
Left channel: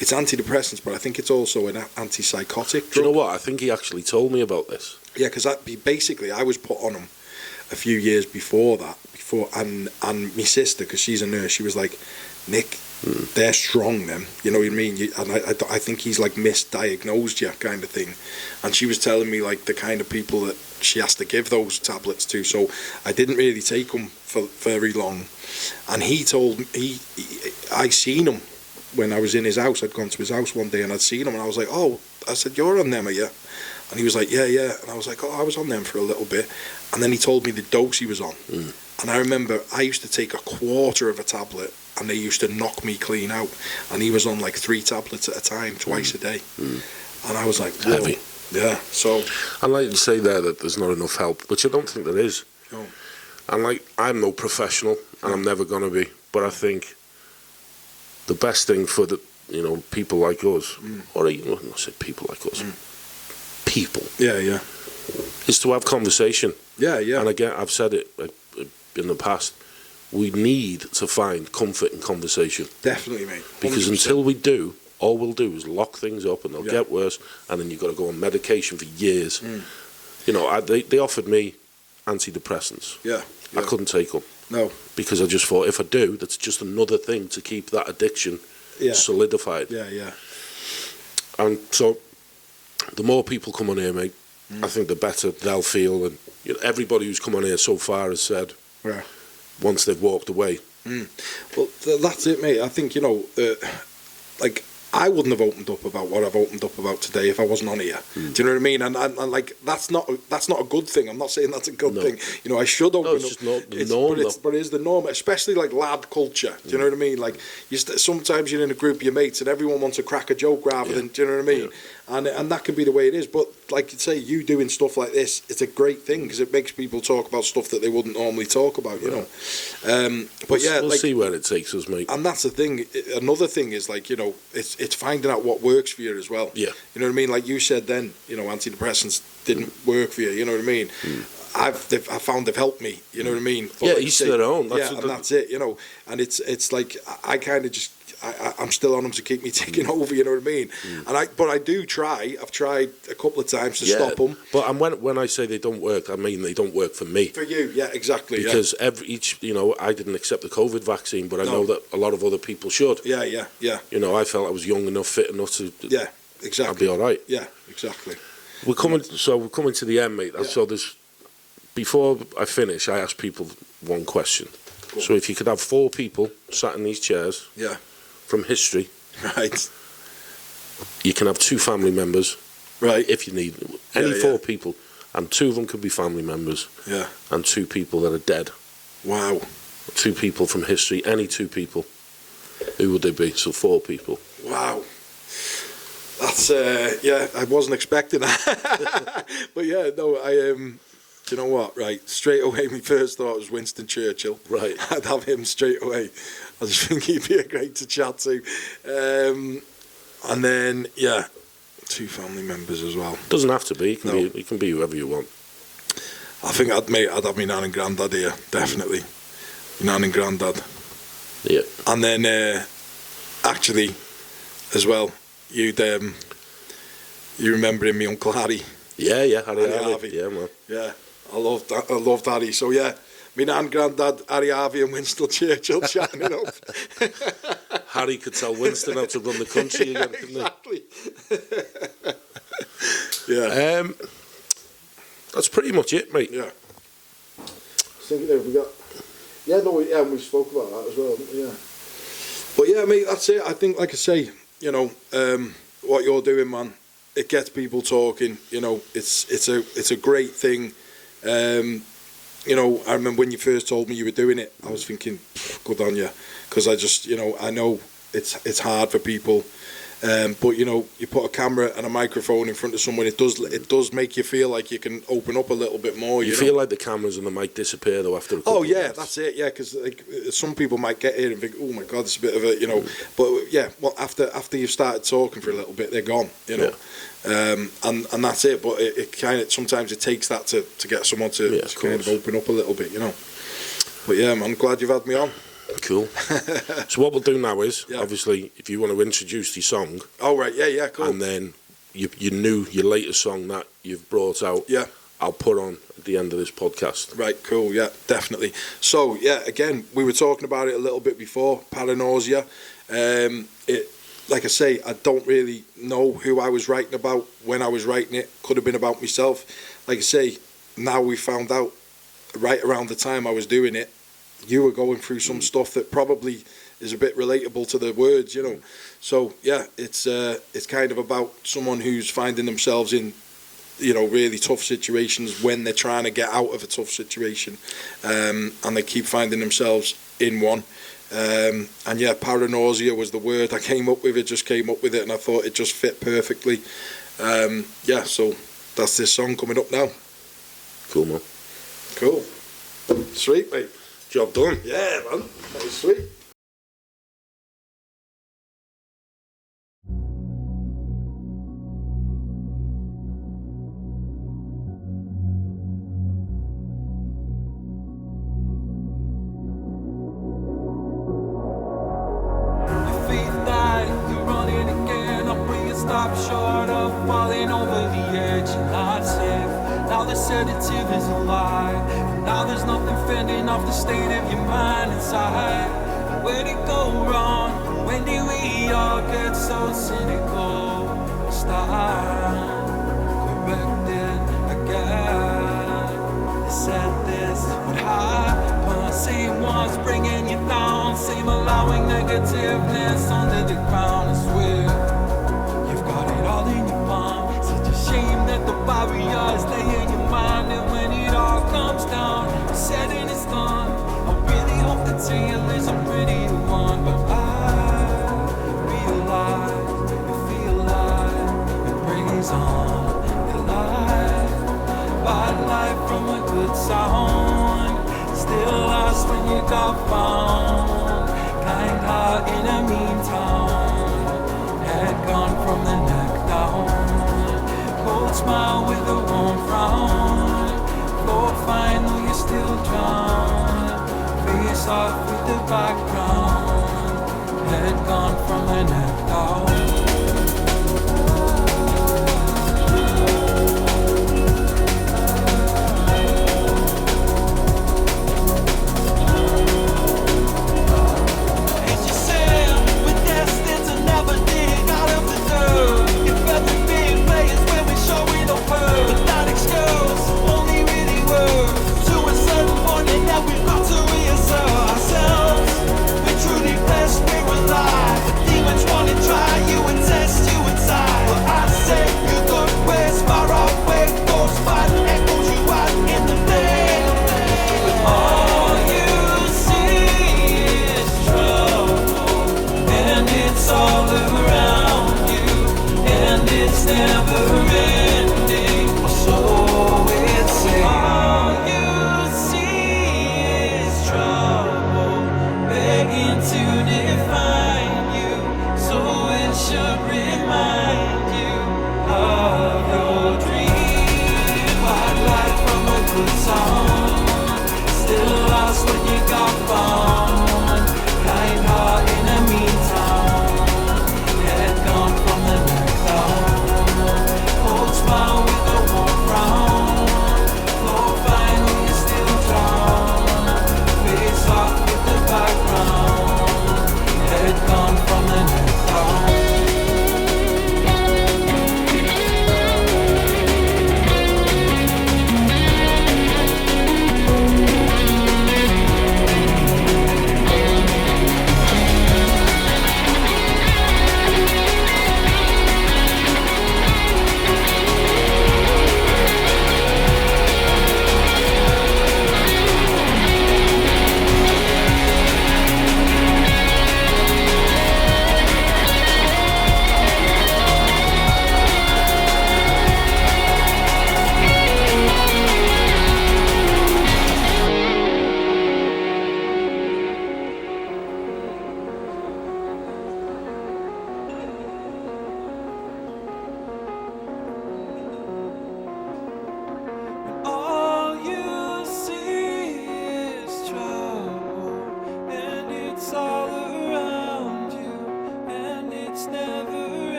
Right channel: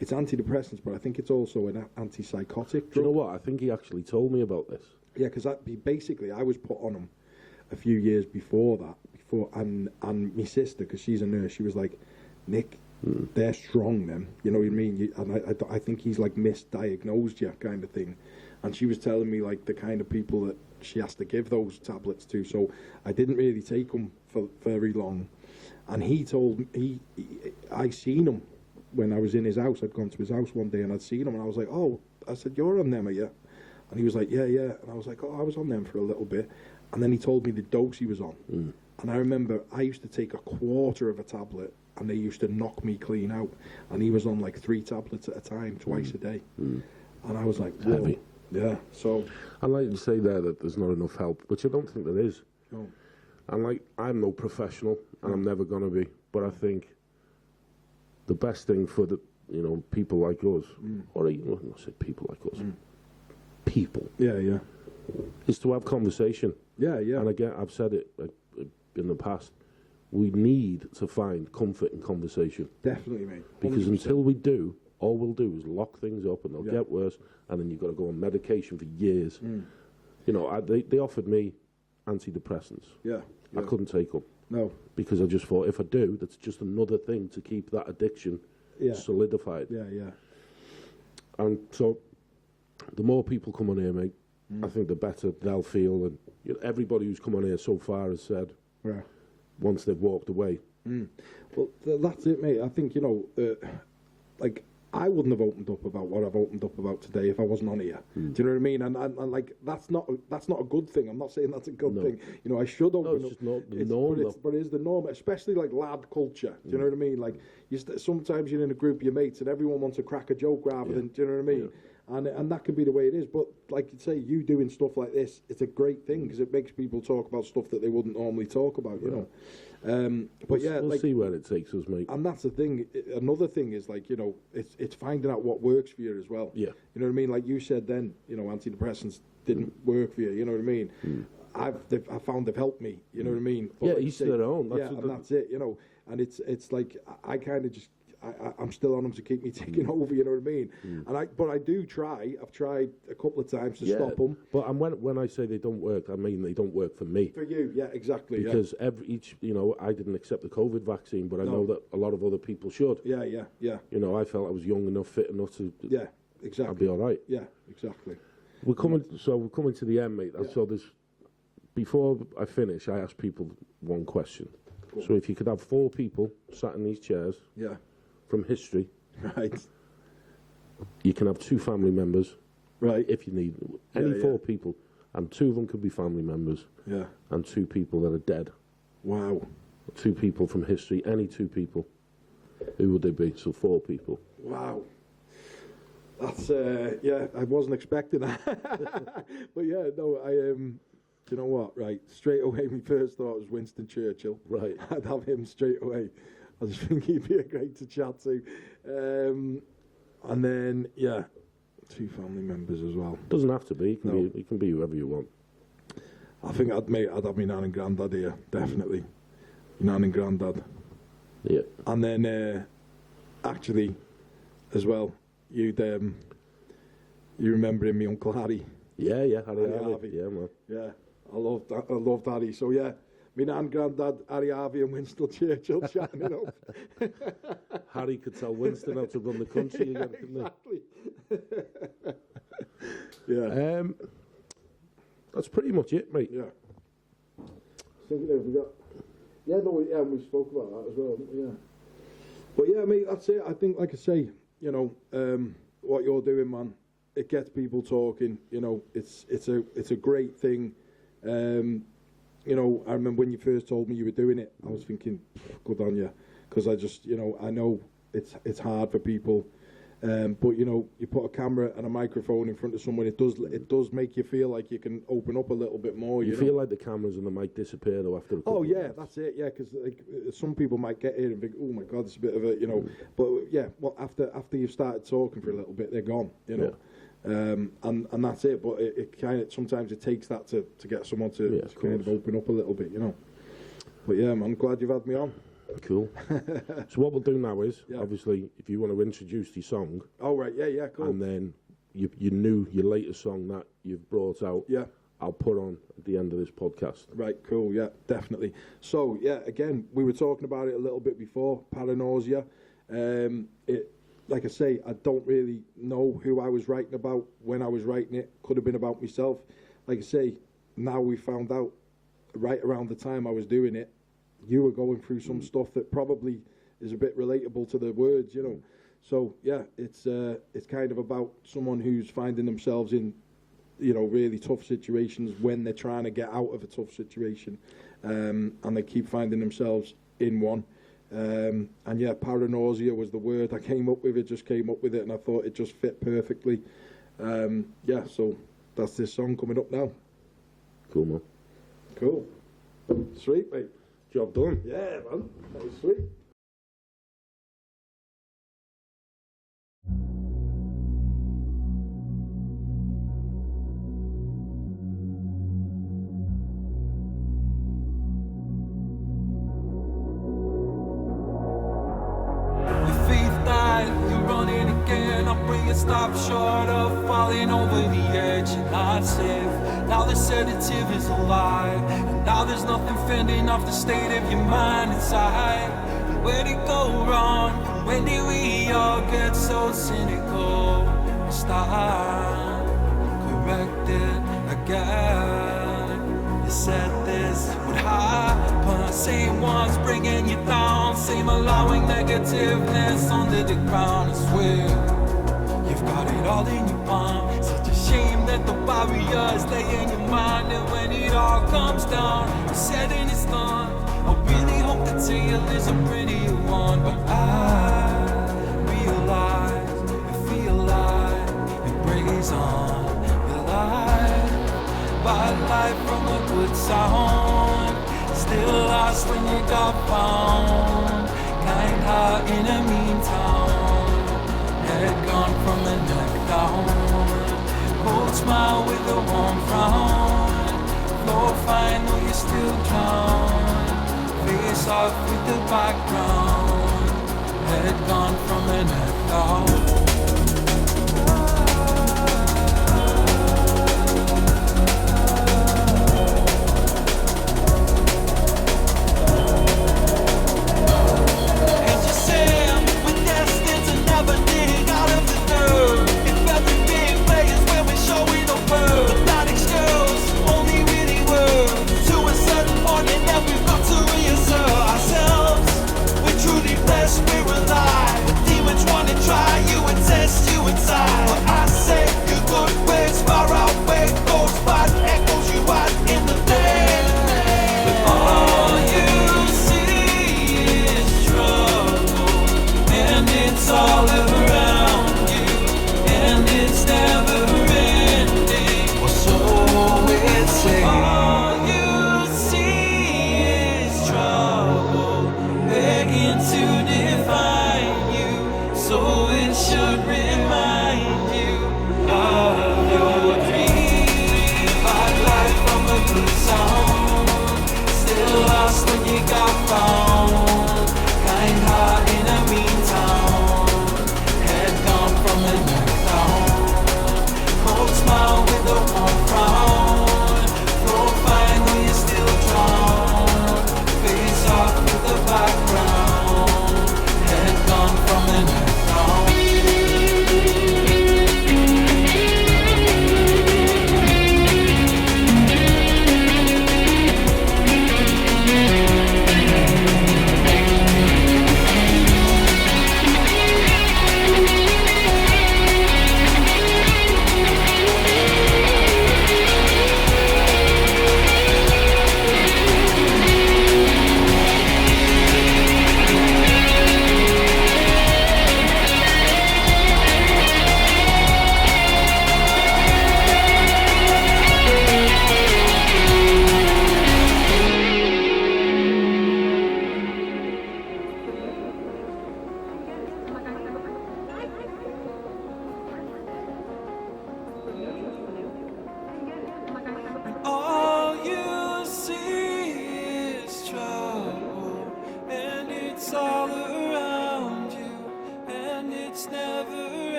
It's antidepressants, but I think it's also an antipsychotic drug. Do you know what? I think he actually told me about this. Yeah, because basically I was put on him a few years before that, and my sister, because she's a nurse, she was like, Nick, they're strong then, you know what I mean? And I think he's like misdiagnosed you kind of thing. And she was telling me like the kind of people that she has to give those tablets to. So I didn't really take them for very long. And he told me, I seen him when I was in his house. I'd gone to his house one day and I'd seen him, and I was like, oh, I said, you're on them, are you? And he was like, yeah. And I was like, oh, I was on them for a little bit. And then he told me the dose he was on. And I remember I used to take a quarter of a tablet, and they used to knock me clean out. And he was on like 3 tablets at a time, twice a day. And I was like, whoa. Heavy. Yeah, so... I'd like to say there that there's not enough help, which I don't think there is. No. And like, I'm no professional, and I'm never going to be. But I think the best thing for the, you know, people like us, or even, I say people like us, people. Yeah. Is to have conversation. Yeah. And again, I've said it in the past, we need to find comfort in conversation. Definitely, mate. 100%. Because until we do, all we'll do is lock things up and they'll get worse, and then you've got to go on medication for years. You know, they offered me antidepressants. Yeah. I couldn't take them. No. Because I just thought, if I do, that's just another thing to keep that addiction solidified. Yeah, yeah. And so, the more people come on here, mate, I think the better they'll feel. And you know, everybody who's come on here so far has said, Yeah. once they've walked away. Well, that's it, mate. I think, you know, like, I wouldn't have opened up about what I've opened up about today if I wasn't on here. Do you know what I mean? And like, that's not a good thing. I'm not saying that's a good thing. You know, I should open it's up. just not the norm, but it is the norm, especially like lad culture. Do you know what I mean? Like, sometimes you're in a group of your mates and everyone wants to crack a joke rather than, do you know what I mean? And that can be the way it is. But like you say, you doing stuff like this, it's a great thing because it makes people talk about stuff that they wouldn't normally talk about, you know. But yeah, we'll like, see where it takes us, mate. and that's the thing. Another thing is, like, you know, it's finding out what works for you as well. Yeah. You know what I mean? Like you said then, you know, antidepressants didn't work for you. You know what I mean? I found they've helped me. You know what I mean? But Yeah, like each their own. That's it. You know, and it's like I kind of just. I'm still on them to keep me ticking over, you know what I mean? But I do try. I've tried a couple of times to stop them. But and when I say they don't work, I mean they don't work for me. For you, yeah, exactly. Because you know, I didn't accept the COVID vaccine, but I know that a lot of other people should. Yeah. You know, I felt I was young enough, fit enough to. Yeah, exactly. I'll be all right. Yeah, exactly. We're coming to the end, mate. So before I finish, I ask people one question. Cool. So if you could have 4 people sat in these chairs. Yeah. From history, right? You can have 2 family members, right? If you need any 4 people, and 2 of them could be family members, and 2 people that are dead. Wow. 2 people from history, any 2 people. Who would they be? So 4 people. Wow. That's I wasn't expecting that, but yeah, no, do you know what? Right, straight away, my first thought was Winston Churchill. Right, I'd have him straight away. I just think he'd be a great to chat to. And then 2 family members as well. Doesn't have to be. It can be whoever you want. I think I'd have my nan and granddad here, definitely. My nan and granddad. Yeah. And then actually, as well, you remember my Uncle Harry? Yeah, Harry. Yeah, man. Yeah, I loved Harry. So yeah, my nan, granddad, Harry Harvey and Winston Churchill chatting it up. Harry could tell Winston how to run the country again, couldn't he? Yeah. That's pretty much it, mate. Yeah. Think there we got. Yeah, no, yeah, we spoke about that as well. Yeah. But yeah, mate, that's it. I think, like I say, you know, what you're doing, man, it gets people talking. You know, it's a great thing. You know, I remember when you first told me you were doing it, I was thinking, good on you, because I just, you know, I know it's hard for people, but you know, you put a camera and a microphone in front of someone, it does make you feel like you can open up a little bit more. You feel like the cameras and the mic disappear though after a couple of minutes. Yeah, that's it. Yeah, because like some people might get here and think, oh my god, it's a bit of a, you know, but yeah, well after you've started talking for a little bit, they're gone. You know. Yeah. And that's it. But it kind of sometimes it takes that to get someone to kind of open up a little bit, you know. But yeah, man, glad you've had me on. Cool. So what we'll do now is, obviously, if you want to introduce your song. Oh right, yeah, cool. And then your latest song that you've brought out. Yeah. I'll put on at the end of this podcast. Right, cool, yeah, definitely. So yeah, again, we were talking about it a little bit before. Paranoia. Like I say, I don't really know who I was writing about when I was writing it. Could have been about myself. Like I say, now we found out right around the time I was doing it, you were going through some stuff that probably is a bit relatable to the words, you know. So yeah, it's kind of about someone who's finding themselves in, you know, really tough situations when they're trying to get out of a tough situation, and they keep finding themselves in one. And yeah, paranoia was the word I came up with. It just came up with it, and I thought it just fit perfectly. Yeah, so that's this song coming up now. Cool, man. Cool. Sweet, mate. Job done. Yeah, man. That was sweet. You're running again, but you stop short of falling over the edge. You're not safe. Now the sedative is alive, and now there's nothing fending off the state of your mind inside. And where'd it go wrong? When did we all get so cynical? Start corrected again. They said this would happen. Same ones bringing you down, same allowing negativeness under the ground. I swear you've got it all in your palm. Such a shame that the barriers lay in your mind, and when it all comes down, you're setting it done. I really hope that tale is a prettier one, but I realize you feel like it brings on your life. Bad life from a good sound, still lost when you got found. Kind heart in a mean town, head gone from the neck down. Cold smile with a warm frown, flow fine though you still drown. Face off with the background, head gone from the neck down.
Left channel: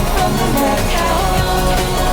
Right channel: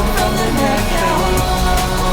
From the neck down.